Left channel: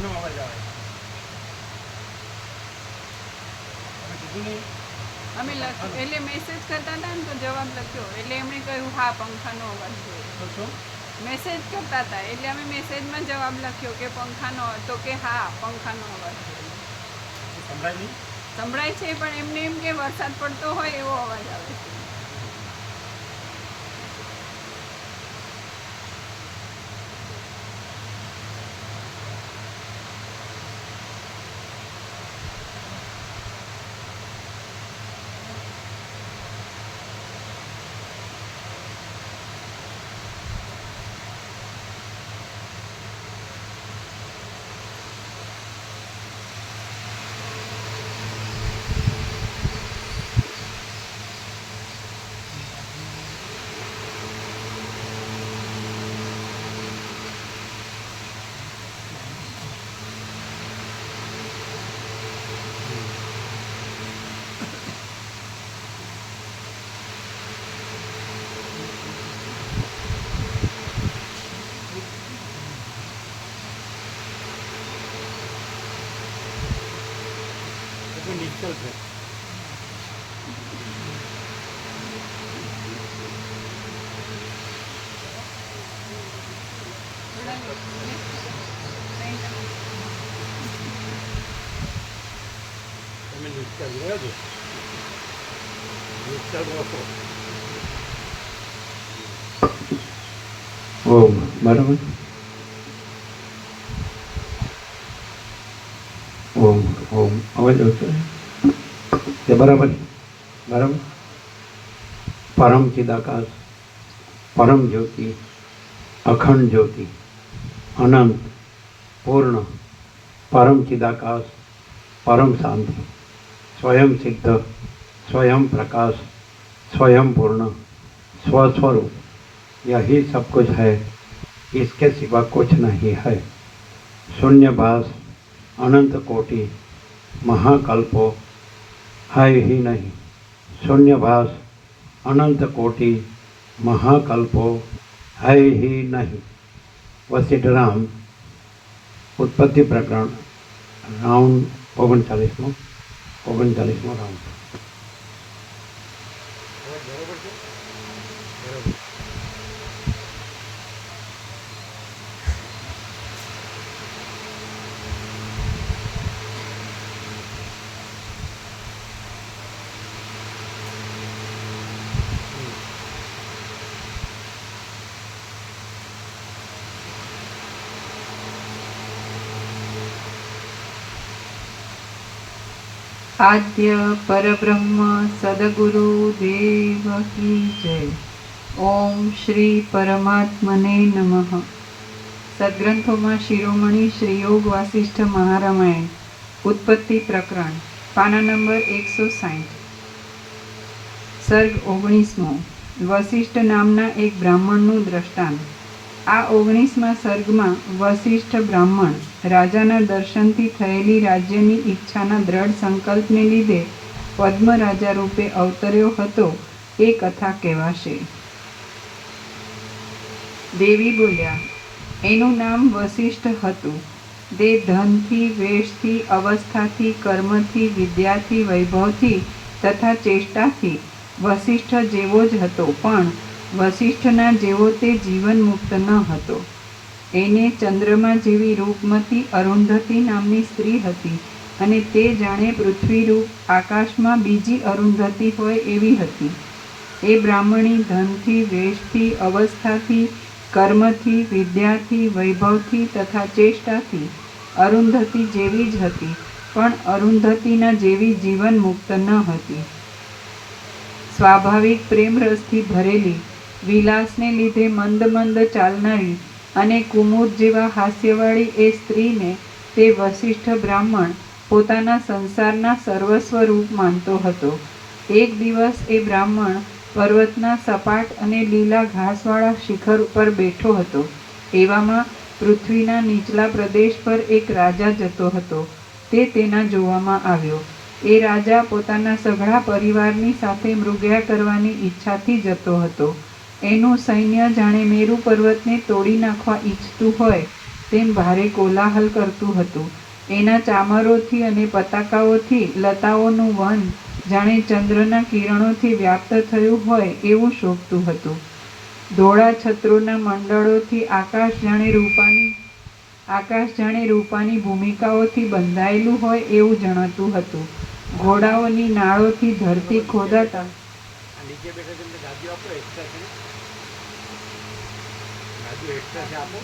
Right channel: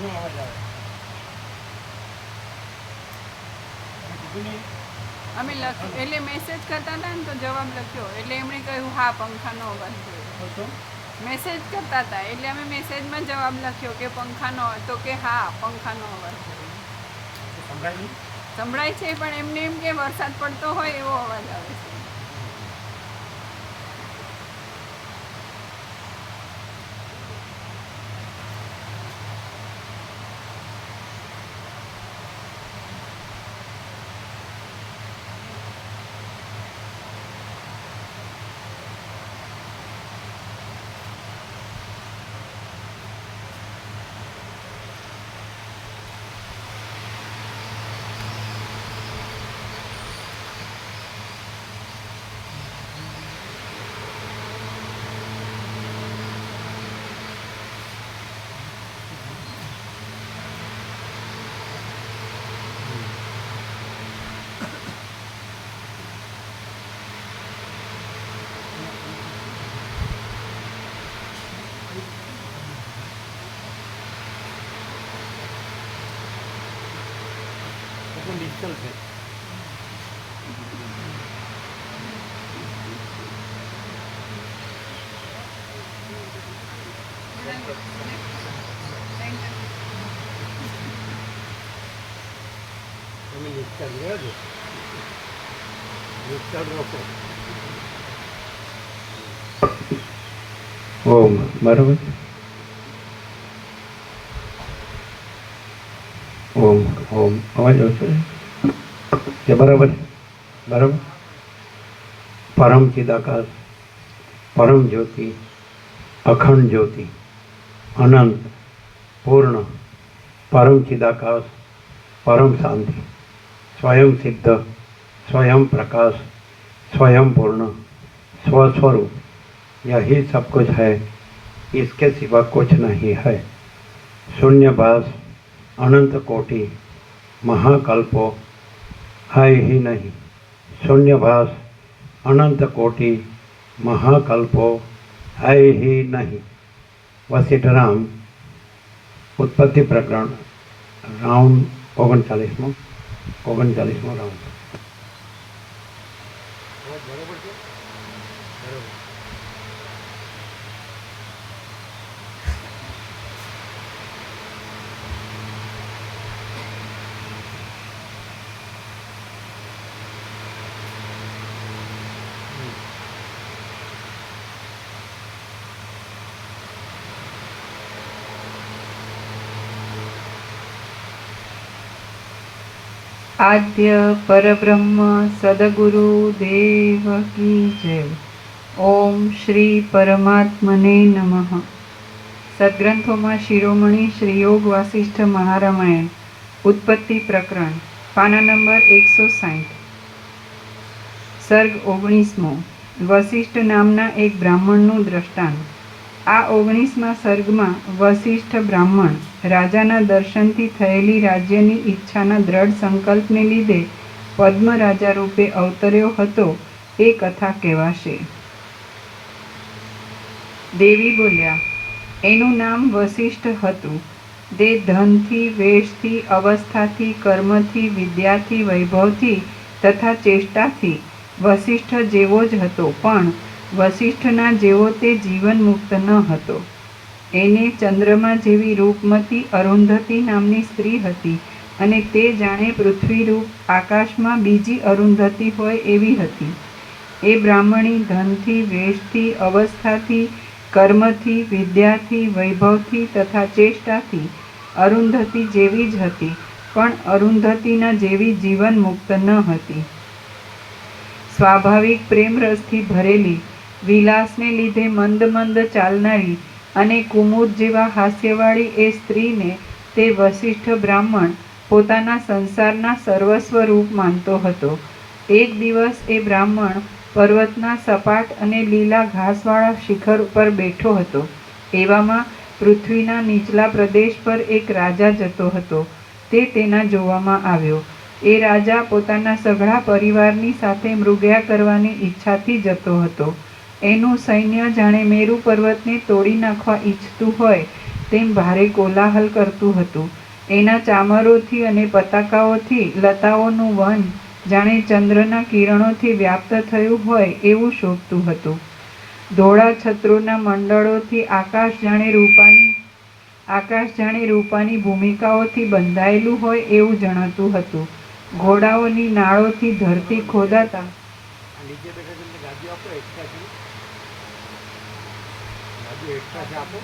આનો અવાજ આવે. તમે કીધું નહીં? અમે એટલે મેસેજ કરતા હતા ને તો જવાબ લખ્યો એટલે એમણે કહ્યું હા પંખાનો અવાજ જોયો. શું? મેસેજ કરતા હતા એટલે અમે મેસેજમાં જવાબ લખ્યો કે પંખાનો, તો કે હા પંખાનો અવાજ જોયો. સંભળાય નહીં? સંભળાય છે પણ એમને એમ કે વરસાદ પડતો હોય એવો અવાજ આવે છે. ડિજિટલ છે. તમે ડિજિટલ રહ્યા છો, ડિજિટલ ઓછો. ઓમ બરાબર. ઓમ ઓમ અવાજ ઓછો છે બરાબર બરાબર. પરમ ચિદાકાશ, પરમ જ્યોતિ, અખંડ જ્યોતિ, અનંત પૂર્ણ, પરમ ચિદાકાશ, परम शांति, स्वयं सिद्ध, स्वयं प्रकाश, स्वयं पूर्ण, स्वस्वरूप, यही सब कुछ है, इसके सिवा कुछ नहीं है। शून्यभास अनंत कोटि महाकल्पो है ही नहीं। शून्यभास अनंत कोटि महाकल्पो है ही नहीं। वशिष्ठ राम उत्पत्ति प्रकरण राउंड 39 રાઉન્ડ. બરોબર છે? બરોબર. आद्य परब्रह्म सदगुरु देव की जय। ओम श्री परमात्मने नमः। सद्ग्रंथों शिरोमणि श्री योग वासिष्ठ महारामायण उत्पत्ति प्रकरण पाना नंबर 160 सर्ग 19मो वशिष्ठ नामना एक ब्राह्मणનું દ્રષ્ટાંત। આ 19મા સર્ગમાં વશિષ્ઠ બ્રાહ્મણ રાજાના દર્શનથી થયેલી રાજ્યની ઈચ્છાના દ્રઢ સંકલ્પને લીધે પદ્મ રાજા રૂપે અવતર્યો હતો એ કથા કહેવાશે। દેવી બોલ્યા, એનું નામ વશિષ્ઠ હતું। તે ધનથી, વેશથી, અવસ્થાથી, કર્મથી, વિદ્યાથી, વૈભવથી તથા ચેષ્ટાથી વશિષ્ઠ જેવો જ હતો, પણ વશિષ્ઠના જેવો તે જીવન મુક્ત ન હતો। એને ચંદ્રમા જેવી રૂપમતી અરુંધતી નામની સ્ત્રી હતી અને તે જાણે પૃથ્વીરૂપ આકાશમાં બીજી અરુંધતી હોય એવી હતી। એ બ્રાહ્મણી ધનથી, વેશથી, અવસ્થાથી, કર્મથી, વિદ્યાથી, વૈભવથી તથા ચેષ્ટાથી અરુંધતી જેવી જ હતી, પણ અરુંધતીના જેવી જીવન મુક્ત ન હતી। સ્વાભાવિક પ્રેમ રસથી ભરેલી, વિલાસને લીધે મંદ મંદ ચાલનારી અને કુમુદ જેવા હાસ્યવાળી એ સ્ત્રીને તે વશિષ્ઠ બ્રાહ્મણ પોતાના સંસારના સર્વસ્વ રૂપ માનતો હતો। એક દિવસ એ બ્રાહ્મણ પર્વતના સપાટ અને લીલા ઘાસવાળા શિખર ઉપર બેઠો હતો। એવામાં પૃથ્વીના નીચલા પ્રદેશ પર એક રાજા જતો હતો। તે તેના જોવામાં આવ્યો। એ રાજા પોતાના સઘળા પરિવારની સાથે મૃગ્યા કરવાની ઈચ્છાથી જતો હતો। એનું સૈન્ય જાણે મેરુ પર્વતને તોડી નાખવા ઈચ્છતું હોય તેમ ભારે કોલાહલ કરતું હતું. એના ચામરોથી અને પતાકાઓથી લતાઓનું વન જાણે ચંદ્રના કિરણોથી વ્યાપ્ત થયું હોય એવું શોભતું હતું. ધોળા છત્રોના મંડળોથી આકાશ જાણે રૂપાની ભૂમિકાઓથી બંધાયેલું હોય એવું જણાતું હતું. ઘોડાઓની નાળોથી ધરતી ખોદાતા આ નીચે બેઠા છે એમને ગાદીઓ આપો, એક્સ્ટ્રા છે ને? ગાદીઓ એક્સ્ટ્રા છે આપો.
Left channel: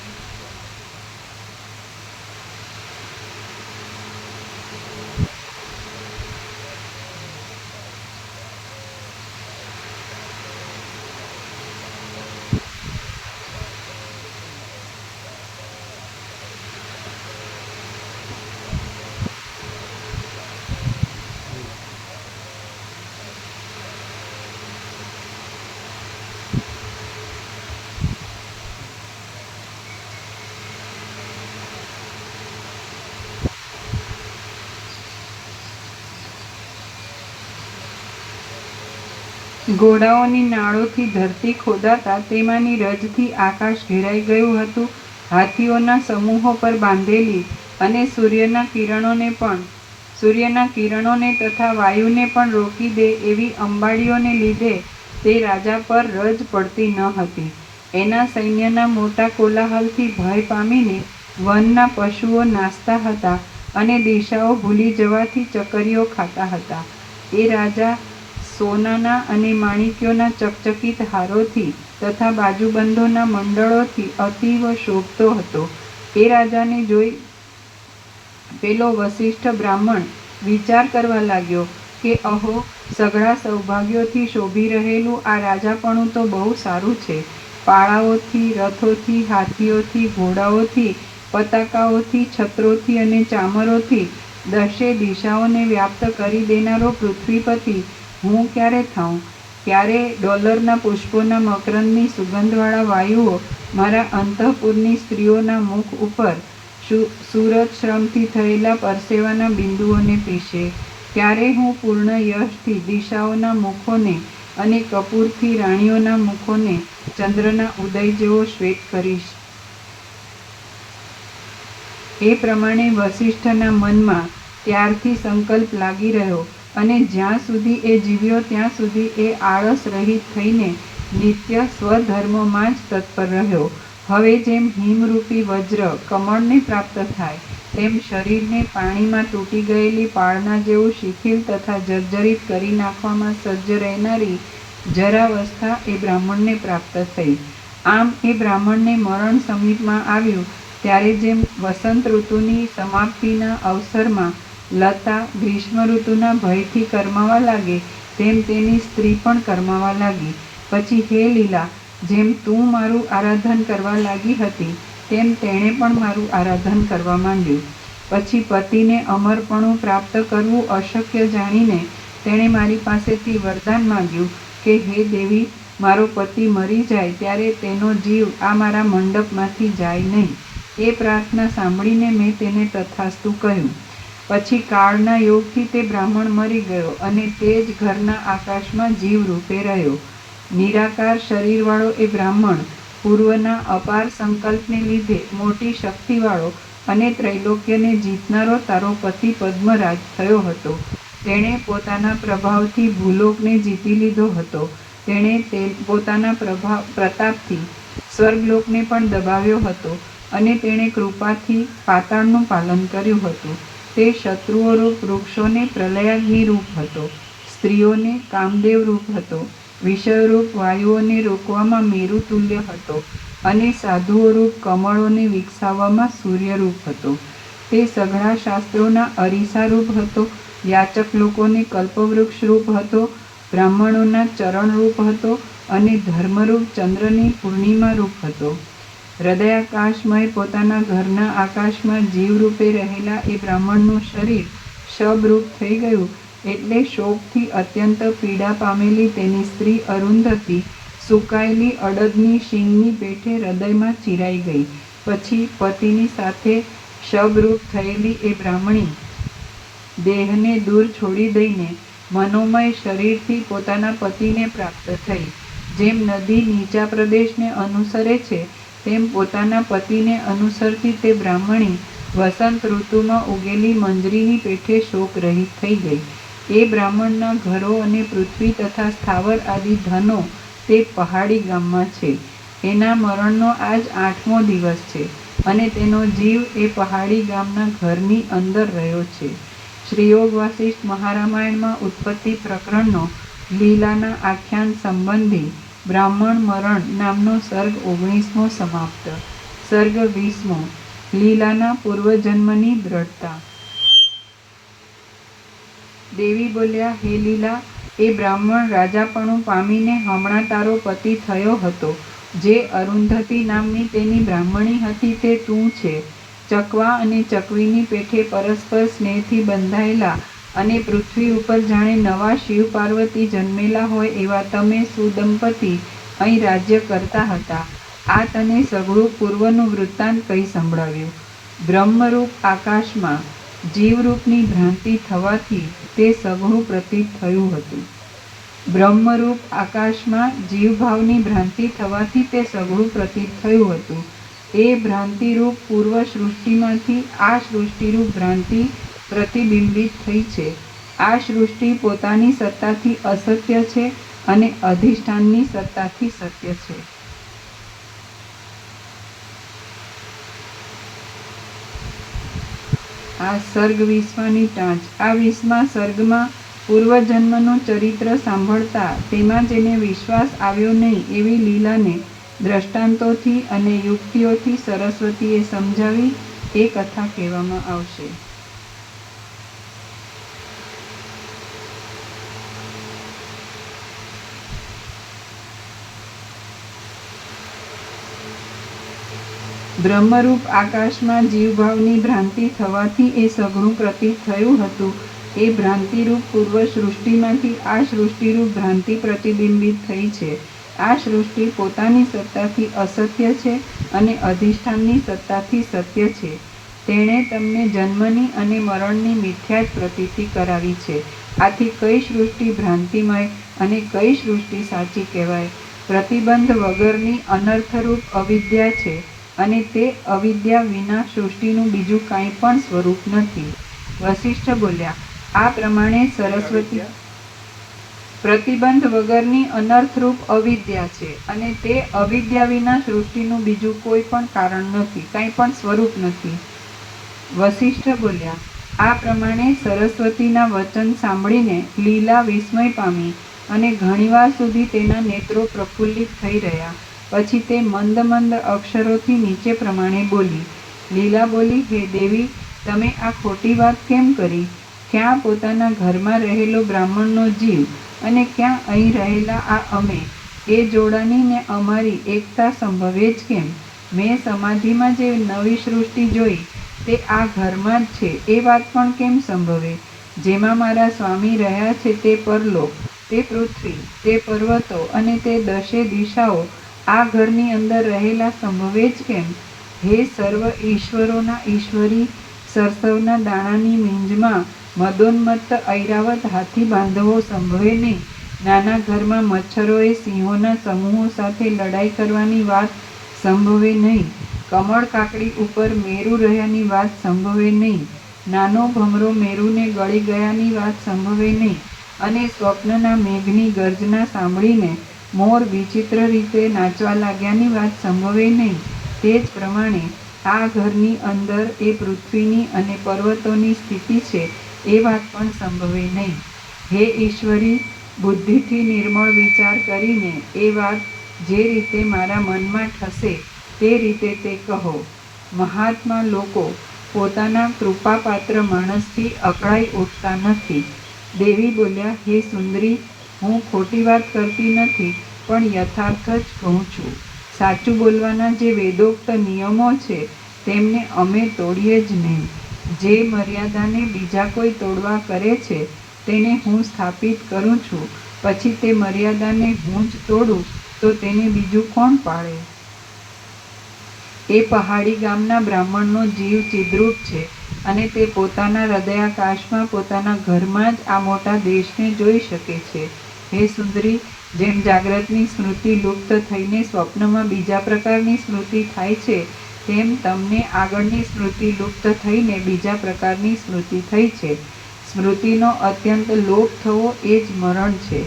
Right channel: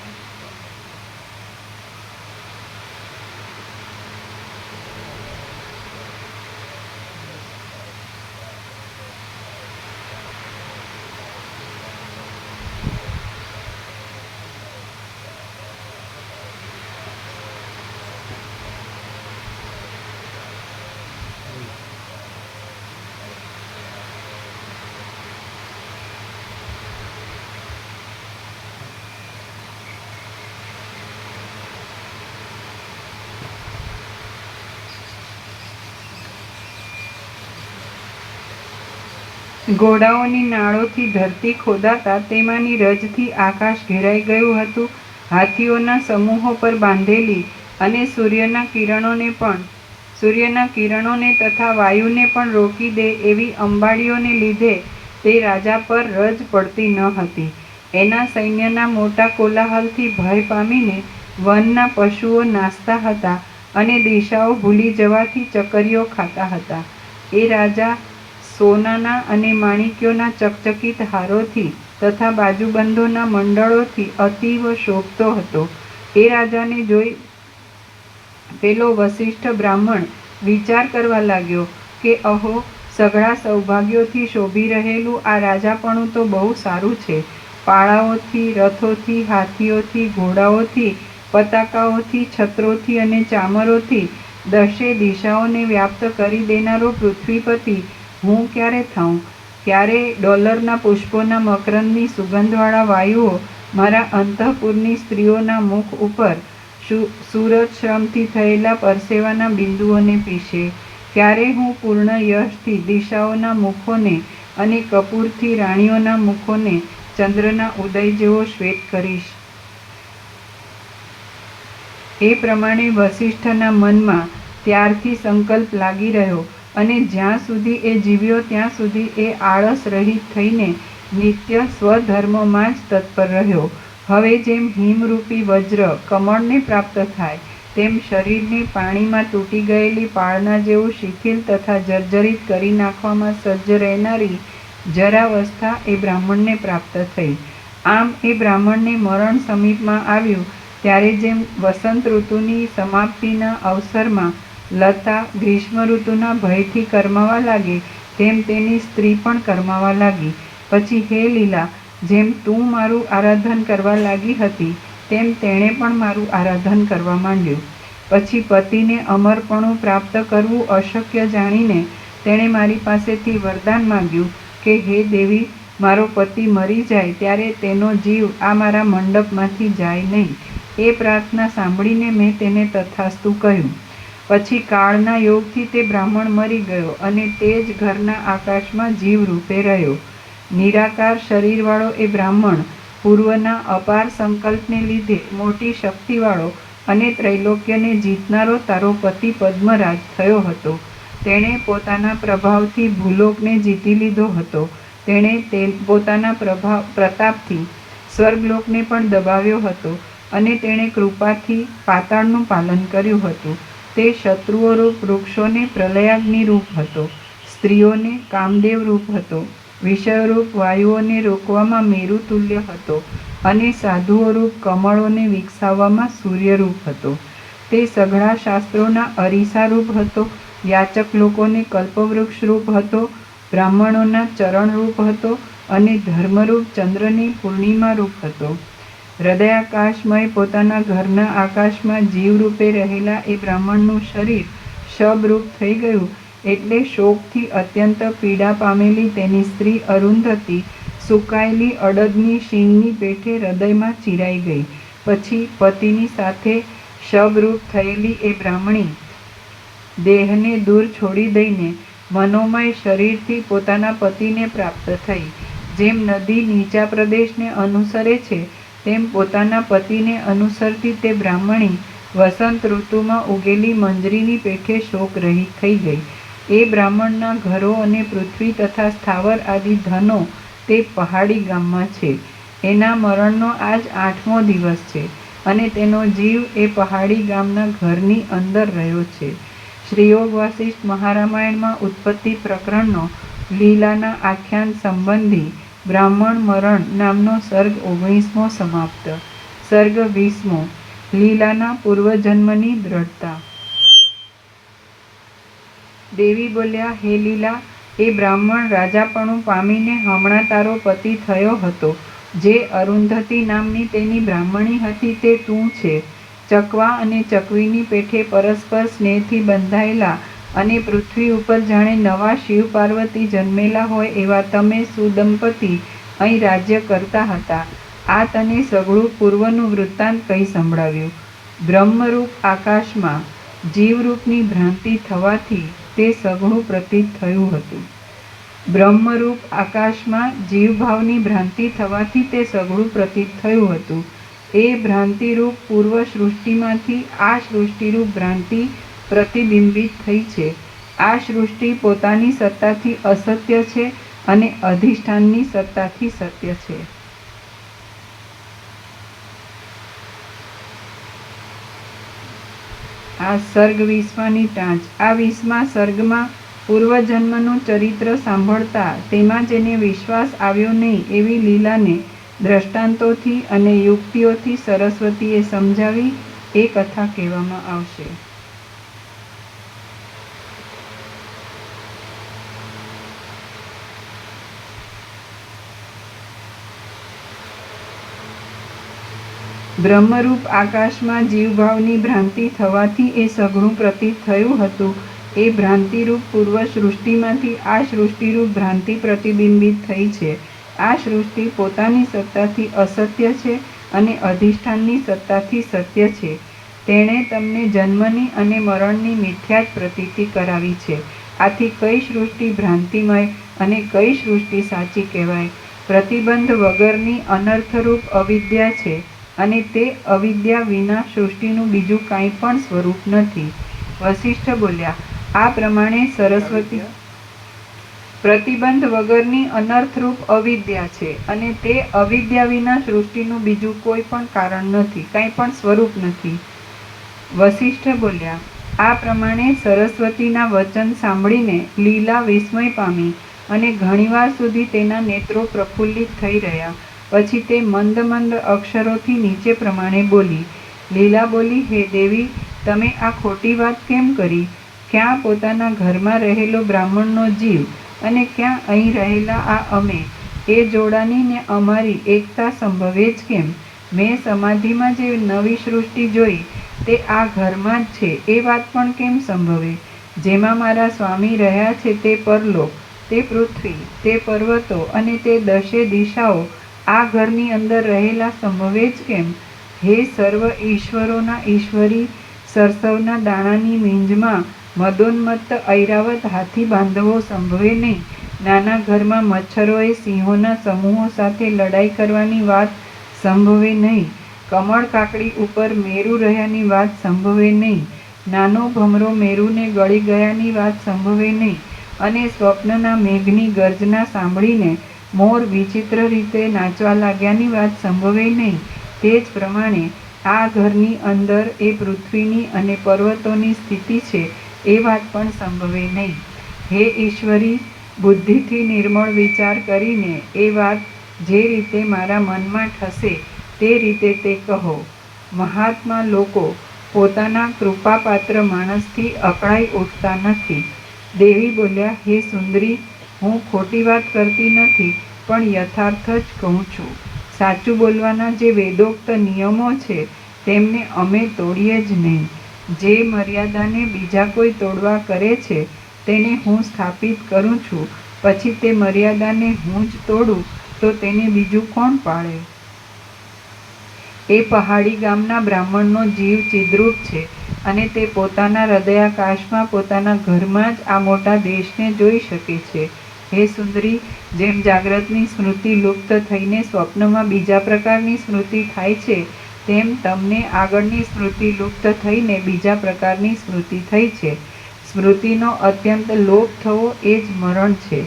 ઘોડાઓની નાળોથી ધરતી ખોદાતા તેમાંની રજથી આકાશ ઘેરાઈ ગયું હતું. હાથીઓના સમૂહો પર બાંધેલી અને સૂર્યના કિરણોને તથા વાયુને પણ રોકી દે એવી અંબાડીઓને લીધે તે રાજા પર રજ પડતી ન હતી. એના સૈન્યના મોટા કોલાહલથી ભય પામીને વનના પશુઓ નાસતા હતા અને દિશાઓ ભૂલી જવાથી ચકરીઓ ખાતા હતા. એ રાજા સોનાના અને માણિક્યોના ચકચકિત હારોથી તથા બાજુબંધોના મંડળોથી અતીવ શોભતો હતો. એ રાજાને જોઈ પેલો વસિષ્ઠ બ્રાહ્મણ વિચાર કરવા લાગ્યો કે અહો, સઘળા સૌભાગ્યોથી શોભી રહેલું આ રાજાપણું તો બહુ સારું છે. પાળાઓથી, રથોથી, હાથીઓથી, ઘોડાઓથી, પતાકાઓથી, છત્રોથી અને ચામરોથી દશે દિશાઓને વ્યાપ્ત કરી દેનારો પૃથ્વીપતિ હું ક્યારે થાઉં? ક્યારે ડોલરના પુષ્પોના મકરંદની સુગંધવાળા વાયુઓ મારા અંતઃપુરની સ્ત્રીઓના મુખ ઉપર સૂરજશ્રમથી થયેલા પરસેવાના બિંદુઓને પીશે? ક્યારે હું પૂર્ણ યશથી દિશાઓના મુખોને અને કપૂરથી રાણીઓના મુખોને ચંદ્રના ઉદય જેવો શ્વેત કરીશ? એ પ્રમાણે વસિષ્ઠના મનમાં ત્યારથી સંકલ્પ લાગી રહ્યો અને જ્યાં સુધી એ જીવ્યો ત્યાં સુધી એ આળસ રહિત થઈને નિત્ય સ્વધર્મમાં જ તત્પર રહ્યો. હવે જેમ હિમરૂપી વજ્ર કમળને પ્રાપ્ત થાય તેમ શરીરને પાણીમાં તૂટી ગયેલી પાળના જેવું શિથિલ તથા જર્જરિત કરી નાખવામાં સજ્જ રહેનારી જરાવસ્થા એ બ્રાહ્મણને પ્રાપ્ત થઈ. આમ એ બ્રાહ્મણને મરણ સમીપમાં આવ્યું ત્યારે જેમ વસંત ઋતુની સમાપ્તિના અવસરમાં લતા ગ્રીષ્મ ઋતુના ભયથી કરમાવા લાગી તેમ તેની સ્ત્રી પણ કરમાવા લાગી. પછી હે લીલા, જેમ તું મારું આરાધન કરવા લાગી હતી તેમ તેણે પણ મારું આરાધન કરવા માંડ્યું. પછી પતિને અમરપણું પ્રાપ્ત કરવું અશક્ય જાણીને તેણે મારી પાસેથી વરદાન માંગ્યું કે હે દેવી, મારો પતિ મરી જાય ત્યારે તેનો જીવ આ મારા મંડપમાંથી જાય નહીં. એ પ્રાર્થના સાંભળીને મેં તેને તથાસ્તુ કહ્યું. પછી કાળના યોગથી તે બ્રાહ્મણ મરી ગયો અને તે જ ઘરના આકાશમાં જીવ રૂપે રહ્યો. નિરાકાર શરીરવાળો એ બ્રાહ્મણ પૂર્વના અપાર સંકલ્પને લીધે મોટી શક્તિવાળો અને ત્રૈલોક્યને જીતનારો તારો પતિ પદ્મરાજ થયો હતો. તેણે પોતાના પ્રભાવથી ભૂલોકને જીતી લીધો હતો. તેણે પોતાના પ્રતાપથી સ્વર્ગલોકને પણ દબાવ્યો હતો અને તેણે કૃપાથી પાતાળનું પાલન કર્યું હતું. તે શત્રુઓ રૂપ વૃક્ષોને પ્રલયાગ્નિ રૂપ હતો, સ્ત્રીઓને કામદેવ રૂપ હતો, વિષયરૂપ વાયુઓને રોકવામાં મેરુ તુલ્ય હતો અને સાધુઓ રૂપ કમળોને વિકસાવવામાં સૂર્યરૂપ હતો. તે સઘળા શાસ્ત્રોના અરીસા રૂપ હતો, યાચક લોકોને કલ્પવૃક્ષ રૂપ હતો, બ્રાહ્મણોના ચરણ રૂપ હતો અને ધર્મરૂપ ચંદ્રની પૂર્ણિમા રૂપ હતો. હૃદયાકાશમય પોતાના ઘરના આકાશમાં જીવરૂપે રહેલા એ બ્રાહ્મણનું શરીર શબરૂપ થઈ ગયું એટલે શોકથી અત્યંત પીડા પામેલી તેની સ્ત્રી અરુંધતી સુકાયેલી અડદની શીંગની પેઠે હૃદયમાં ચિરાઈ ગઈ. પછી પતિની સાથે શબરૂપ થયેલી એ બ્રાહ્મણી દેહને દૂર છોડી દઈને મનોમય શરીરથી પોતાના પતિને પ્રાપ્ત થઈ. જેમ નદી નીચા પ્રદેશને અનુસરે છે તેમ પોતાના પતિને અનુસરતી તે બ્રાહ્મણી વસંત ઋતુમાં ઉગેલી મંજરીની પેઠે શોક રહી થઈ ગઈ. એ બ્રાહ્મણના ઘરો અને પૃથ્વી તથા સ્થાવર આદિ ધનો તે પહાડી ગામમાં છે. એના મરણનો આજ 8મો દિવસ છે અને તેનો જીવ એ પહાડી ગામના ઘરની અંદર રહ્યો છે. શ્રીયોગ વાસિષ્ઠ મહારામાયણમાં ઉત્પત્તિ પ્રકરણનો લીલાના આખ્યાન સંબંધી બ્રાહ્મણ મરણ નામનો સર્ગ 19મો સમાપ્ત. સર્ગ 20મો. લીલાના પૂર્વજન્મની દ્રઢતા. દેવી બોલ્યા, હે લીલા, એ બ્રાહ્મણ રાજાપણું પામીને હમણાં તારો પતિ થયો હતો. જે અરુંધતી નામની તેની બ્રાહ્મણી હતી તે તું છે. ચકવા અને ચકવીની પેઠે પરસ્પર સ્નેહથી બંધાયેલા અને પૃથ્વી ઉપર જાણે નવા શિવ પાર્વતી જન્મેલા હોય એવા તમે સુદંપતિ અહીં રાજ્ય કરતા હતા. આ તને સઘળું પૂર્વનું વૃત્તાંત કહી સંભળાવ્યું. બ્રહ્મરૂપ આકાશમાં જીવરૂપની ભ્રાંતિ થવાથી તે સઘળું પ્રતીત થયું હતું. બ્રહ્મરૂપ આકાશમાં જીવભાવની ભ્રાંતિ થવાથી તે સઘળું પ્રતીત થયું હતું. એ ભ્રાંતિરૂપ પૂર્વ સૃષ્ટિમાંથી આ સૃષ્ટિરૂપ ભ્રાંતિ પ્રતિબિંબિત થઈ છે. આ સૃષ્ટિ પોતાની સત્તાથી અસત્ય છે અને અધિષ્ઠાનની સત્તાથી સત્ય છે. આ સર્ગ 20માની ટાંચ. આ 20મા સર્ગમાં પૂર્વજન્મનું ચરિત્ર સાંભળતા તેમાં જેને વિશ્વાસ આવ્યો નહીં એવી લીલાને દ્રષ્ટાંતોથી અને યુક્તિઓથી સરસ્વતીએ સમજાવી એ કથા કહેવામાં આવશે. બ્રહ્મરૂપ આકાશમાં જીવભાવની ભ્રાંતિ થવાથી એ સઘળું પ્રતીત થયું હતું. એ ભ્રાંતિરૂપ પૂર્વ સૃષ્ટિમાંથી આ સૃષ્ટિરૂપ ભ્રાંતિ પ્રતિબિંબિત થઈ છે. આ સૃષ્ટિ પોતાની સત્તાથી અસત્ય છે અને અધિષ્ઠાનની સત્તાથી સત્ય છે. તેણે તમને જન્મની અને મરણની મિથ્યા જ પ્રતીતિ કરાવી છે. આથી કઈ સૃષ્ટિ ભ્રાંતિમય અને કઈ સૃષ્ટિ સાચી કહેવાય? પ્રતિબંધ વગરની અનર્થરૂપ અવિદ્યા છે અને તે અવિદ્યા વિના સૃષ્ટિનું બીજું કાંઈ પણ સ્વરૂપ નથી. વસિષ્ઠ બોલ્યા, આ પ્રમાણે સરસ્વતી પ્રતિબંધ વગરની અનર્થરૂપ અવિદ્યા છે અને તે અવિદ્યા વિના સૃષ્ટિનું બીજું કોઈ પણ કારણ નથી, કાંઈ પણ સ્વરૂપ નથી. વસિષ્ઠ બોલ્યા, આ પ્રમાણે સરસ્વતીના વચન સાંભળીને લીલા વિસ્મય પામી અને ઘણીવાર સુધી તેના નેત્રો પ્રફુલ્લિત થઈ રહ્યા. પછી તે મંદ મંદ અક્ષરોથી નીચે પ્રમાણે બોલી. લીલા બોલી, હે દેવી, તમે આ ખોટી વાત કેમ કરી? ક્યાં પોતાના ઘરમાં રહેલો બ્રાહ્મણનો જીવ અને ક્યાં અહીં રહેલા આ અમે? એ જોડાની ને અમારી એકતા સંભવે જ કેમ? મેં સમાધિમાં જે નવી સૃષ્ટિ જોઈ તે આ ઘરમાં જ છે એ વાત પણ કેમ સંભવે? જેમાં મારા સ્વામી રહ્યા છે તે પરલોક, તે પૃથ્વી, તે પર્વતો અને તે 10 દિશાઓ આ ઘરની અંદર રહેલા સંભવે જ કેમ? હે સર્વ ઈશ્વરોના ઈશ્વરી, સરસવના દાણાની મીંજમાં મદોન્મત્ત ઐરાવત હાથી બાંધવો સંભવે નહીં. નાના ઘરમાં મચ્છરોએ સિંહોના સમૂહો સાથે લડાઈ કરવાની વાત સંભવે નહીં. કમળ કાકડી ઉપર મેરુ રહ્યાની વાત સંભવે નહીં. નાનો ભમરો મેરુને ગળી ગયાની વાત સંભવે નહીં. અને સ્વપ્નના મેઘની ગર્જના સાંભળીને મોર વિચિત્ર રીતે નાચવા લાગ્યાની વાત સંભવે નહીં. તે જ પ્રમાણે આ ઘરની અંદર એ પૃથ્વીની અને પર્વતોની સ્થિતિ છે એ વાત પણ સંભવે નહીં. હે ઈશ્વરી, બુદ્ધિથી નિર્મળ વિચાર કરીને એ વાત જે રીતે મારા મનમાં ઠસે તે રીતે તે કહો. મહાત્મા લોકો પોતાના કૃપાપાત્ર માણસથી અકળાઈ ઉઠતા નથી. દેવી બોલ્યા, હે સુંદરી, હું ખોટી વાત કરતી નથી પણ યથાર્થ જ કહું છું. સાચું બોલવાના જે વેદોક્ત નિયમો છે તેમને અમે તોડીએ જ નહીં. જે મર્યાદાને બીજા કોઈ તોડવા કરે છે તેને હું સ્થાપિત કરું છું. પછી તે મર્યાદાને હું જ તોડું તો તેને બીજું કોણ પાળે? એ પહાડી ગામના બ્રાહ્મણનો જીવ ચિદ્રૂપ છે અને તે પોતાના હૃદયાકાશમાં પોતાના ઘરમાં જ આ મોટા દેશને જોઈ શકે છે. હે સુંદરી, જેમ જાગ્રતની સ્મૃતિ લુપ્ત થઈને સ્વપ્નમાં બીજા પ્રકારની સ્મૃતિ થાય છે, તેમ તમને આગળની સ્મૃતિ લુપ્ત થઈને બીજા પ્રકારની સ્મૃતિ થઈ છે. સ્મૃતિનો અત્યંત લોપ થવો એ જ મરણ છે.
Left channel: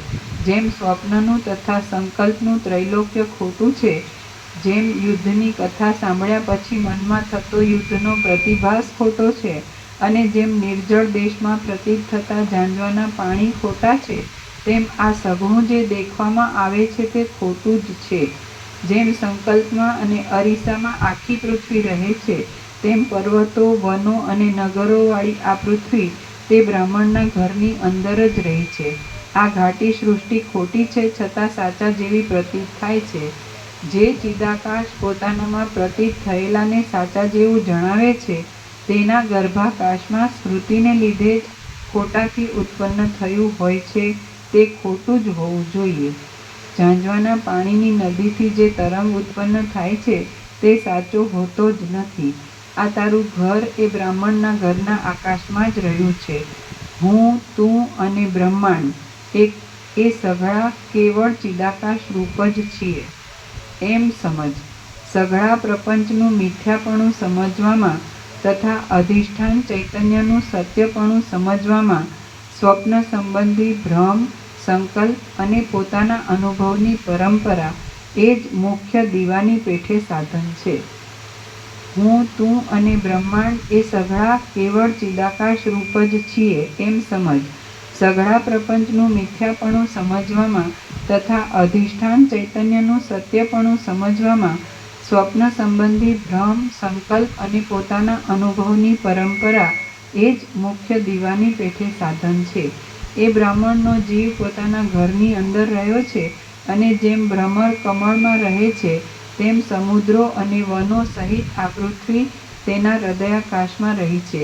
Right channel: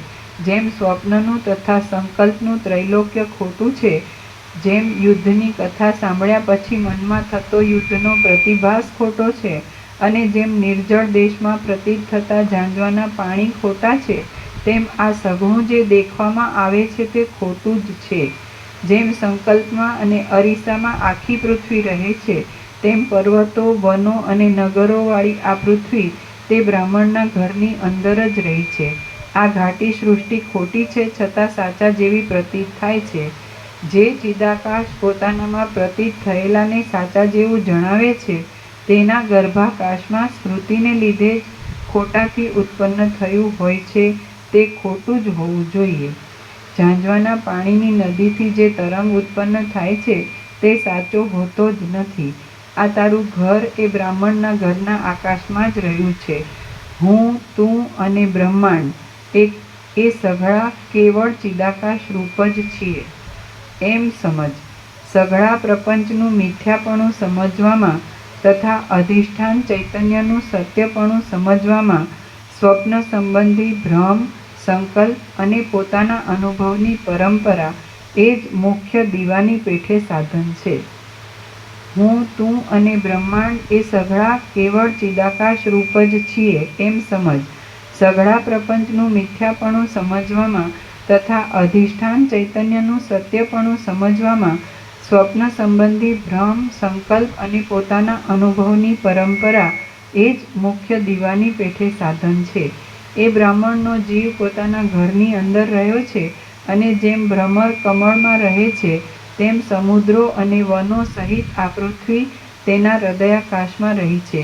જેમ સ્વપ્નનું તથા સંકલ્પનું ત્રૈલોક્ય ખોટું છે, જેમ યુદ્ધની કથા સાંભળ્યા પછી મનમાં થતો યુદ્ધનો પ્રતિભાસ ખોટો છે, અને જેમ નિર્જળ દેશમાં પ્રતીત થતા ઝાંઝવાના પાણી ખોટા છે, તેમ આ સઘળું જે દેખવામાં આવે છે તે ખોટું જ છે. જેમ સંકલ્પમાં અને અરીસામાં આખી પૃથ્વી રહે છે, તેમ પર્વતો, વનો અને નગરોવાળી આ પૃથ્વી તે બ્રાહ્મણના ઘરની અંદર જ રહી છે. આ ઘાટી સૃષ્ટિ ખોટી છે, છતાં સાચા જેવી પ્રતીત થાય છે. જે ચિદાકાશ પોતાનામાં પ્રતીત થયેલાને સાચા જેવું જણાવે છે, તેના ગર્ભાકાશમાં સ્મૃતિને લીધે જ ખોટાથી ઉત્પન્ન થયું હોય છે, તે ખોટું જ હોવું જોઈએ. ઝાંઝવાના પાણીની નદીથી જે તરંગ ઉત્પન્ન થાય છે, તે સાચો હોતો જ નથી. આ તારું ઘર એ બ્રાહ્મણના ઘરના આકાશમાં જ રહ્યું છે. હું, તું અને બ્રહ્માંડ એ સઘળા કેવળ ચિદાકાશ રૂપ જ છીએ, એમ સમજ. સઘળા પ્રપંચનું મિથ્યાપણું સમજવામાં તથા અધિષ્ઠાન ચૈતન્યનું સત્યપણું સમજવામાં સ્વપ્ન સંબંધી ભ્રમ, સંકલ્પ અને પોતાના અનુભવની પરંપરા એ જ મુખ્ય દીવાની પેઠે સાધન છે. હું, તું અને બ્રહ્માંડ એ સઘળા કેવળ ચિદાકાશ રૂપ જ છીએ, એમ સમજ. સઘળા પ્રપંચનું મિથ્યાપણું સમજવામાં તથા અધિષ્ઠાન ચૈતન્યનું સત્યપણું સમજવામાં સ્વપ્ન સંબંધી ભ્રમ, સંકલ્પ અને પોતાના અનુભવની પરંપરા એ જ મુખ્ય દીવાની પેઠે સાધન છે. એ બ્રાહ્મણનો જીવ પોતાના ઘરની અંદર રહ્યો છે, અને જેમ ભ્રમર કમળમાં રહે છે, તેમ સમુદ્રો અને વનો સહિત આ પૃથ્વી તેના હૃદયાકાશમાં રહી છે.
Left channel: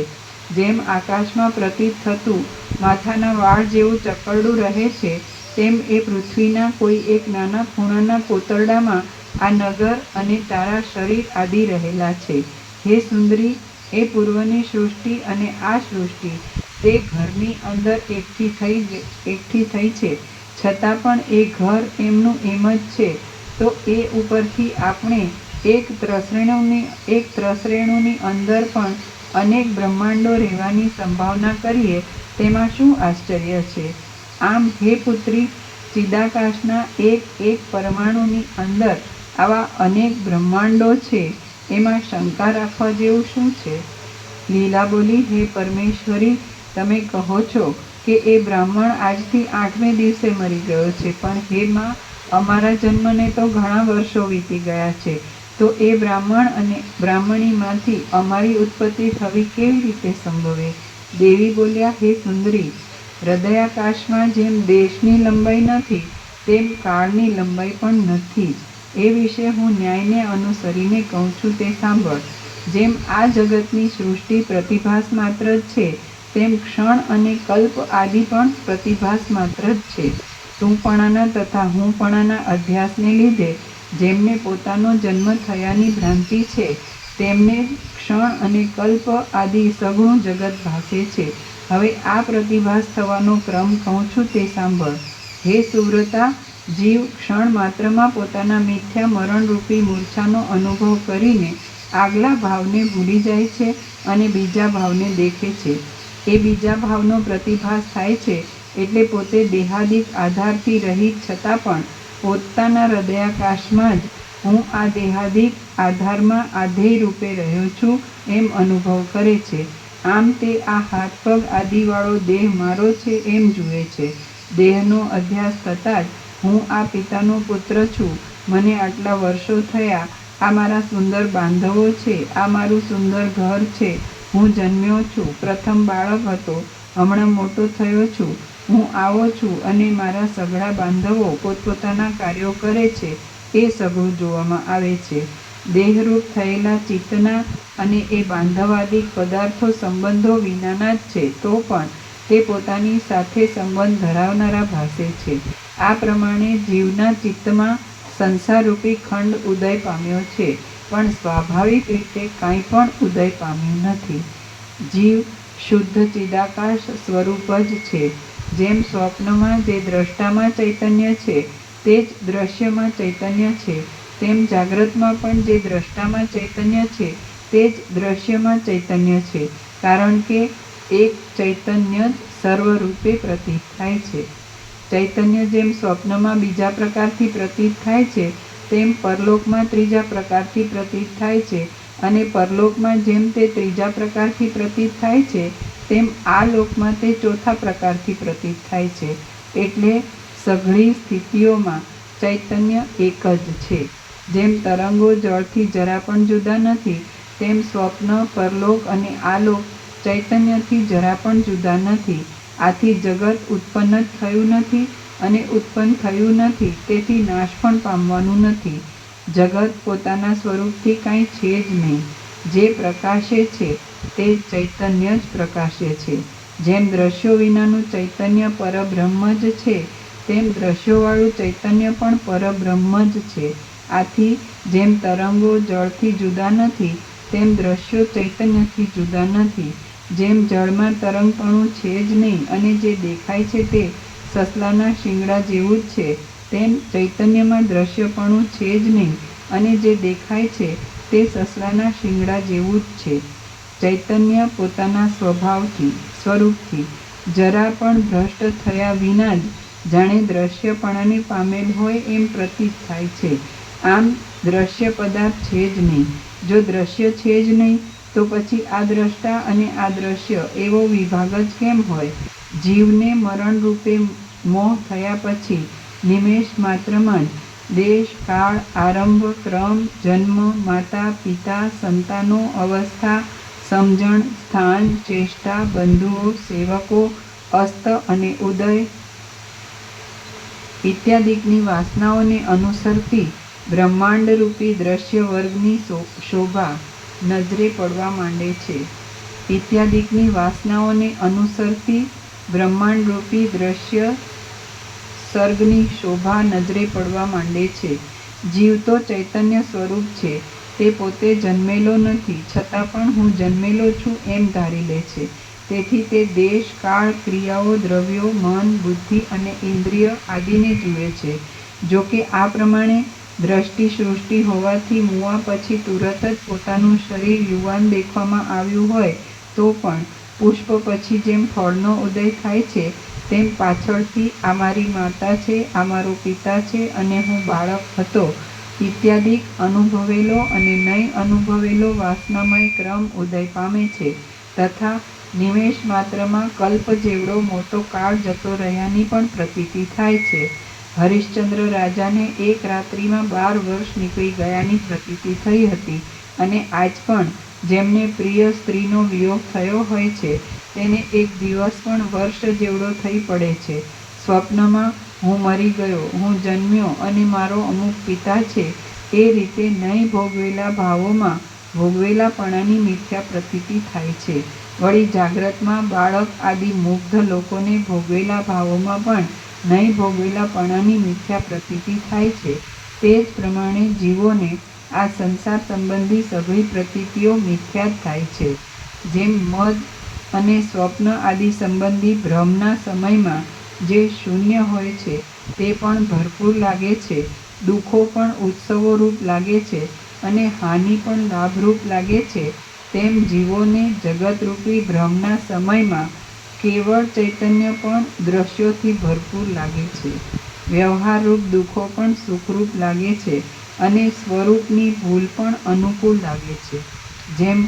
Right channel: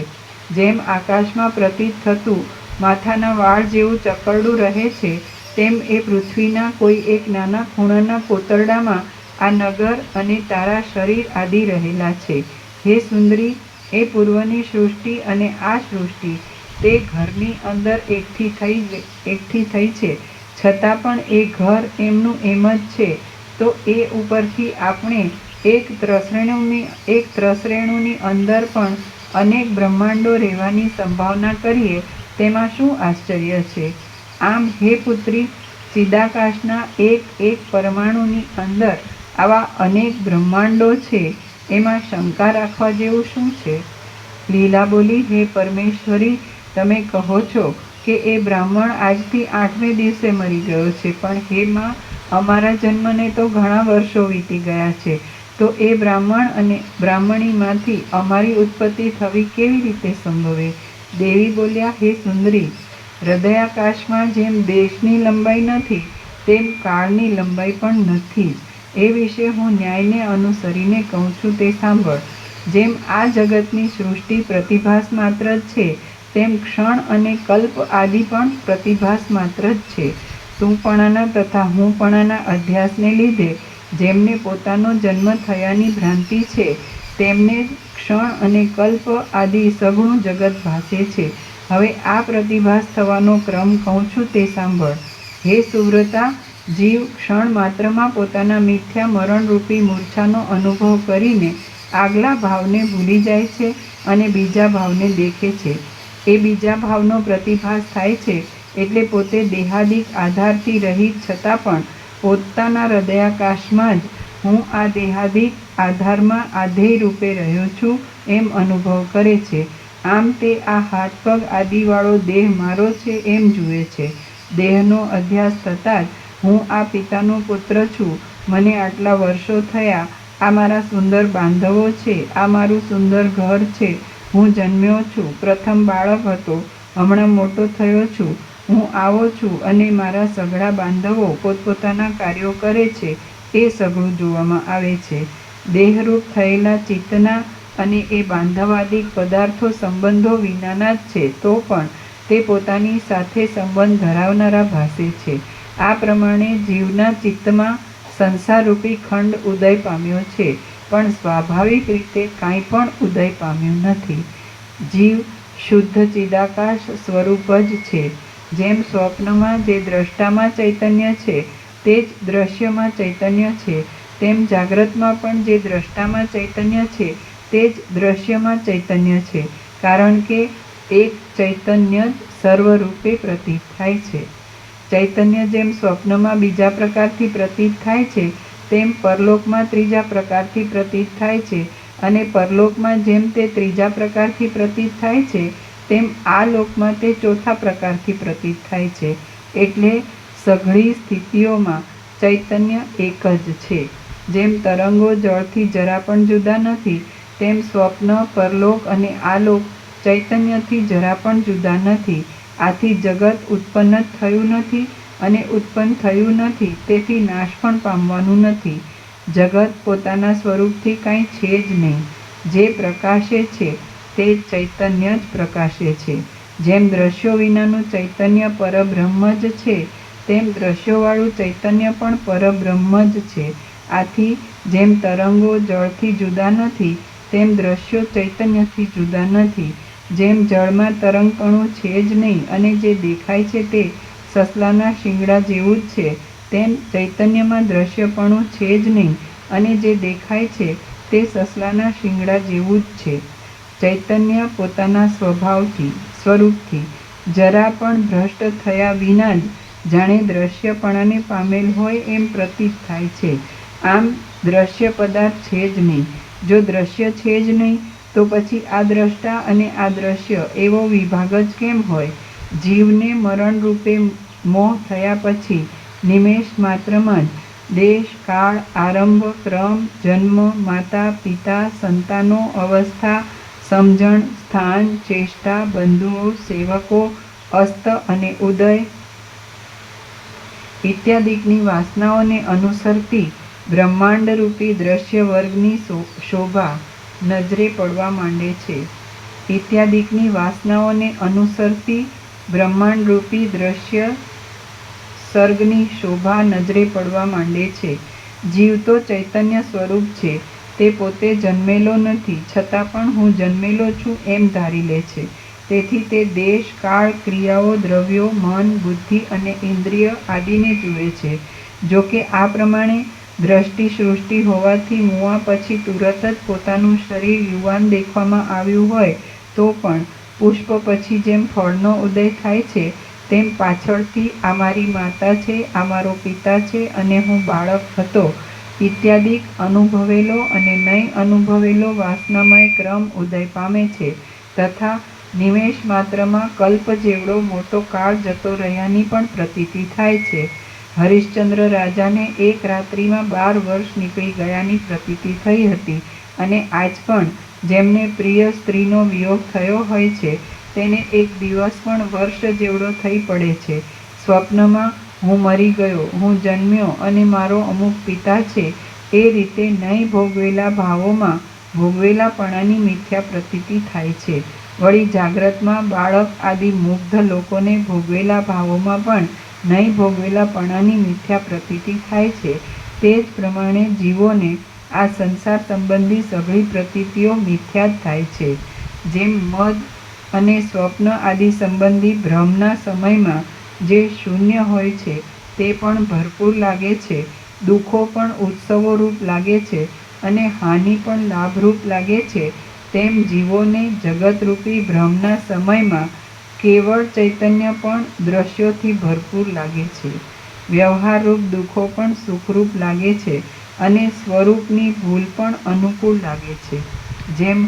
જેમ આકાશમાં પ્રતીત થતું માથાના વાળ જેવું ચકરડું રહે છે, તેમ એ પૃથ્વીના કોઈ એક નાના ખૂણાના કોતરડામાં આ નગર અને તારા શરીર આદિ રહેલા છે. હે સુંદરી, એ પૂર્વની સૃષ્ટિ અને આ સૃષ્ટિ તે ઘરની અંદર એકઠી થઈ છે, છતાં પણ એ ઘર એમનું એમ જ છે. તો એ ઉપરથી આપણે એક ત્રસરેણુની અંદર પણ અનેક બ્રહ્માંડો રહેવાની સંભાવના કરીએ, તેમાં શું આશ્ચર્ય છે? આમ હે પુત્રી, ચિદાકાશના એક પરમાણુની અંદર આવા અનેક બ્રહ્માંડો છે, એમાં શંકા રાખવા જેવું શું છે? લીલા બોલી, હે પરમેશ્વરી, તમે કહો છો કે એ બ્રાહ્મણ આજથી 8મે દિવસે મરી ગયો છે, પણ હે માં, અમારા જન્મને તો ઘણા વર્ષો વીતી ગયા છે, તો એ બ્રાહ્મણ અને બ્રાહ્મણીમાંથી અમારી ઉત્પત્તિ થવી કેવી રીતે સંભવે? દેવી બોલ્યા, હે સુંદરી, હૃદયાકાશમાં જેમ દેશની લંબાઈ નથી, તેમ કાળની લંબાઈ પણ નથી જ. એ વિશે હું ન્યાયને અનુસરીને કહું છું, તે સાંભળ. જેમ આ જગતની સૃષ્ટિ પ્રતિભાસ માત્ર જ છે, તેમ ક્ષણ અને કલ્પ આદિ પણ પ્રતિભાસ માત્ર જ છે. તુંપણાના તથા હુંપણાના અધ્યાસને લીધે જેમને પોતાનો જન્મ થયાની ભ્રાંતિ છે, તેમને ક્ષણ અને કલ્પ આદિ સઘળું જગત ભાસે છે. હવે આ પ્રતિભાસ થવાનો ક્રમ કહું છું, તે સાંભળ. હે સુવ્રતા, જીવ ક્ષણ માત્રમાં પોતાના મિથ્યા મરણરૂપી મૂર્છાનો અનુભવ કરીને આગલા ભાવને ભૂલી જાય છે અને બીજા ભાવને દેખે છે. એ બીજા ભાવનો પ્રતિભાસ થાય છે, એટલે પોતે દેહાદિક આધારથી રહિત છતાં પણ પોતાના હૃદયાકાશમાં જ હું આ દેહાદિક આધારમાં આધેય રૂપે રહ્યો છું, એમ અનુભવ કરે છે. આમ તે આ હાથ પગ આદિવાળો દેહ મારો છે એમ જુએ છે. દેહનો અધ્યાસ થતાં જ હું આ પિતાનો પુત્ર છું, મને આટલા વર્ષો થયા, આ મારા સુંદર બાંધવો છે, આ મારું સુંદર ઘર છે, હું જન્મ્યો છું, પ્રથમ બાળક હતો, હમણાં મોટો થયો છું, હું આવો છું, અને મારા સઘળા બાંધવો પોતપોતાના કાર્યો કરે છે, એ સઘળું જોવામાં આવે છે. દેહરૂપ થયેલા ચિત્તના અને એ બાંધવાદિક પદાર્થો સંબંધો વિનાના જ છે, તો પણ તે પોતાની સાથે સંબંધ ધરાવનારા ભાસે છે. આ પ્રમાણે જીવના ચિત્તમાં સંસારરૂપી ખંડ ઉદય પામ્યો છે, પણ સ્વાભાવિક રીતે કાંઈ પણ ઉદય પામ્યું નથી. જીવ શુદ્ધ ચિદાકાશ સ્વરૂપ જ છે. જેમ સ્વપ્નમાં જે દ્રષ્ટામાં ચૈતન્ય છે તે જ દ્રશ્યમાં ચૈતન્ય છે, તેમ જાગ્રતમાં પણ જે દ્રષ્ટામાં ચૈતન્ય છે તે જ દ્રશ્યમાં ચૈતન્ય છે, કારણ કે એક ચૈતન્ય જ સર્વરૂપે પ્રતીત થાય છે. ચૈતન્ય જેમ સ્વપ્નમાં બીજા પ્રકારથી પ્રતીત થાય છે તેમ પરલોકમાં ત્રીજા પ્રકારથી પ્રતીત થાય છે, અને પરલોકમાં જેમ તે ત્રીજા પ્રકારથી પ્રતીત થાય છે તેમ આ લોકમાં તે ચોથા પ્રકારથી પ્રતીત થાય છે. એટલે સઘળી સ્થિતિઓમાં ચૈતન્ય એક જ છે. જેમ તરંગો જળથી જરા પણ જુદા નથી, તેમ સ્વપ્ન, પરલોક અને આલોક ચૈતન્યથી જરા પણ જુદા નથી. આથી જગત ઉત્પન્ન જ થયું નથી અને ઉત્પન્ન થયું નથી, તેથી નાશ પણ પામવાનું નથી. જગત પોતાના સ્વરૂપથી કાંઈ છે જ નહીં. જે પ્રકાશે છે તે ચૈતન્ય જ પ્રકાશે છે. જેમ દ્રશ્યો વિનાનું ચૈતન્ય પરબ્રહ્મ જ છે, તેમ દ્રશ્યોવાળું ચૈતન્ય પણ પરબ્રહ્મ જ છે. આથી જેમ તરંગો જળથી જુદા નથી, તેમ દ્રશ્યો ચૈતન્યથી જુદા નથી. જેમ જળમાં તરંગપણું છે જ નહીં અને જે દેખાય છે તે સસલાના શિંગડા જેવું જ છે, તેમ ચૈતન્યમાં દ્રશ્યપણું છે જ નહીં અને જે દેખાય છે તે સસલાના શિંગડા જેવું જ છે. ચૈતન્ય પોતાના સ્વરૂપથી જરા પણ ભ્રષ્ટ થયા વિના જ જાણે દ્રશ્યપણાને પામેલ હોય એમ પ્રતીત થાય છે. આમ દ્રશ્ય પદાર્થ છે જ નહીં. જો દ્રશ્ય છે જ નહીં તો પછી આ દ્રષ્ટા અને આ દ્રશ્ય એવો વિભાગ જ કેમ હોય? જીવને મરણ રૂપે મોહ થયા પછી નિમેષ માત્રમાં જ દેશ, કાળ, આરંભ, ક્રમ, જન્મ, માતા, પિતા, સંતાનો, અવસ્થા, સમજણ, સ્થાન, ચેષ્ટા, બંધુઓ, સેવકો, અસ્ત અને ઉદય ઇત્યાદિકની વાસનાઓને અનુસરતી બ્રહ્માંડરૂપી દ્રશ્ય વર્ગની શોભા નજરે પડવા માંડે છે. ઇત્યાદિકની વાસનાઓને અનુસરતી બ્રહ્માંડરૂપી દ્રશ્ય સર્ગની શોભા નજરે પડવા માંડે છે. જીવ તો ચૈતન્ય સ્વરૂપ છે, તે પોતે જન્મેલો નથી, છતાં પણ હું જન્મેલો છું એમ ધારી લે છે. તેથી તે દેશ, કાળ, ક્રિયાઓ, દ્રવ્યો, મન, બુદ્ધિ અને ઇન્દ્રિય આદિને જુએ છે. જો કે આ પ્રમાણે દ્રષ્ટિ સૃષ્ટિ હોવાથી મુવા પછી તુરત જ પોતાનું શરીર યુવાન દેખવામાં આવ્યું હોય તો પણ પુષ્પ પછી જેમ ફળનો ઉદય થાય છે તેમ પાછળથી આ મારી માતા છે, આ મારો પિતા છે અને હું બાળક હતો ઇત્યાદિક અનુભવેલો અને નહીં અનુભવેલો વાસનામય ક્રમ ઉદય પામે છે. તથા નિમેષ માત્રમાં કલ્પ જેવડો મોટો કાળ જતો રહ્યાની પણ પ્રતીતિ થાય છે. હરિશ્ચંદ્ર રાજાને એક રાત્રિમાં 12 વર્ષ નીકળી ગયાની પ્રતીતિ થઈ હતી, અને આજ પણ જેમને પ્રિય સ્ત્રીનો વિયોગ થયો હોય છે તેને એક દિવસ પણ વર્ષ જેવડો થઈ પડે છે. સ્વપ્નમાં હું મરી ગયો, હું જન્મ્યો અને મારો અમુક પિતા છે એ રીતે નહીં ભોગવેલા ભાવોમાં ભોગવેલાપણાની મિથ્યા પ્રતીતિ થાય છે. વળી જાગ્રતમાં બાળક આદિ મુગ્ધ લોકોને ભોગવેલા ભાવોમાં પણ નહીં ભોગવેલાપણાની મિથ્યા પ્રતીતિ થાય છે. તે જ પ્રમાણે જીવોને આ સંસાર સંબંધી સઘળી પ્રતીતિઓ મિથ્યા જ થાય છે. જેમ મદ અને સ્વપ્ન આદિ સંબંધી ભ્રમના સમયમાં જે શૂન્ય હોય છે તે પણ ભરપૂર લાગે છે, દુઃખો પણ ઉત્સવો રૂપ લાગે છે અને હાનિ પણ લાભરૂપ લાગે છે, તેમ જીવોને જગતરૂપી ભ્રમના સમયમાં કેવળ ચૈતન્ય પણ દ્રશ્યોથી ભરપૂર લાગે છે. વ્યવહારરૂપ દુઃખો પણ સુખરૂપ લાગે છે અને સ્વરૂપની ભૂલ પણ અનુકૂળ લાગે છે. જેમ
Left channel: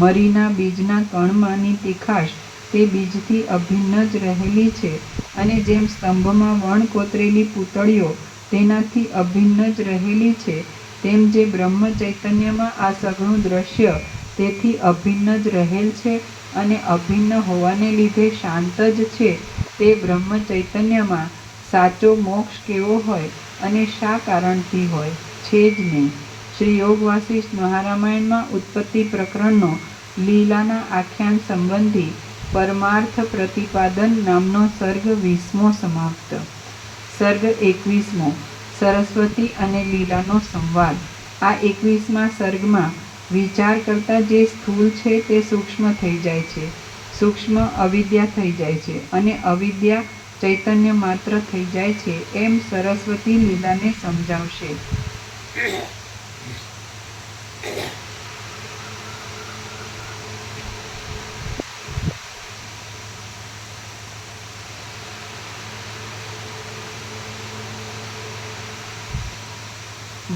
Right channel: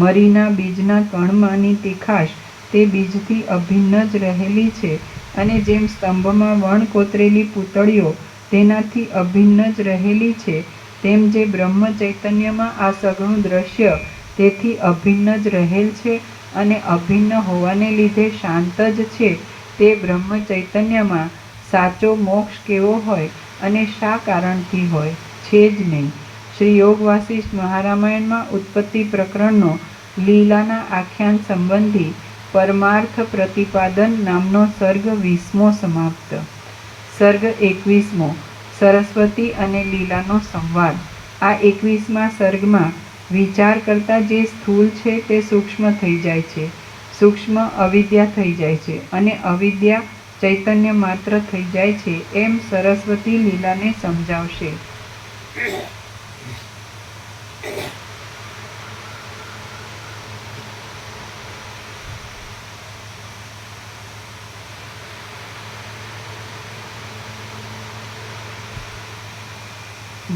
મરીના બીજના કણમાંની તીખાશ તે બીજથી અભિન્ન જ રહેલી છે, અને જેમ સ્તંભમાં વણ કોતરેલી પૂતળીઓ તેનાથી અભિન્ન જ રહેલી છે, તેમ જે બ્રહ્મ ચૈતન્યમાં આ સઘળું દ્રશ્ય તેથી અભિન્ન જ રહેલ છે અને અભિન્ન હોવાને લીધે શાંત જ છે, તે બ્રહ્મ ચૈતન્યમાં સાચો મોક્ષ કેવો હોય અને શા કારણથી હોય? છે જ નહીં. શ્રી યોગ વાસિષ્ઠ મહારામાયણમાં ઉત્પત્તિ પ્રકરણનો લીલાના આખ્યાન સંબંધી પરમાર્થ પ્રતિપાદન નામનો સર્ગ 20મો સમાપ્ત. સર્ગ 21મો સરસ્વતી અને લીલાનો સંવાદ. આ 21મા સર્ગમાં વિચાર કરતા જે સ્થૂળ છે તે સૂક્ષ્મ થઈ જાય છે, સૂક્ષ્મ અવિદ્યા થઈ જાય છે અને અવિદ્યા ચૈતન્ય માત્ર થઈ જાય છે, એમ સરસ્વતી લીલાને સમજાવશે.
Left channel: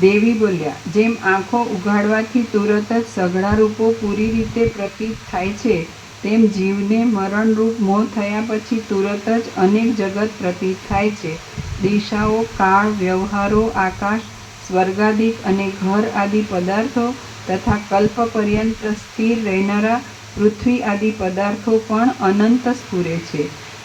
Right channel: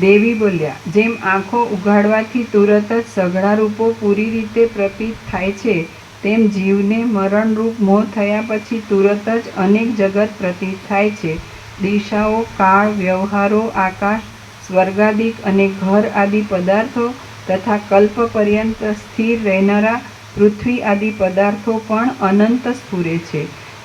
દેવી બોલ્યા, જેમ આંખો ઉઘાડવાથી તુરત જ સઘળા રૂપો પૂરી રીતે પ્રતીત થાય છે, તેમ જીવને મરણરૂપ મોહ થયા પછી તુરત જ અનેક જગત પ્રતીત થાય છે. દિશાઓ, કાળ, વ્યવહારો, આકાશ, સ્વર્ગાદિક અને ઘર આદિ પદાર્થો તથા કલ્પ પર્યંત સ્થિર રહેનારા પૃથ્વી આદિ પદાર્થો પણ અનંત સ્ફુરે છે.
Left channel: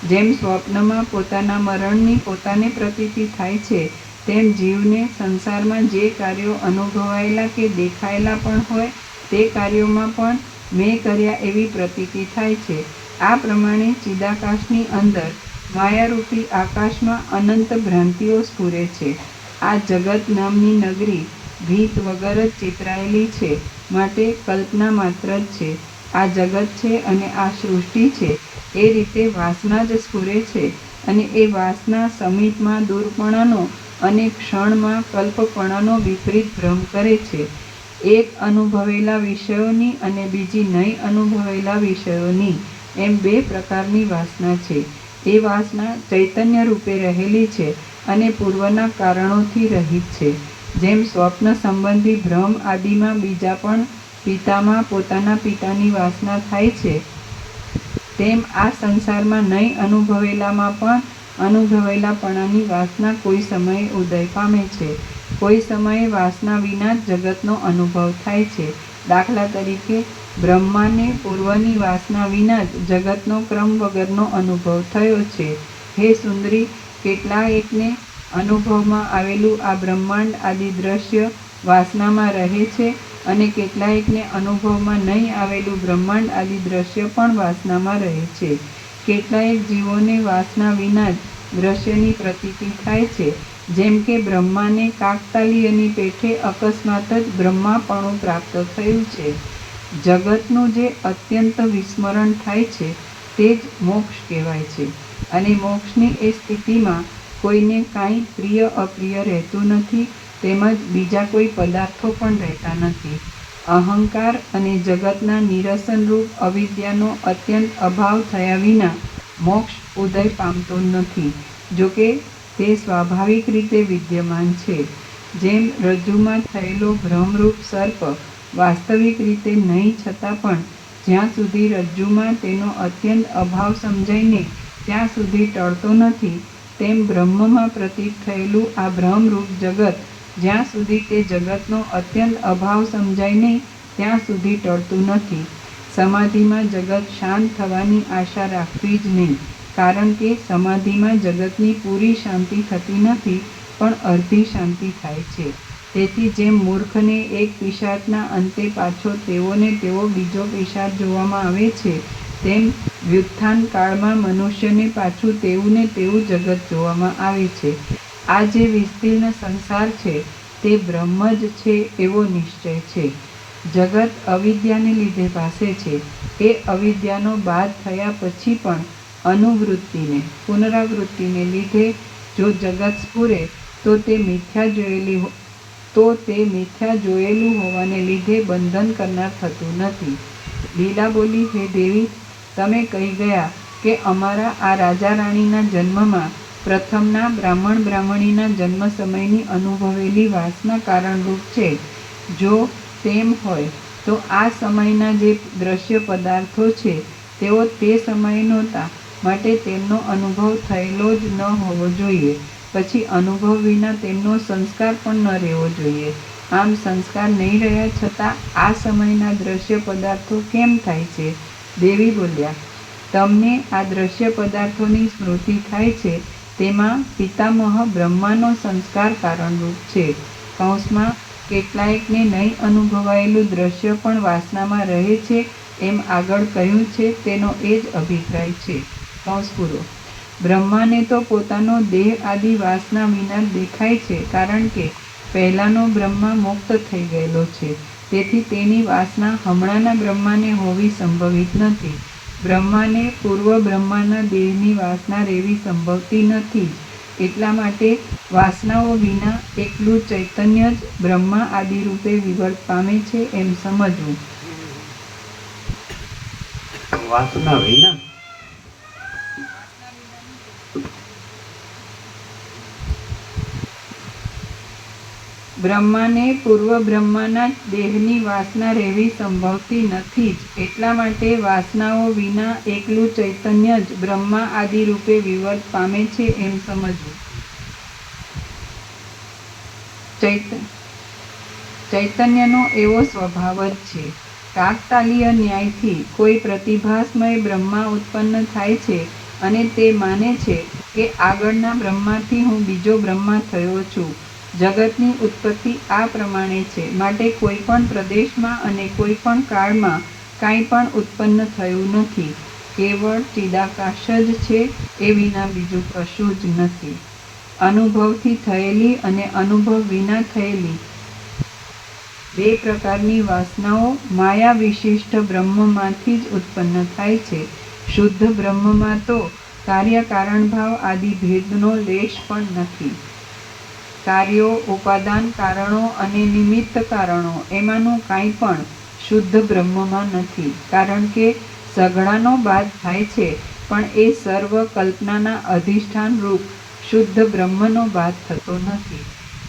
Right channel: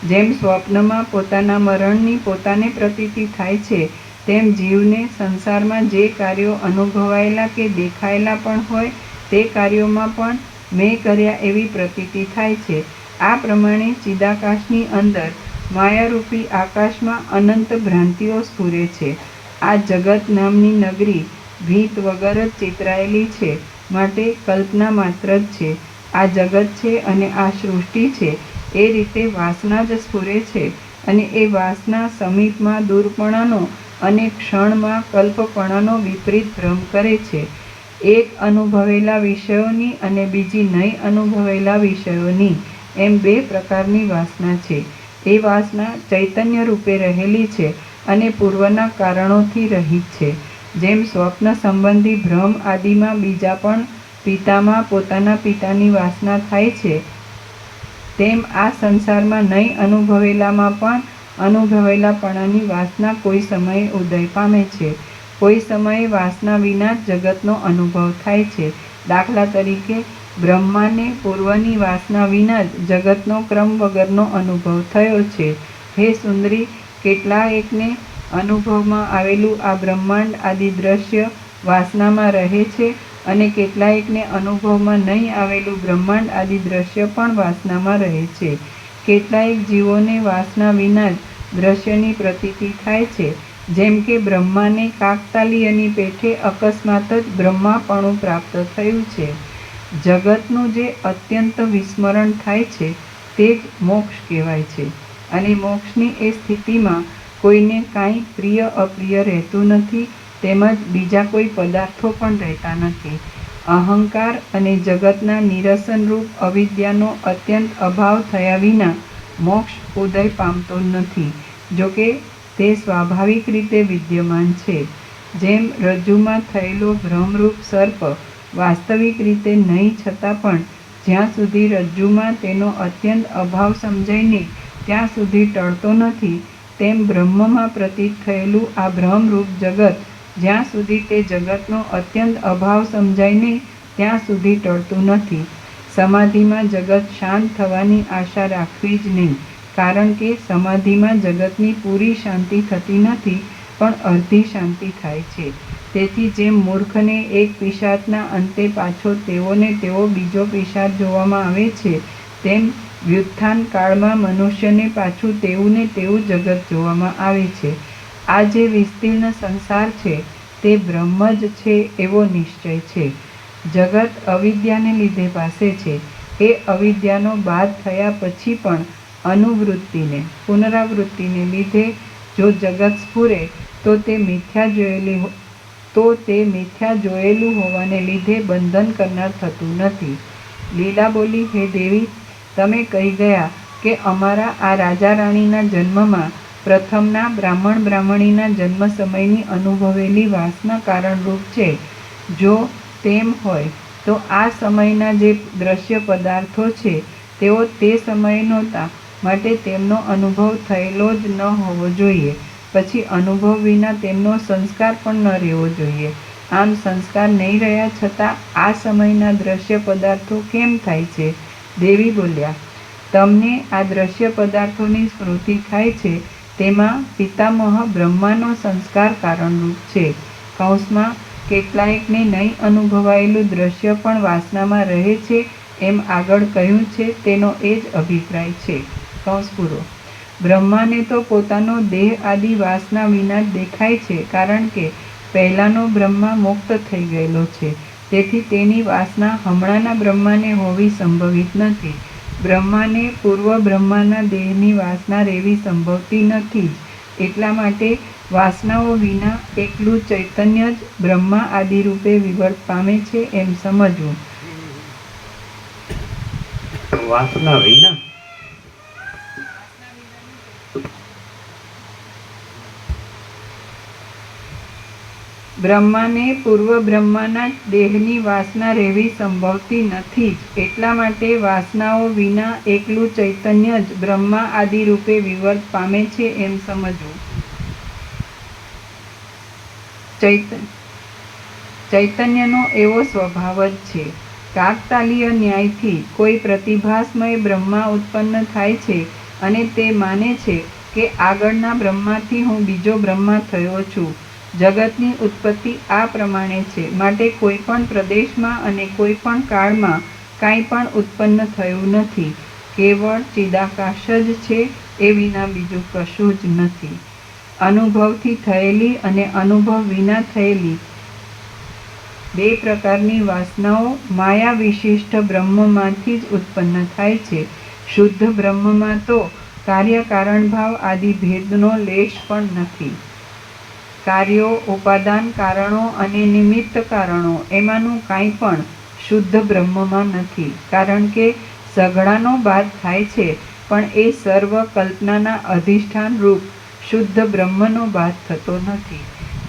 જેમ સ્વપ્નમાં પોતાના મરણની પોતાને પ્રતીતિ થાય છે, તેમ જીવને સંસારમાં જે કાર્યો અનુભવાયેલા કે દેખાયેલા પણ હોય તે કાર્યોમાં પણ મેં કર્યા એવી પ્રતીતિ થાય છે. આ પ્રમાણે ચિદાકાશની અંદર માયારૂપી આકાશમાં અનંત ભ્રાંતિઓ સ્ફુરે છે. આ જગત નામની નગરી ભીત વગર જ ચિતરાયેલી છે, માટે કલ્પના માત્ર જ છે. આ જગત છે અને આ સૃષ્ટિ છે એ રીતે વાસના જ સ્ફુરે છે, અને એ વાસના સમીપમાં દૂરપણાનો અને ક્ષણમાં કલ્પપણાનો વિપરીત ભ્રમ કરે છે. એક અનુભવેલા વિષયોની અને બીજી નહીં અનુભવેલા વિષયોની એમ બે પ્રકારની વાસના છે. એ વાસના ચૈતન્ય રૂપે રહેલી છે અને પૂર્વના કારણોથી રહિત છે. જેમ સ્વપ્ન સંબંધી ભ્રમ આદિમાં બીજા પણ પિતામાં પોતાના પિતાની વાસના થાય છે, તેમ આ સંસારમાં નહીં અનુભવેલામાં પણ અનુભવેલાપણાની વાસના કોઈ સમયે ઉદય પામે છે. કોઈ સમયે વાસના વિના જ જગતનો અનુભવ થાય છે. દાખલા તરીકે બ્રહ્માને પૂર્વની વાસના વિના જ જગતનો ક્રમ વગરનો અનુભવ થયો છે. હે સુંદરી, કેટલાયકને અનુભવમાં આવેલું આ બ્રહ્માંડ આદિ દ્રશ્ય વાસનામાં રહે છે, અને કેટલાયકને અનુભવમાં નહીં આવેલું બ્રહ્માંડ આદિ દ્રશ્ય પણ વાસનામાં રહે છે. કેટલાયક જીવોને વાસના વિના જ દ્રશ્યની પ્રતીતિ થાય છે. જેમ કે બ્રહ્માને કાકતાલીયની પેઠે અકસ્માત જ બ્રહ્માપણું પ્રાપ્ત થયું છે. જગતનું જે અત્યંત વિસ્મરણ થાય છે તે જ મોક્ષ કહેવાય છે. અને મોક્ષની એ સ્થિતિમાં કોઈને કાંઈ પ્રિય અપ્રિય રહેતું નથી, તેમજ બીજા કોઈ પદાર્થો પણ રહેતા નથી. અહંકાર અને જગતના નિરસનરૂપ અવિદ્યાનો અત્યંત અભાવ થયા વિના મોક્ષ ઉદય પામતો નથી. જોકે તે સ્વાભાવિક રીતે વિદ્યમાન છે. જેમ રજ્જુમાં થયેલો ભ્રમરૂપ સર્પ વાસ્તવિક રીતે નહીં છતાં પણ જ્યાં સુધી રજ્જુમાં તેનો અત્યંત અભાવ સમજાઈને ત્યાં સુધી ટળતો નથી, તેમ બ્રહ્મમાં પ્રતીત થયેલું આ ભ્રમરૂપ જગત જ્યાં સુધી તે જગતનો અત્યંત અભાવ સમજાઈને ત્યાં સુધી ટળતું નથી. સમાધિમાં જગત શાંત થવાની આશા રાખવી જ નહીં, કારણ કે સમાધિમાં જગતની પૂરી શાંતિ થતી નથી, પણ અડધી શાંતિ થાય છે. તેથી જેમ મૂર્ખને એક પિશાચના અંતે પાછો તેઓને તેવો બીજો પિશાચ જોવામાં આવે છે, તેમ વ્યુત્થાન કાળમાં મનુષ્યને પાછું તેવું ને તેવું જગત જોવામાં આવે છે. આ જે વિસ્તીર્ણ સંસાર છે તે બ્રહ્મ જ છે એવો નિશ્ચય છે. જગત અવિદ્યાને લીધે ભાસે છે. એ અવિદ્યાનો બાદ થયા પછી પણ અનુવૃત્તિને પુનરાવૃત્તિને લીધે જો જગત સ્ફુરે તો તે મિથ્યા જોયેલું હોવાને લીધે બંધન કરનાર થતું નથી. લીલા બોલી, હે દેવી, તમે કહી ગયા કે અમારા આ રાજા રાણીના જન્મમાં પ્રથમના બ્રાહ્મણ બ્રાહ્મણીના જન્મ સમયની અનુભવેલી વાસના કારણરૂપ છે. જો તેમ હોય તો આ સમયના જે દ્રશ્ય પદાર્થો છે તેઓ તે સમયે નહોતા, માટે તેમનો અનુભવ થયેલો જ ન હોવો જોઈએ. પછી અનુભવ વિના તેમનો સંસ્કાર પણ ન રહેવો જોઈએ. આમ સંસ્કાર નહીં રહ્યા છતાં આ સમયના દ્રશ્ય પદાર્થો કેમ થાય છે? દેવી બોલ્યા, તમને આ દ્રશ્ય પદાર્થોની સ્મૃતિ થાય છે તેમાં પિતામહ બ્રહ્માનો સંસ્કાર કારણરૂપ છે. કૌંસમાં કેટલાયકને નહીં અનુભવાયેલું દ્રશ્ય પણ વાસનામાં રહે છે એમ આગળ કહ્યું છે તેનો એ જ અભિપ્રાય છે. કૌંસ પૂરો. બ્રહ્માને તો પોતાનો દેહ આદિ વાસના વિના દેખાય છે, કારણ કે પહેલાંનો બ્રહ્મા મુક્ત થઈ ગયેલો છે. તેથી તેની વાસના હમણાંના બ્રહ્માને હોવી સંભવિત નથી. બ્રહ્માને પૂર્વ બ્રહ્માના દેહની વાસના રહેવી સંભવતી નથી. એટલા માટે વાસનાઓ વિના એકલું ચૈતન્ય જ બ્રહ્મા આદિ રૂપે વિવર્ત પામે છે એમ સમજવું. વાસના વિના બ્રહ્માને પૂર્વ બ્રહ્માના દેહની વાસના રહેવી સંભવતી નથી જ. એટલા માટે વાસનાઓ વિના એકલું ચૈતન્ય જ બ્રહ્મા આદિ રૂપે વિવર્ત પામે છે એમ સમજવું. ચૈતન્યનો એવો સ્વભાવ જ છે. કાકતાલીય ન્યાયથી કોઈ પ્રતિભાસમય બ્રહ્મા ઉત્પન્ન થાય છે અને તે માને છે કે આગળના બ્રહ્માથી હું બીજો બ્રહ્મા થયો છું. જગતની ઉત્પત્તિ આ પ્રમાણે છે. માટે કોઈ પણ પ્રદેશમાં અને કોઈ પણ કાળમાં કાંઈ પણ ઉત્પન્ન થયું નથી. કેવળ ચિદાકાશ જ છે, એ વિના બીજું કશું જ નથી. અનુભવથી થયેલી અને અનુભવ વિના થયેલી બે પ્રકારની વાસનાઓ માયા વિશિષ્ટ બ્રહ્મમાંથી જ ઉત્પન્ન થાય છે. શુદ્ધ બ્રહ્મમાં તો કાર્યકારણ ભાવ આદિ ભેદનો લેશ પણ નથી. કાર્યો, ઉપાદાન કારણો અને નિમિત્ત કારણો એમાંનું કાંઈ પણ શુદ્ધ બ્રહ્મમાં નથી. કારણ કે સઘળાનો બાદ થાય છે, પણ એ સર્વ કલ્પનાના અધિષ્ઠાન રૂપ શુદ્ધ બ્રહ્મનો બાદ થતો નથી.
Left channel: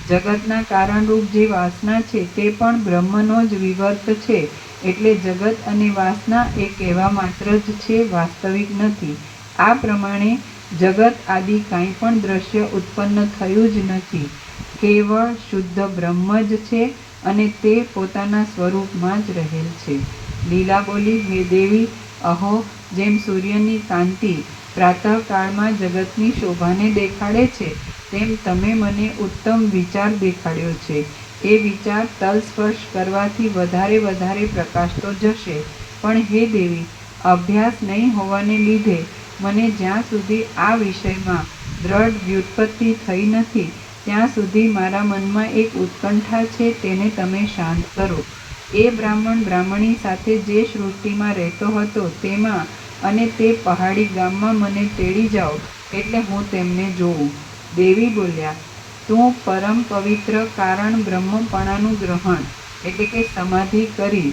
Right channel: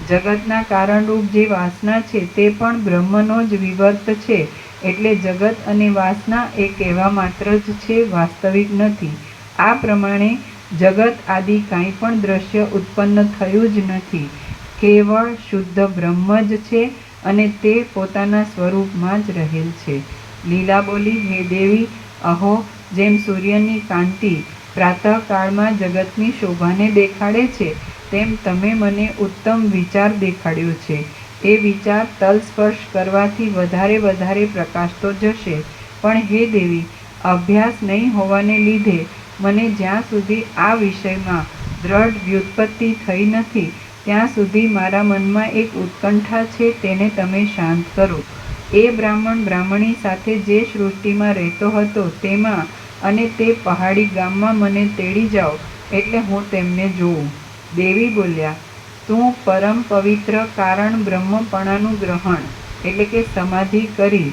જગતના કારણરૂપ જે વાસના છે તે પણ બ્રહ્મનો જ વિવર્ત છે. એટલે જગત અને વાસના એ કહેવા માત્ર જ છે, વાસ્તવિક નથી. આ પ્રમાણે જગત આદિ કાંઈ પણ દ્રશ્ય ઉત્પન્ન થયું જ નથી. કેવળ શુદ્ધ બ્રહ્મ જ છે અને તે પોતાના સ્વરૂપમાં જ રહેલ છે. લીલા બોલી, હે દેવી, અહો, જેમ સૂર્યની કાંતિ પ્રાતઃકાળમાં જગતની શોભાને દેખાડે છે, તેમ તમે મને ઉત્તમ વિચાર દેખાડ્યો છે. એ વિચાર તલસ્પર્શ કરવાથી વધારે વધારે પ્રકાશતો જશે. પણ હે દેવી, અભ્યાસ નહીં હોવાને લીધે મને જ્યાં સુધી આ વિષયમાં દ્રઢ વ્યુત્પત્તિ થઈ નથી ત્યાં સુધી મારા મનમાં એક ઉત્કંઠા છે, તેને તમે શાંત કરો. એ બ્રાહ્મણ બ્રાહ્મણી સાથે જે સૃષ્ટિમાં રહેતો હતો તેમાં અને તે પહાડી ગામમાં મને તેડી જાઓ એટલે હું તેમને જોઉં. દેવી બોલ્યા, તું પરમ પવિત્ર કારણ બ્રહ્મપણાનું ગ્રહણ એટલે કે સમાધિ કરી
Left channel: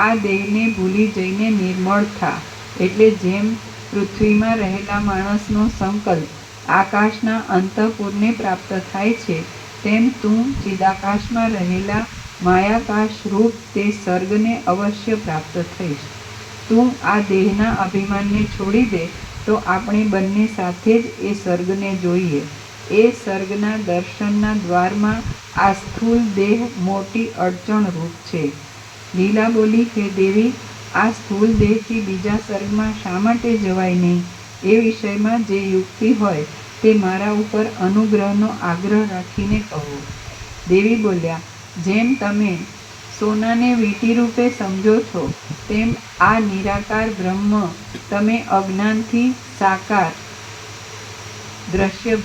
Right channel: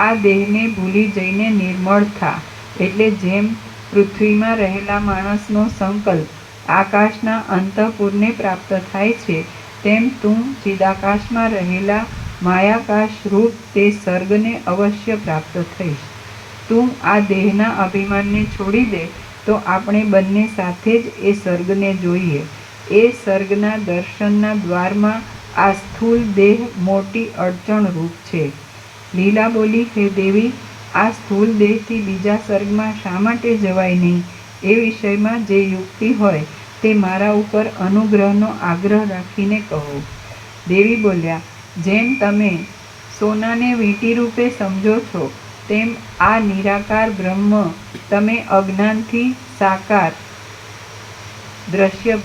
આ દેહને ભૂલી જઈને નિર્મળ થા. એટલે જેમ પૃથ્વીમાં રહેલા માણસનો સંકલ્પ આકાશના અંતઃપુરને પ્રાપ્ત થાય છે, તેમ તું ચિદાકાશમાં રહેલા માયાકાશ રૂપ તે સર્ગને અવશ્ય પ્રાપ્ત થઈશ. તું આ દેહના અભિમાનને છોડી દે તો આપણે બંને સાથે જ એ સર્ગને જોઈએ. એ સર્ગના દર્શનના દ્વારમાં આ સ્થૂલ દેહ મોટી અડચણ રૂપ છે. લીલા બોલી, હે દેવી, આ સ્થૂલ દેહથી બીજા સર્ગમાં શા માટે જવાય નહીં? એ વિષયમાં જે યુક્તિ હોય તે મારા ઉપર અનુગ્રહનો આગ્રહ રાખીને કહો. દેવી બોલ્યા, જેમ તમે સોનાને વીંટી રૂપે સમજો છો તેમ આ નિરાકાર બ્રહ્મ તમે અજ્ઞાનથી સાકાર દ્રશ્ય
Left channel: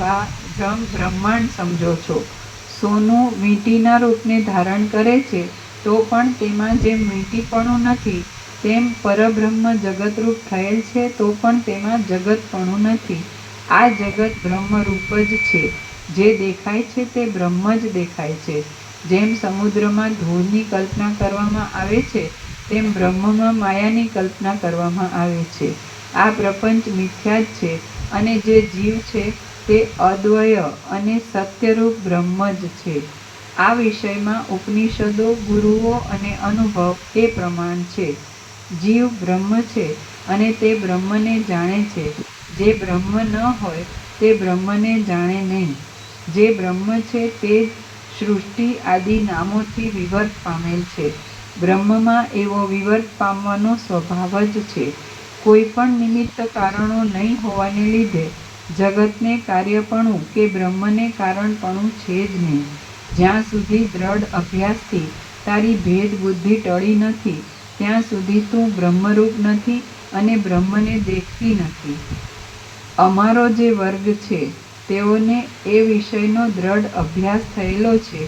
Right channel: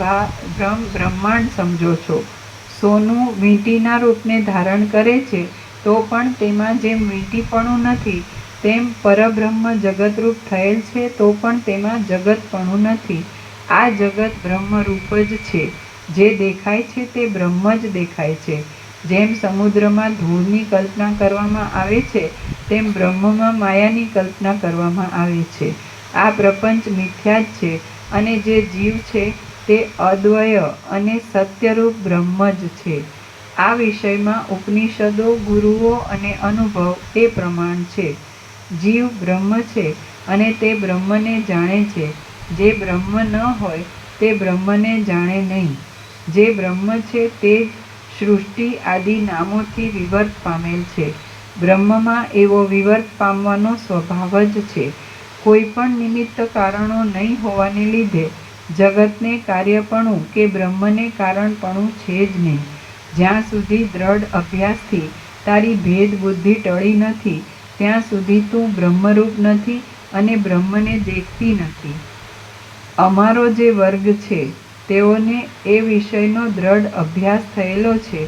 બ્રહ્માંડ સમજો છો. સોનું વીંટીના રૂપને ધારણ કરે છે તો પણ તેમાં જેમ વીંટીપણું નથી તેમ પરબ્રહ્મ જગતરૂપ થયેલ છે તો પણ તેમાં જગતપણું નથી. આ જગત બ્રહ્મરૂપ જ છે. જે દેખાય છે તે બ્રહ્મ જ દેખાય છે. જેમ સમુદ્રમાં ધૂળની કલ્પના કરવામાં આવે છે તેમ બ્રહ્મમાં માયાની કલ્પના કરવામાં આવે છે. આ પ્રપંચ મિથ્યા જ છે અને જે જીવ છે તે અદ્વય અને સત્યરૂપ બ્રહ્મ જ છે. આ વિષયમાં ઉપનિષદો, ગુરુઓ અને અનુભવ એ પ્રમાણ છે. જીવ બ્રહ્મ છે અને તે બ્રહ્મને જાણે છે. જે બ્રહ્મ ન હોય તે બ્રહ્મને જાણે નહીં. જે બ્રહ્મ છે તે સૃષ્ટિ આદિ નામોથી વિવર્ત પામેલ છે. બ્રહ્મમાં એવો વિવર્ત પામવાનો સ્વભાવ જ છે. કોઈ પણ નિમિત્ત કારણો નહીં હોવાને લીધે જગતને કાર્યપણું કે બ્રહ્મને કારણપણું છે જ નહીં. જ્યાં સુધી દ્રઢ અભ્યાસથી તારી ભેદ બુદ્ધિ ટળી નથી ત્યાં સુધી તું બ્રહ્મરૂપ નથી અને બ્રહ્મને દેખતી નથી. અમારો જે વર્ગ છે તેઓને એ વિષયનો દ્રઢ અભ્યાસ થયેલો છે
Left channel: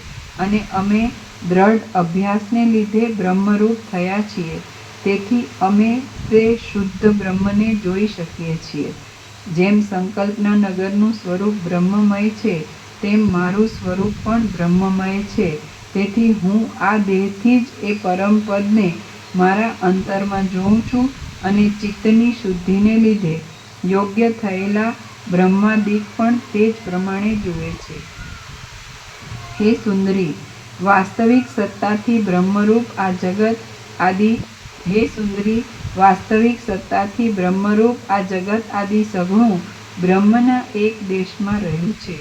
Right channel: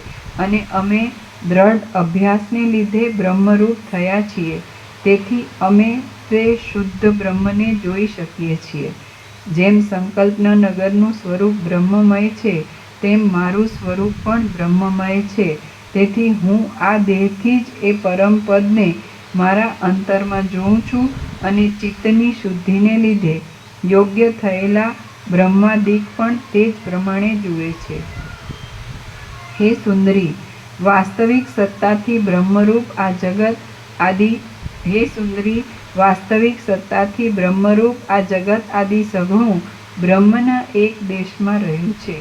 અને અમે દ્રઢ અભ્યાસને લીધે બ્રહ્મરૂપ થયા છીએ. તેથી અમે તે શુદ્ધ બ્રહ્મને જોઈ શકીએ છીએ. જેમ સંકલ્પના નગરનું સ્વરૂપ બ્રહ્મમય છે, તેમ મારું સ્વરૂપ પણ બ્રહ્મમય છે. તેથી હું આ દેહથી જ એ પરમ પદને મારા અંતરમાં જોઉં છું અને ચિત્તની શુદ્ધિને લીધે યોગ્ય થયેલા બ્રહ્માદિક પણ તે જ પ્રમાણે જુએ છે. હે સુંદરી, વાસ્તવિક સત્તાથી બ્રહ્મરૂપ આ જગત આદિ હે સુંદરી, વાસ્તવિક સત્તાથી બ્રહ્મરૂપ આ જગત આદિ સઘળું બ્રહ્મના એક દેશમાં રહ્યું છે.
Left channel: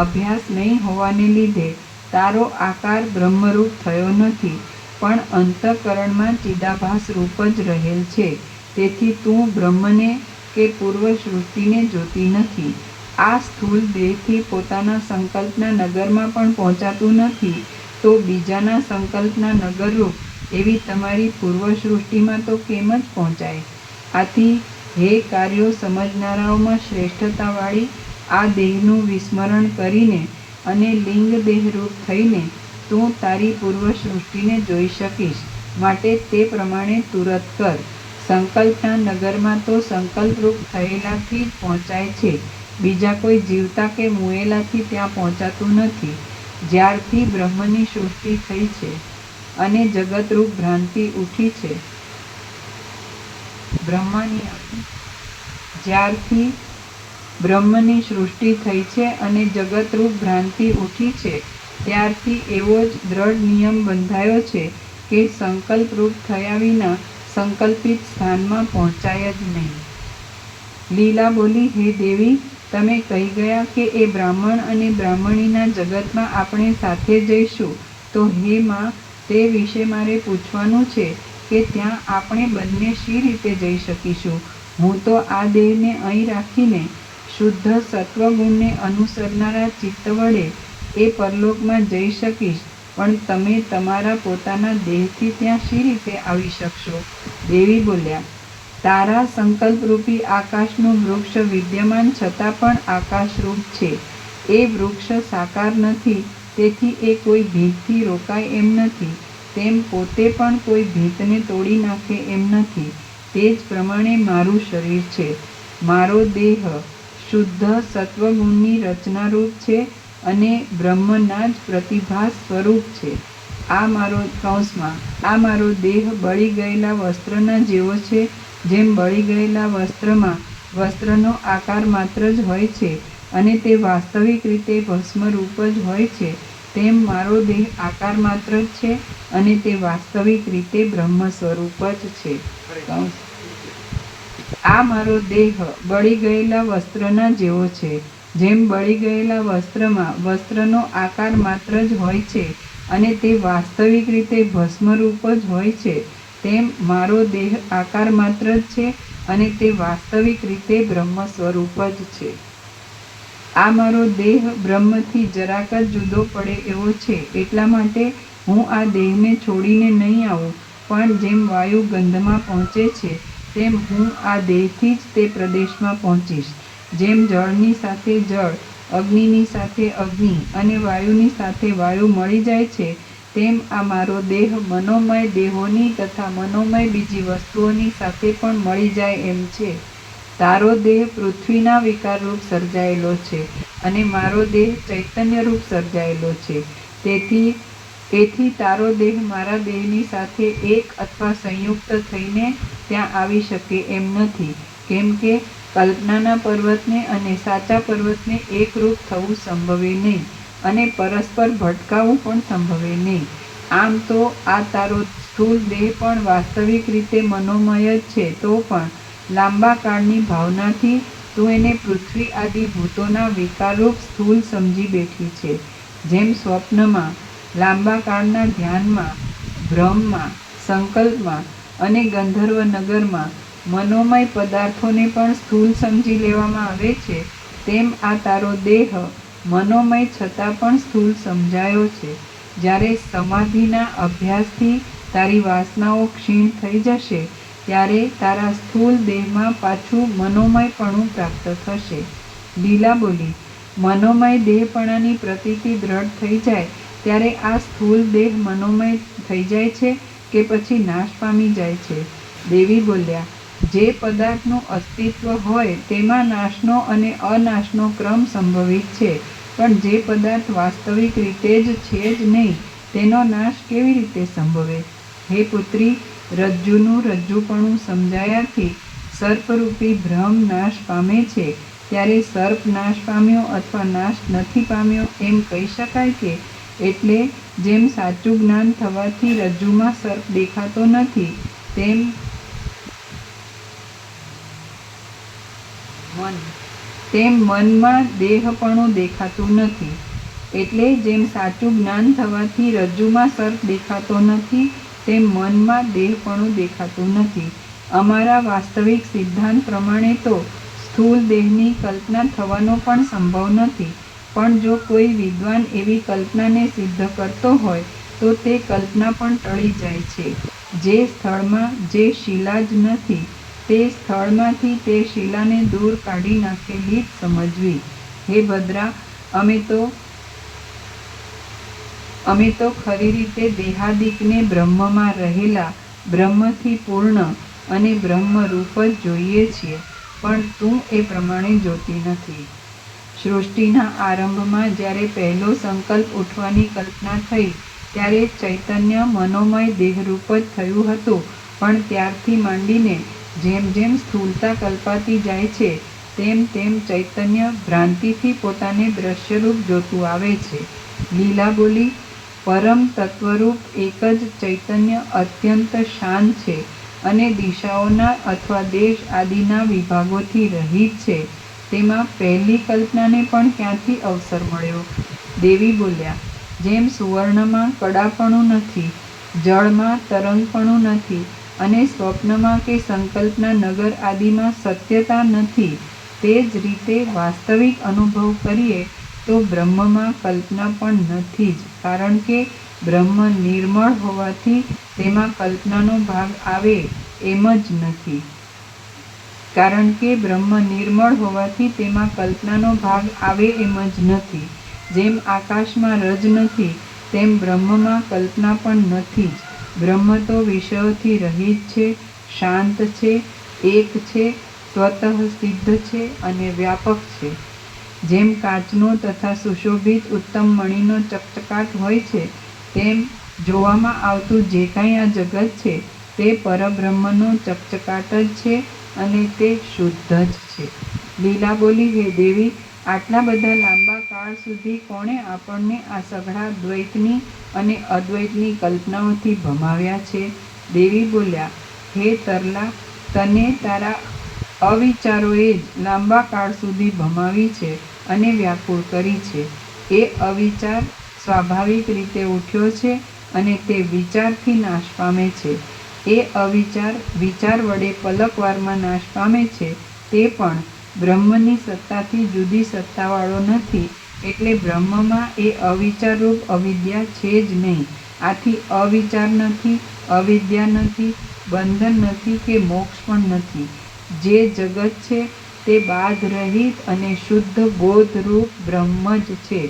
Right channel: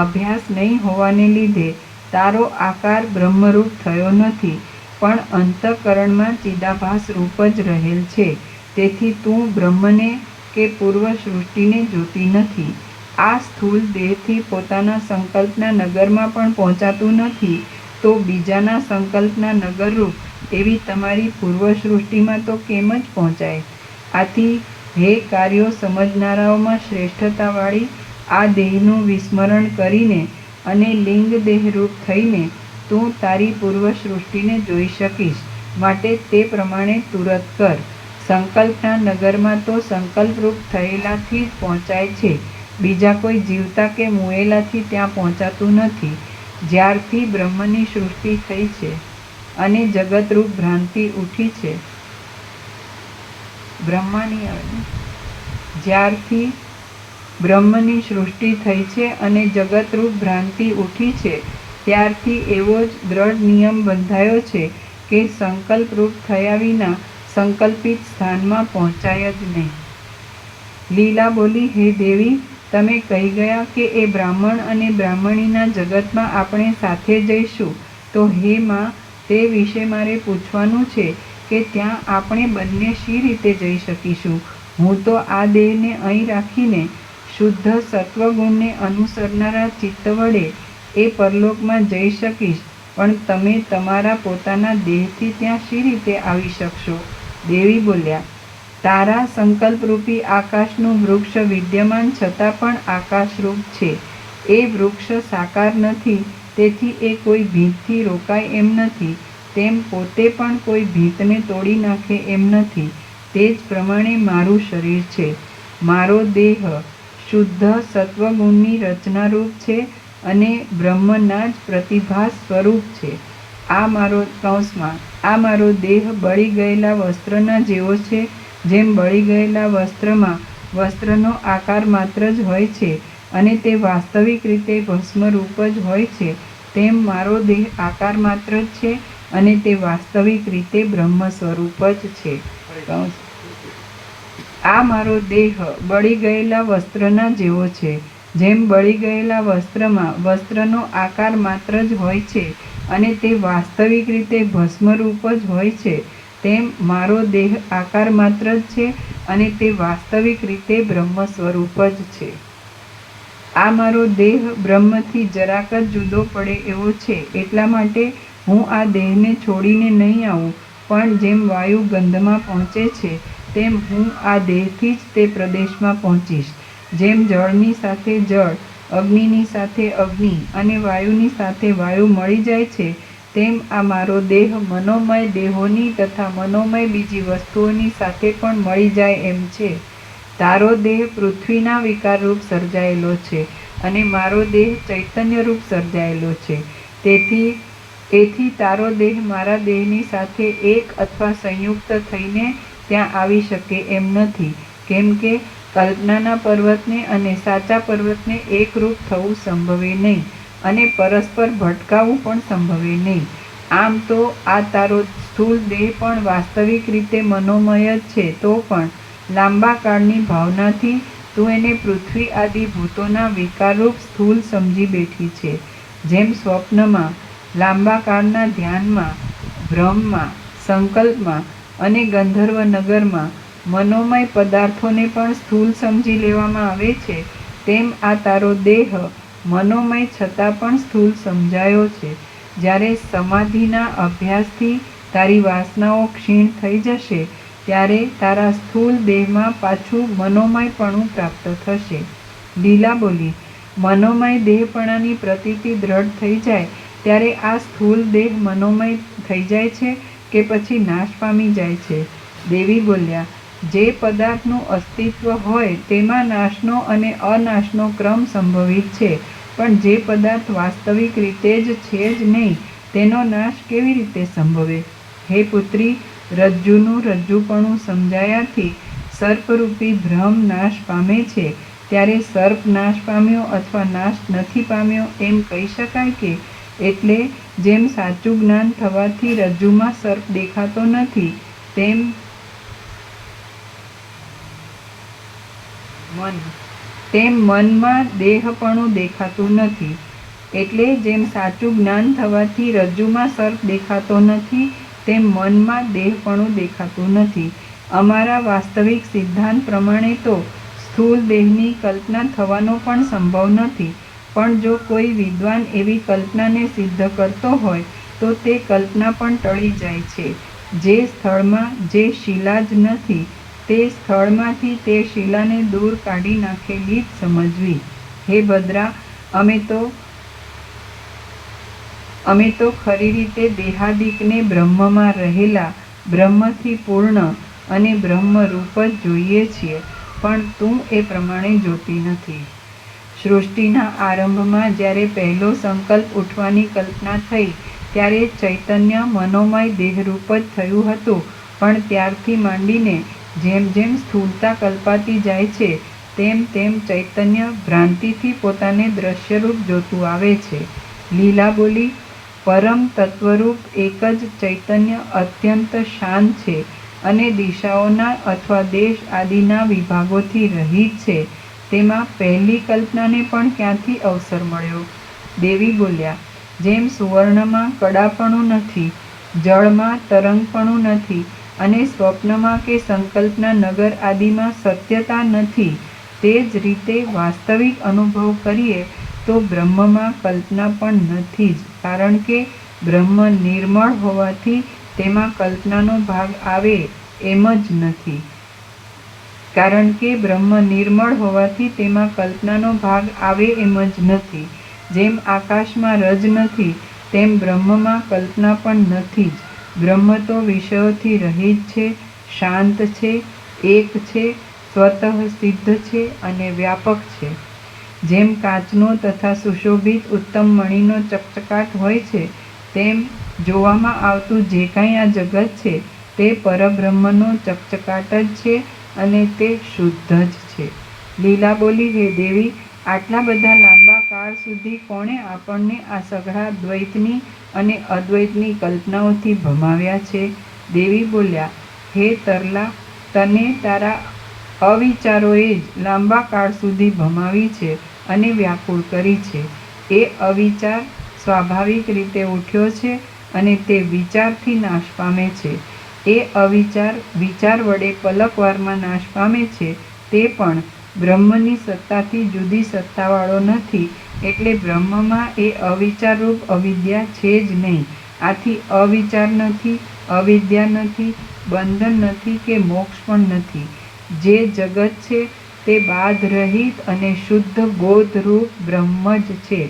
અભ્યાસ નહીં હોવાને લીધે તારો આકાર બ્રહ્મરૂપ થયો નથી, પણ અંતઃકરણમાં ચિદાભાસ રૂપ જ રહેલ છે. તેથી તું બ્રહ્મને કે પૂર્વ સૃષ્ટિને જોતી નથી. આ સ્થૂળ દેહથી પોતાના સંકલ્પના નગરમાં પણ પહોંચાતું નથી, તો બીજાના સંકલ્પના નગરરૂપ એવી તમારી પૂર્વ સૃષ્ટિમાં તો કેમ જ પહોંચાય? આથી હે કાર્યો સમજનારાઓમાં શ્રેષ્ઠતાવાળી આ દેહનું વિસ્મરણ કરીને અને લિંગ દેહરૂપ થઈને તું તારી પૂર્વ સૃષ્ટિને જોઈ શકીશ. માટે તે પ્રમાણે તુરત કર. સંકલ્પના નગરમાં તો સંકલ્પરૂપ થયેલાથી જ પહોંચાય છે. બીજા કોઈ જીવતા કે મુએલાથી ત્યાં પહોંચાતું નથી. જ્યારથી બ્રહ્મની સૃષ્ટિ થઈ છે અને જગતરૂપ ભ્રાંતિ ઉઠી છે, જ્યારથી બ્રહ્મની સૃષ્ટિ થઈ છે અને જગતરૂપ ભ્રાંતિ ઉઠી છે, ત્યારથી એવો જ દ્રઢ નિયમ બંધાયો છે કે સંકલ્પરૂપ થયા વિના સંકલ્પિત સ્થાનમાં પહોંચાય જ નહીં. લીલા બોલી, હે દેવી, તમે કહી ગયા કે એ બ્રાહ્મણ અને બ્રાહ્મણીના જગતમાં આપણે સાથે જઈશું. તો હે માં, તે વિશે મારે પૂછવાનું છે કે ત્યાં આપણે બંને શી રીતે જઈ શકીશું? હું તો આ દેહને અહીં રાખીને શુદ્ધ સત્વગુણને અનુસરનારા ચિત્ત વડે એ પરલોકમાં જઈ શકીશ, પણ તમે તમારા પોતાના દેહથી ત્યાં શી રીતે આવી શકશો? દેવી બોલ્યા, તારા સંકલ્પરૂપી આકાશનું વૃક્ષ વિદ્યમાન છતાં પણ આકાશરૂપ છે. એ વૃક્ષ સાકાર નથી, તેથી એ કોઈ ભીતથી રોકાય એમ નથી, તેમ પોતે પણ કોઈ ભીતને તોડી નાખે એમ નથી. તે જ પ્રમાણે મારું શરીર છે. મારો દેહ શુદ્ધ સત્વગુણની રચનારૂપ છે અને બ્રહ્મના જ પ્રતિભાસ સ્વરૂપ છે. આ મારો દેહ બળી ગયેલા વસ્ત્રના જેવો છે. જેમ બળી ગયેલા વસ્ત્રમાં વસ્ત્રનો આકાર માત્ર જ હોય છે અને તે વાસ્તવિક રીતે ભસ્મરૂપ જ હોય છે, તેમ મારો દેહ આકાર માત્ર જ છે અને તે વાસ્તવિક રીતે બ્રહ્મ સ્વરૂપ જ છે. આ મારો દેહ બળી ગયેલા વસ્ત્રના જેવો છે. જેમ બળી ગયેલા વસ્ત્રમાં વસ્ત્રનો આકાર માત્ર જ હોય છે અને તે વાસ્તવિક રીતે ભસ્મરૂપ જ હોય છે, તેમ મારો દેહ આકાર માત્ર જ છે અને તે વાસ્તવિક રીતે બ્રહ્મ સ્વરૂપ જ છે. આ મારો દેહ બ્રહ્મથી જરાક જ જુદો પડે એવો છે. એટલા માટે હું આ દેહને છોડીને નહીં આવું, પણ જેમ વાયુ ગંધમાં પહોંચે છે, તેમ હું આ દેહથી જ તે પ્રદેશમાં પહોંચીશ. જેમ જળની સાથે જળ, અગ્નિની સાથે અગ્નિ અને વાયુની સાથે વાયુ મળી જાય છે, તેમ આ મારો દેહ મનોમય દેહોની તથા મનોમય બીજી વસ્તુઓની સાથે પણ મળી જાય એમ છે. તારો દેહ પૃથ્વીના વિકારરૂપ સર્જાયેલો છે અને મારો દેહ ચૈતન્યરૂપ સર્જાયેલો છે. તેથી તારો દેહ મારા દેહની સાથે એક અથવા સંયુક્ત થઈને ત્યાં આવી શકે એમ નથી, કેમ કે કલ્પનાના પર્વતને અને સાચા પર્વતને એકરૂપ થવું સંભવે નહીં અને પરસ્પર ભટકાવું પણ સંભવે નહીં. આમ તો આ તારો સ્થૂળ દેહ પણ વાસ્તવિક રીતે મનોમય જ છે, તો પણ લાંબા કાળની ભાવનાથી તું એને પૃથ્વી આદિ ભૂતોના વિકારરૂપ સ્થૂળ સમજી બેઠી છે. જેમ સ્વપ્નમાં, લાંબા કાળના ધ્યાનમાં, ભ્રમમાં, સંકલ્પમાં અને ગંધર્વ નગરમાં મનોમય પદાર્થોને પણ સ્થૂળ સમજી લેવામાં આવે છે, તેમ આ તારો દેહ મનોમય છતાં પણ સ્થૂળ સમજાયો છે. જ્યારે સમાધિના અભ્યાસથી તારી વાસનાઓ ક્ષીણ થઈ જશે, ત્યારે તારા સ્થૂળ દેહમાં પાછું મનોમયપણું પ્રાપ્ત થશે. લીલા બોલી, મનોમય દેહપણાની પ્રતીતિ દ્રઢ થઈ જાય ત્યારે આ સ્થૂળ દેહ મનોમય થઈ જાય છે કે પછી નાશ પામી જાય છે? દેવી બોલ્યા, જે પદાર્થનું અસ્તિત્વ હોય તેમાં નાશનો અને અનાશનો ક્રમ સંભવિત છે, પણ જે પદાર્થ વાસ્તવિક રીતે જ છે જ નહીં તેનો નાશ કેવી રીતે સંભવે? હે પુત્રી, રજ્જુનું રજ્જુપણું સમજાયાથી સર્પરૂપી ભ્રમ નાશ પામે છે. ત્યારે સર્પ નાશ પામ્યો અથવા નાશ નથી પામ્યો એમ કહી શકાય કે? એટલે જેમ સાચું જ્ઞાન થવાથી રજ્જુમાં સર્પ દેખાતો નથી તેમ મનમાં દેહપણું દેખાતું નથી. એટલે જેમ સાચું જ્ઞાન થવાથી રજ્જુમાં સર્પ દેખાતો નથી તેમ મનમાં દેહપણું દેખાતું નથી. અમારા વાસ્તવિક સિદ્ધાંત પ્રમાણે તો સ્થૂળ દેહની કલ્પના થવાનો પણ સંભવ નથી, પણ જો કોઈ વિદ્વાન એવી કલ્પનાને સિદ્ધ કરતો હોય તો તે કલ્પના પણ ટળી જાય છે. જે સ્થળમાં જે શિલા જ નથી તે સ્થળમાંથી તે શિલાને દૂર કાઢી નાખેલી જ સમજવી. હે બદ્રા, અમે તો ખરી રીતે દેહાદિકને બ્રહ્મમાં રહેલા, બ્રહ્મથી પૂર્ણ અને બ્રહ્મરૂપ જ જોઈએ છીએ, પણ તું એ પ્રમાણે જોતી નથી. સૃષ્ટિના આરંભમાં જ્યારે પહેલો સંકલ્પ ઉઠવાની કલ્પના થઈ ત્યારે ચૈતન્ય મનોમય દેહરૂપ જ થયું હતું, પણ ત્યારથી માંડીને જેમ જેમ સ્થૂળતા કલ્પાતી જાય છે તેમ તેમ ચૈતન્ય ભ્રાંતિથી પોતાને દ્રશ્યરૂપ જોતું આવે છે. લીલા બોલી, પરમ તત્વરૂપ એક જ ચૈતન્ય અત્યંત શાંત છે અને દિશાઓના અથવા દેશ આદિના વિભાગોથી રહિત છે. તેમાં પહેલી કલ્પનાને પણ ક્યાંથી અવસર મળ્યો? દેવી બોલ્યા, જેમ સુવર્ણમાં કડાપણું નથી, જળમાં તરંગપણું નથી અને સ્વપ્નમાં કે સંકલ્પના નગર આદિમાં સત્યતા નથી, તે જ રીતે વાસ્તવિક અનુભવ કરીએ તો બ્રહ્મમાં કલ્પના પણ નથી જ, કારણ કે બ્રહ્મ નિર્મળ હોવાથી તેમાં કલ્પનાનો ભાગ આવે એમ જ નથી. કારણ કે બ્રહ્મ નિર્મળ હોવાથી તેમાં કલ્પનાનો ભાગ આવે એમ જ નથી. જેમ આકાશમાં રજ નથી તેમ બ્રહ્મમાં કલ્પના પણ નથી જ. બ્રહ્મ તો વિષયોથી રહિત છે, શાંત છે, એક છે, સ્વતઃ સિદ્ધ છે અને વ્યાપક છે. જેમ કાચનો તથા સુશોભિત ઉત્તમ મણીનો ચકચકાટ હોય છે તેમ જોવામાં આવતું જે કાંઈ આ જગત છે તે પરબ્રહ્મનો ચકચકાટ જ છે અને તે શુદ્ધ જ છે. લીલા બોલી, હે દેવી, આટલા બધા લાંબા કાળ સુધી કોણે આપણને આ સઘળા દ્વૈતની અને અદ્વૈતની કલ્પનાઓથી ભમાવ્યા છે? દેવી બોલ્યા, હે તરલા, તને તારા અવિચારોએ જ લાંબા કાળ સુધી ભમાવી છે અને વ્યાકુળ કરી છે. એ અવિચાર સ્વાભાવિક રીતે ઉઠ્યો છે અને તે વિચારથી નાશ પામે છે. એ અવિચાર વિચાર વડે પલકવારમાં નાશ પામે છે, તે પણ બ્રહ્મની સત્તાથી જુદી સત્તાવાળો નથી. એટલે બ્રહ્મમાં એ અવિચારરૂપ અવિદ્યા છે જ નહીં. આથી અવિચાર નથી, અવિદ્યા નથી, બંધન નથી કે મોક્ષ પણ નથી. જે જગત છે તે બાધ રહિત અને શુદ્ધ બોધરૂપ બ્રહ્મ જ છે.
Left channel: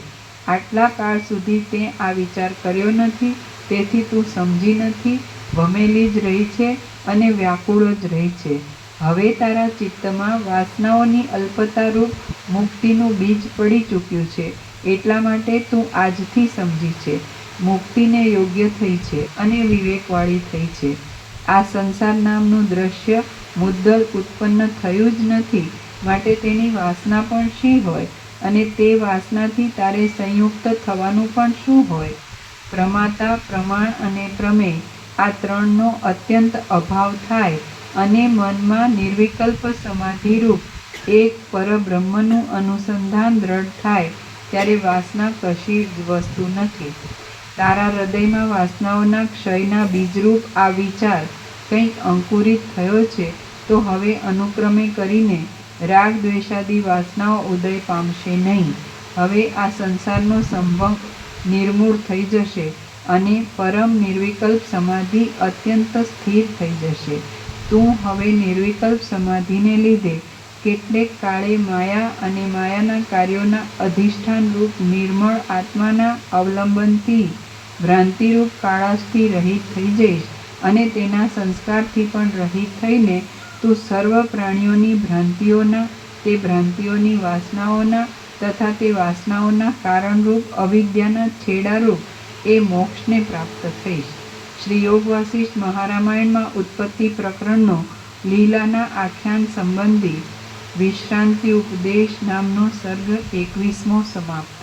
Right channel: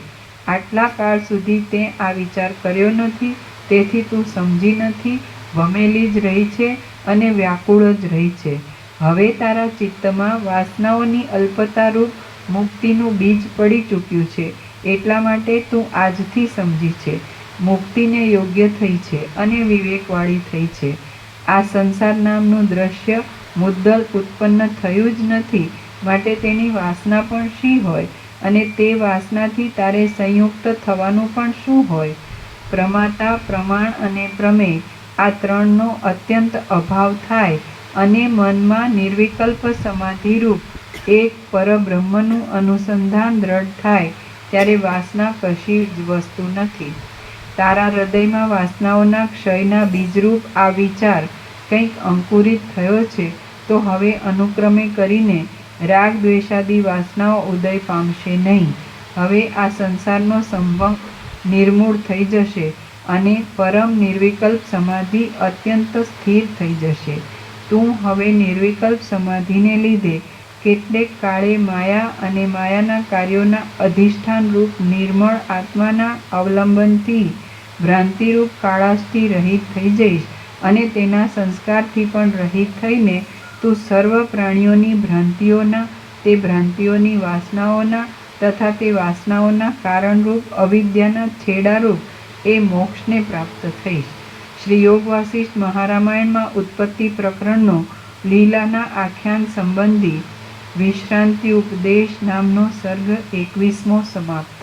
આટલા કાળ સુધી તે આ વિચાર કર્યો નથી, તેથી તું સમજી નથી, ભમેલી જ રહી છે અને વ્યાકુળ જ રહી છે. હવે તારા ચિત્તમાં વાસનાઓની અલ્પતારૂપ મુક્તિનું બીજ પડી ચૂક્યું છે, એટલા માટે તું આજથી સમજી છે, મુક્તિને યોગ્ય થઈ છે અને વિવેકવાળી થઈ છે. આ સંસાર નામનું દ્રશ્ય મુદ્દલ ઉત્પન્ન થયું જ નથી, માટે તેની વાસના પણ શી હોય અને તે વાસનાથી તારે સંયુક્ત થવાનું પણ શું હોય? પ્રમાતા, પ્રમાણ અને પ્રમેય આ ત્રણનો અત્યંત અભાવ થાય અને મનમાં નિર્વિકલ્પ સમાધિરૂપ એક પરબ્રહ્મનું અનુસંધાન દ્રઢ થાય ત્યારે વાસના કશી જ વસ્તુ નથી. તારા હૃદયમાં વાસનાઓના ક્ષયના બીજરૂપ આ વિચાર કંઈક અંકુરિત થયો છે તો હવે અનુક્રમે કરીને રાગ દ્વેષાદી વાસનાઓ ઉદય પામશે નહીં. હવે આ સંસારનો સંભવ નિર્મૂળ થઈ જશે અને પરમ નિર્વિકલ્પ સમાધિ અત્યંત સ્થિર થઈ જશે. તું હવે નિર્વિકલ્પ સમાધિને લીધે કેટલેક કાળે માયા અને માયાના કાર્યોના અધિષ્ઠાન રૂપ નિર્મળ આત્માના અવલંબનથી ભ્રાંતિરૂપ કાળાશથી રહિત થઈ જઈશ અને તેના સંસ્કારથી પણ રહિત થઈને તું સર્વ પ્રાણીઓની ભ્રાંતિઓના, તે ભ્રાંતિઓની વાસનાઓના તથા તે વાસનાઓના કારણરૂપ અવિદ્યાના છેડારૂપ એ મોક્ષને પ્રાપ્ત થઈશ. શ્રી યોગ વાસિષ્ઠ મહારામાયણમાં ઉત્પત્તિ પ્રકરણનો લીલાના આખ્યાન સંબંધી વિશ્રાંતિ ઉપદેશ નામનો સર્ગ 21મો સમાપ્ત.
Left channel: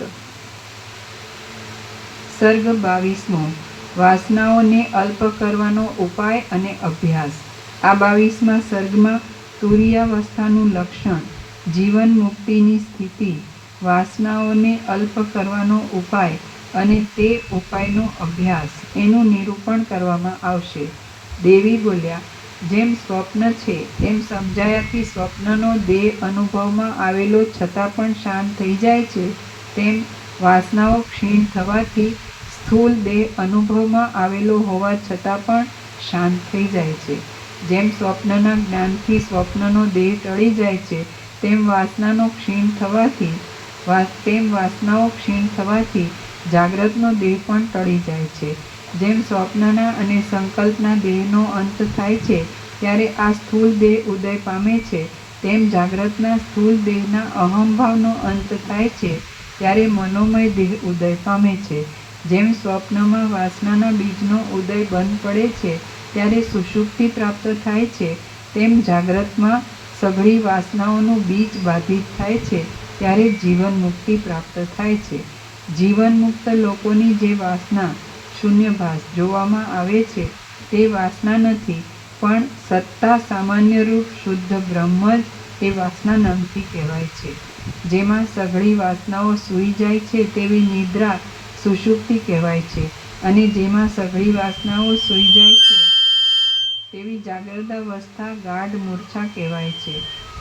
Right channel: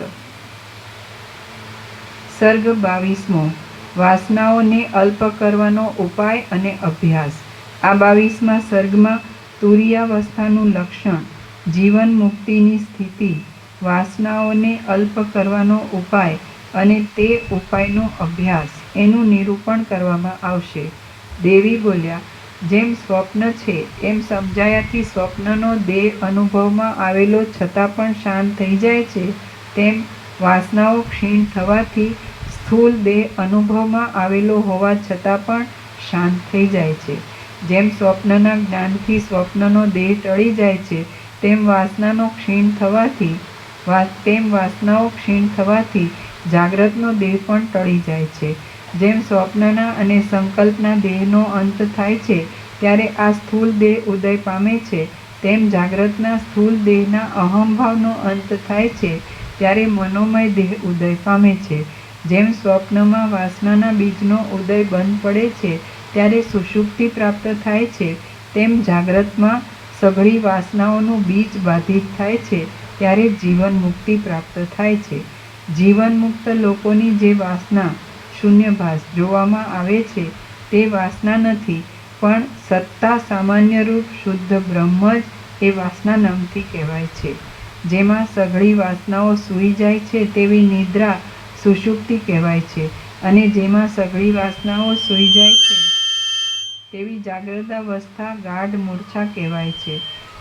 સર્ગ 22મો. વાસનાઓને અલ્પ કરવાનો ઉપાય અને અભ્યાસ. આ 22મા સર્ગમાં તુરીયાવસ્થાનું લક્ષણ, જીવન મુક્તિની સ્થિતિ, વાસનાઓને અલ્પ કરવાનો ઉપાય અને તે ઉપાયનો અભ્યાસ એનું નિરૂપણ કરવામાં આવશે. દેવી બોલ્યા, જેમ સ્વપ્ન છે એમ સમજાયાથી સ્વપ્નનો દેહ અનુભવમાં આવેલો છતાં પણ શાંત થઈ જાય છે, તેમ વાસનાઓ ક્ષીણ થવાથી સ્થૂલ દેહ અનુભવમાં આવેલો હોવા છતાં પણ શાંત થઈ જાય છે. જેમ સ્વપ્નના જ્ઞાનથી સ્વપ્નનો દેહ ટળી જાય છે, તેમ વાસનાઓ ક્ષીણ થવાથી જાગ્રતનો દેહ પણ ટળી જાય છે. જેમ સ્વપ્નના અને સંકલ્પના દેહનો અંત થાય છે ત્યારે આ સ્થૂળ દેહ ઉદય પામે છે, તેમ જાગ્રતના સ્થૂળ દેહના અહંભાવનો અંત થાય છે ત્યારે મનોમય દેહ ઉદય પામે છે. જેમ સ્વપ્નમાં વાસનાના બીજનો ઉદય બંધ પડે છે ત્યારે સુષુપ્તિ પ્રાપ્ત થાય છે, તેમ જાગ્રતમાં સઘળી વાસનાઓનું બીજ બાધિત થાય છે ત્યારે જીવન મુક્તિ પ્રાપ્ત થાય છે. જીવન મુક્ત લોકોની જે વાસના શૂન્યભાસ જોવામાં આવે છે તે વાસના નથી, પણ સત્તા સામાન્ય રૂપ શુદ્ધ બ્રહ્મ જ એ વાસના નામથી કહેવાય છે. જેમાં સઘળી વાસનાઓ સૂઈ જાય છે તેવી નિદ્રા સુષુપ્તિ કહેવાય છે, અને જેમાં સઘળી વાસનાઓ સૂઈ જાય છે તેવી જાગ્રતાવસ્થા ગાઢ મૂર્છા કહેવાય છે.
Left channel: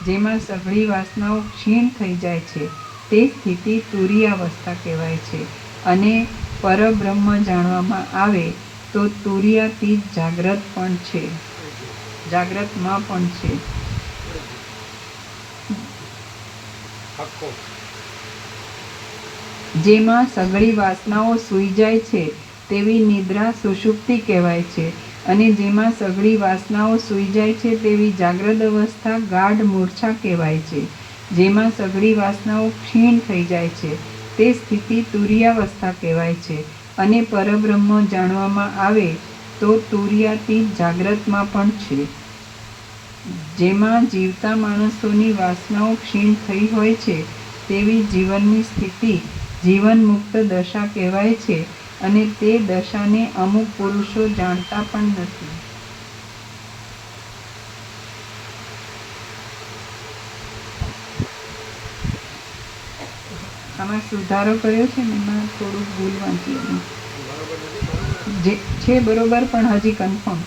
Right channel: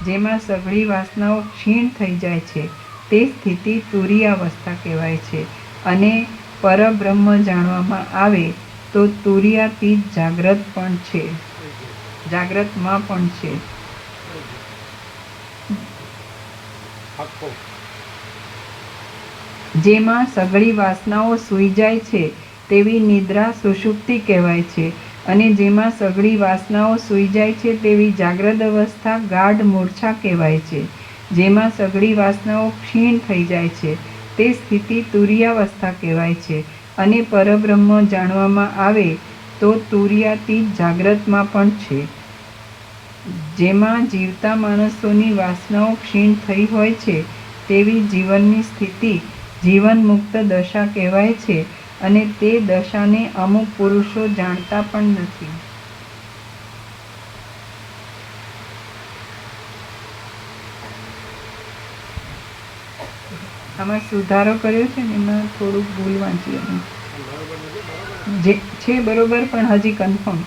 જેમાં સઘળી વાસનાઓ ક્ષીણ થઈ જાય છે તે સ્થિતિ તુરીયાવસ્થા કહેવાય છે. અને પરબ્રહ્મ જાણવામાં આવે તો તુરીયાતીત જાગ્રતમાં પણ છે. આખો જેમાં સઘળી વાસનાઓ સૂઈ જાય છે તેવી નિદ્રા સુષુપ્તિ કહેવાય છે, અને જેમાં સઘળી વાસનાઓ સૂઈ જાય છે તેવી જાગ્રત અવસ્થા ગાઢ મૂર્છા કહેવાય છે. જેમાં સઘળી વાસનાઓ ક્ષીણ થઈ જાય છે તે સ્થિતિ તુરીયાવસ્થા કહેવાય છે. અને પરબ્રહ્મ જાણવામાં આવે તો તુરીયાતીત જાગ્રતમાં પણ છે. જેમાં જીવતા માણસોની વાસનાઓ ક્ષીણ થઈ હોય છે તેવી જીવનની સ્થિતિ જીવન મુક્ત દશા કહેવાય છે, અને તે દશાને અમુક પુરુષો જાણતા પણ નથી. આમાં સુધારો કર્યો છે ને, એમાં થોડુંક ભૂલ વાંચી બરોબર નથી, બરોબર જે છે બરોબર, પણ હજી કન્ફર્મ.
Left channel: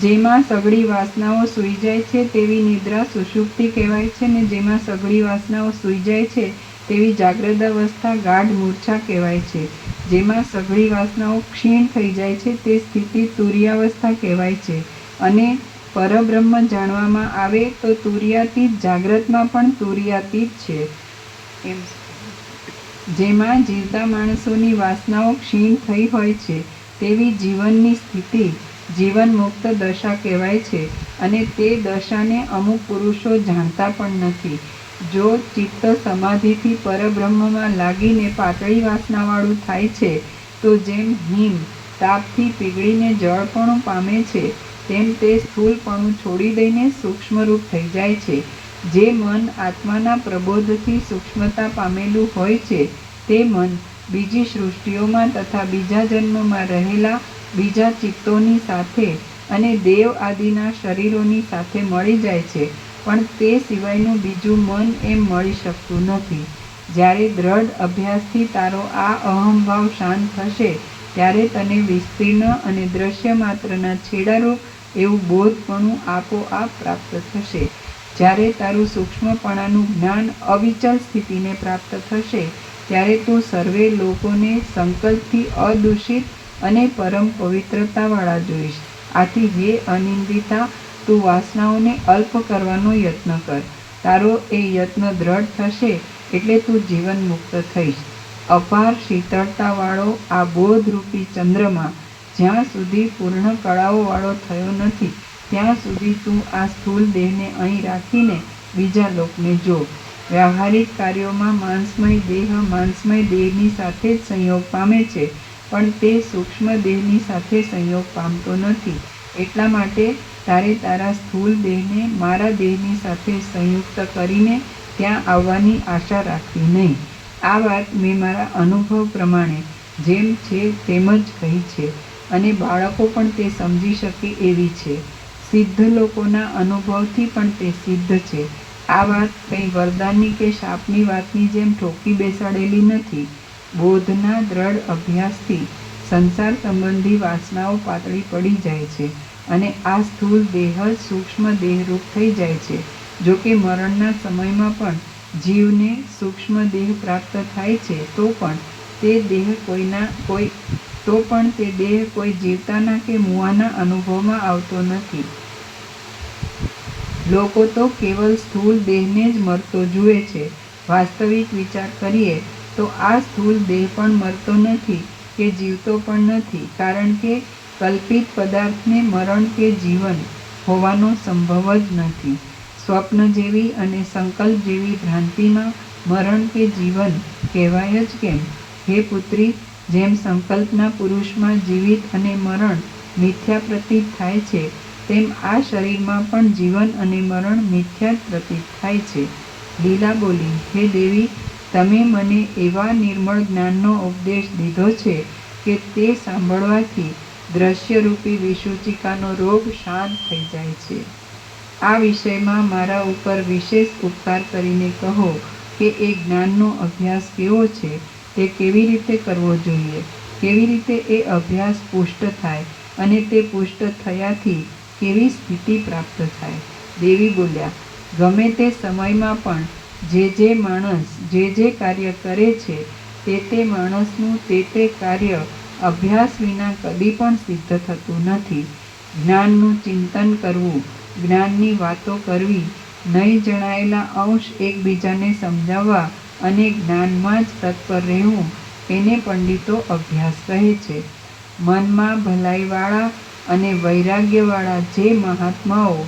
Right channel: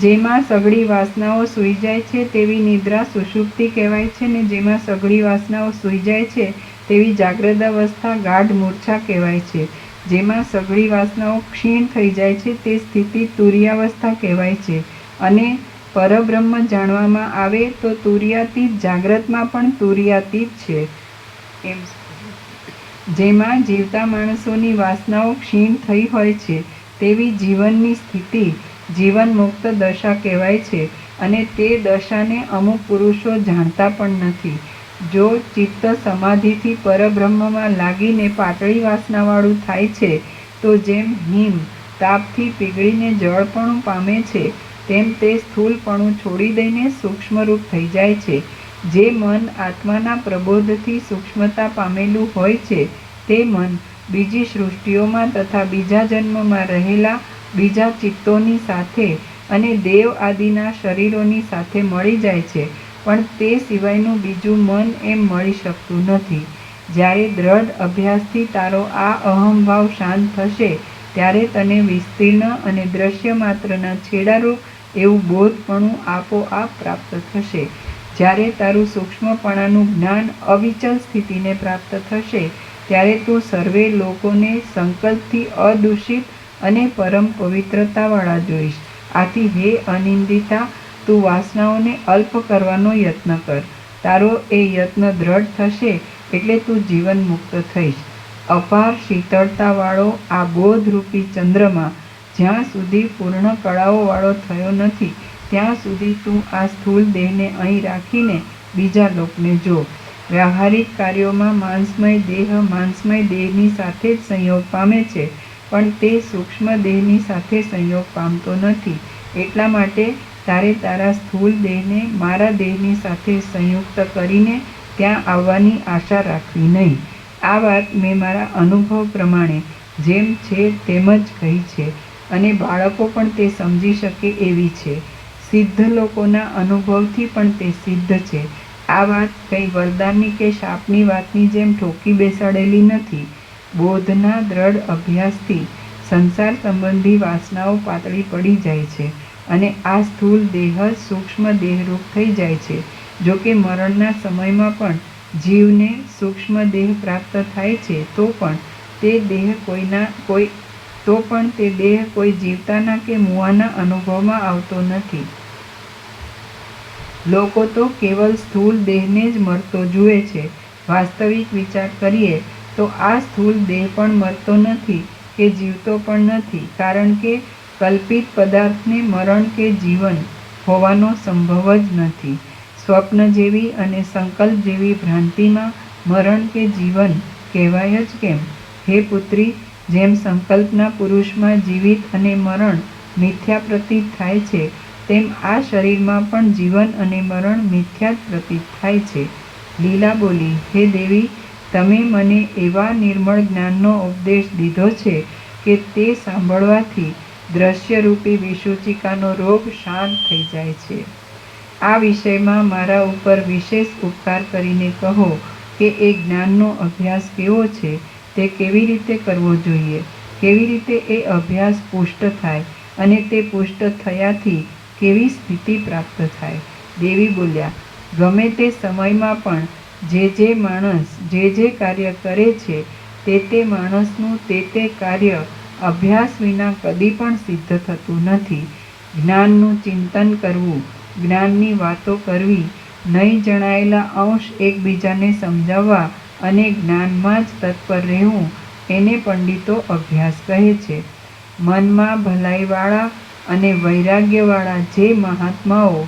જેમાં સઘળી વાસનાઓ સૂઈ જાય છે તેવી નિદ્રા સુષુપ્તિ કહેવાય છે, ને જેમાં સઘળી વાસનાઓ સૂઈ જાય છે તેવી જાગ્રત અવસ્થા ગાઢ મૂર્છા કહેવાય છે. જેમાં સઘળી વાસનાઓ ક્ષીણ થઈ જાય છે તે સ્થિતિ તુરીયાવસ્થા કહેવાય છે. અને પરબ્રહ્મ જાણવામાં આવે તો તુરીયાતીત જાગ્રતમાં પણ તુરીયાતીત છે. જેમાં જીવતા માણસોની વાસનાઓ ક્ષીણ થઈ હોય છે તેવી જીવનની સ્થિતિ જીવન મુક્ત દશા કહેવાય છે, અને તે દશાને અમુક પુરુષો જાણતા પણ નથી. જો ચિત્ત સમાધિથી પરબ્રહ્મમાં લાગીને પાતળી વાસનાવાળું થાય છે તો જેમ હિમ તાપથી પીગળીને જળપણું પામે છે, તેમ તે સ્થૂળપણું છોડી દઈને સૂક્ષ્મરૂપ થઈ જાય છે. જે મન આત્માના પ્રબોધથી સૂક્ષ્મતા પામેલું હોય છે તે મન બીજી સૃષ્ટિઓમાં તથા બીજા જન્મમાં રહેલા બીજા ચિત્તોની સાથે અને દેવ આદિના શરીરોની સાથે મળી જાય છે, પણ તે સિવાયનું બીજું મન એમ મળી શકતું નથી. જ્યારે દ્રઢ અભ્યાસથી તારો આ અહંભાવ શાંત થશે ત્યારે તને વિસ્તીર્ણ અને દ્રશ્ય માત્રના છેડારૂપ એવું બોધપણું આપોઆપ પ્રાપ્ત થશે. જ્યારે તારું સૂક્ષ્મપણાનું જ્ઞાન અવિચલ સ્થિતિને પ્રાપ્ત થશે ત્યારે તું સર્વે લોકોને સંકલ્પથી અદૂષિત અને પરમ પવિત્રતાવાળા જોઈશ. આથી હે અનિંદિતા, તું વાસનાઓને અલ્પ કરવાનો યત્ન કર. તારો એ યત્ન દ્રઢ થશે એટલે તું જીવન મુક્ત થઈશ. અપાર શીતળતાવાળો આ બોધરૂપી ચંદ્રમા જ્યાં સુધી પૂર્ણ કળાઓવાળો થયો નથી ત્યાં સુધી તું આ સ્થૂળ દેહને અહીં રાખીને બીજા લોકને જો. વ્યવહારિક કાર્યોમાં માંસમય દેહની સાથે જ સંયોગ પામે છે, પણ તે સૂક્ષ્મ દેહની સાથે સંયોગ પામતો નથી. એટલા માટે તારે તારા સ્થૂળ દેહને મારા દેહની સાથે સંયુક્ત કરીને ત્યાં આવવાની આશા રાખવી નહીં. આ વાત મેં મારા અનુભવ પ્રમાણે જેમ છે તેમ જ કહી છે, અને બાળકો પણ તે સમજી શકે એવી છે. સિદ્ધ લોકોના અનુભવથી પણ તે સિદ્ધ છે. આ વાત કંઈ વરદાનની કે શાપની વાતની જેમ ઠોકી બેસાડેલી નથી. બોધના દ્રઢ અભ્યાસથી સંસાર સંબંધી વાસનાઓ પાતળી પડી જાય છે, અને આ સ્થૂળ દેહ જ સૂક્ષ્મ દેહરૂપ થઈ જાય છે. જોકે મરણના સમયમાં પણ જીવને સૂક્ષ્મ દેહ પ્રાપ્ત થાય છે, તો પણ તે દેહ કોઈ જીવતાના કે મુવાના અનુભવમાં આવતો નથી. લોકો તો કેવલ સ્થૂળ દેહને જ મરતો જુએ છે. વાસ્તવિક વિચાર કરીએ તો આ સ્થૂળ દેહ પણ મરતો નથી કે જીવતો પણ નથી, કારણ કે કલ્પિત પદાર્થને મરણ કે જીવન હોવાનો સંભવ જ નથી. સ્વપ્ન જેવી અને સંકલ્પ જેવી ભ્રાંતિમાં મરણ કે જીવન કહેવાય જ કેમ? હે પુત્રી, જેમ સંકલ્પના પુરુષમાં જીવિત અને મરણ મિથ્યા પ્રતીત થાય છે, તેમ આ શરીરમાં પણ જીવન અને મરણ મિથ્યા જ પ્રતીત થાય છે. લીલા બોલી, હે દેવી, તમે મને એવા નિર્મળ જ્ઞાનનો ઉપદેશ દીધો છે કે તે સાંભળવાથી દ્રશ્યરૂપી વિસૂચિકાનો રોગ શાંત થઈ જાય છે. આ વિષયમાં મારા ઉપર વિશેષ ઉપકાર કરીને કહો કે એ જ્ઞાનનો અભ્યાસ કેવો છે, તે કેવી રીતે કરવો જોઈએ, કેવી રીતે એ અભ્યાસ પુષ્ટ થાય, અને તે પુષ્ટ થયાથી કેવી સ્થિતિ પ્રાપ્ત થાય. દેવી બોલ્યા, ગમે તે સમયમાં પણ જે માણસ જે કાર્ય કરે છે, તે માણસનું તે કાર્ય અભ્યાસ વિના કદી પણ સિદ્ધ થતું નથી. જ્ઞાનનું ચિંતન કરવું, જ્ઞાનની વાતો કરવી, નહીં જણાયેલા અંશ એકબીજાને સમજાવવા અને જ્ઞાનમાં જ તત્પર રહેવું, એને પંડિતો અભ્યાસ કહે છે. મનમાં ભલાઈવાળા અને વૈરાગ્યવાળા જે મહાત્માઓ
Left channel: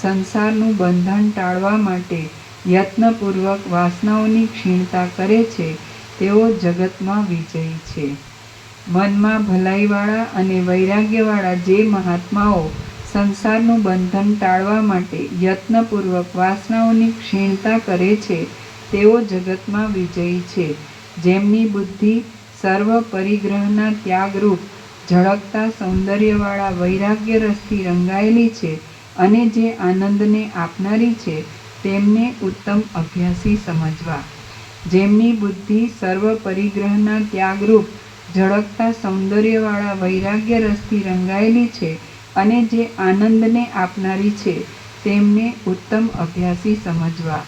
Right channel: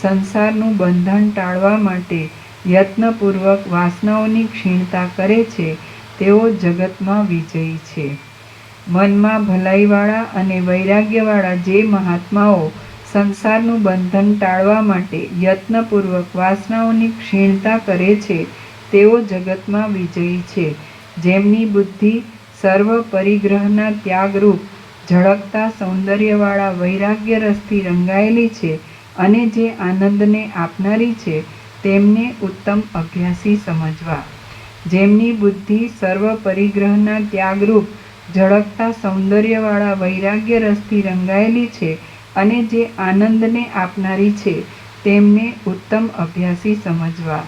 સંસારનું બંધન ટાળવા માટે યત્નપૂર્વક વાસનાઓની ક્ષીણતા કરે છે, તેઓ જગતમાં વિજયી છે. મનમાં ભલાઈવાળા અને વૈરાગ્યવાળા જે મહાત્માઓ સંસારનું બંધન ટાળવા માટે યત્નપૂર્વક વાસનાઓની ક્ષીણતા કરે છે, તેઓ જગતમાં વિજયી છે. જેમની બુદ્ધિ સર્વ પરિગ્રહના ત્યાગરૂપ ઝળકતા સૌંદર્યવાળા વૈરાગ્ય રસથી રંગાયેલી છે, અને જે આનંદને આપનારી છે, તેમને ઉત્તમ અભ્યાસી સમજવા. જેમની બુદ્ધિ સર્વ પરિગ્રહના ત્યાગરૂપ ઝળકતા સૌંદર્યવાળા વૈરાગ્ય રસથી રંગાયેલી છે, અને જે આનંદને આપનારી છે, તેમને ઉત્તમ અભ્યાસી સમજવા.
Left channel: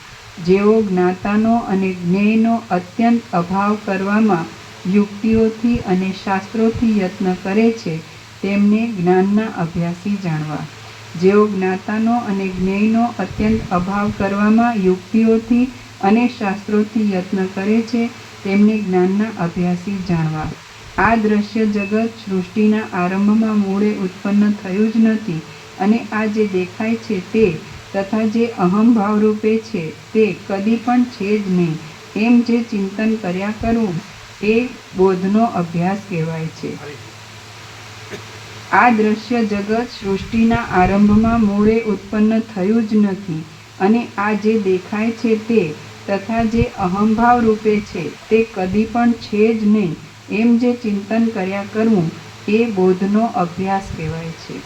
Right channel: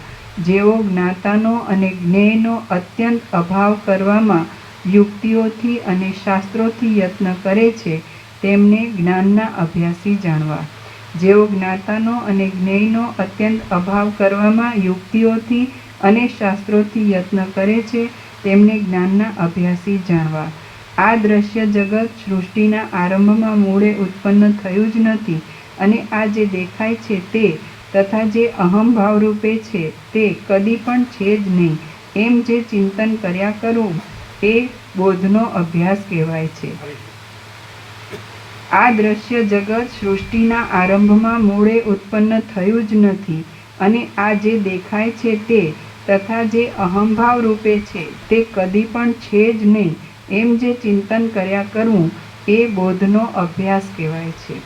જેઓ જ્ઞાતાનો અને જ્ઞેયનો અત્યંત અભાવ કરવામાં યુક્તિઓથી અને શાસ્ત્રોથી યત્ન કરે છે, તેમને જ્ઞાનના અભ્યાસી જાણવા. જેઓ જ્ઞાતાનો અને જ્ઞેયનો અત્યંત અભાવ કરવામાં યુક્તિઓથી અને શાસ્ત્રોથી યત્ન કરે છે, તેમને જ્ઞાનના અભ્યાસી જાણવા. આ દ્રશ્ય જગત સૃષ્ટિના આરંભમાં મૂળે ઉત્પન્ન થયું જ નથી, અને આ જે દેખાય છે તે તથા જે અહંભાવરૂપે છે તે કદી પણ છે જ નહીં, એમ જે ચિંતન કર્યા કરવું, એ બોધનો અભ્યાસ કહેવાય છે. આ દ્રશ્ય જગત સૃષ્ટિના આરંભમાં મૂળે ઉત્પન્ન થયું જ નથી, અને આ જે દેખાય છે તે તથા જે અહંભાવ રૂપે છે તે કદી પણ છે જ નહીં, એમ જે ચિંતન કર્યા કરવું, એ બોધનો અભ્યાસ કહેવાય છે.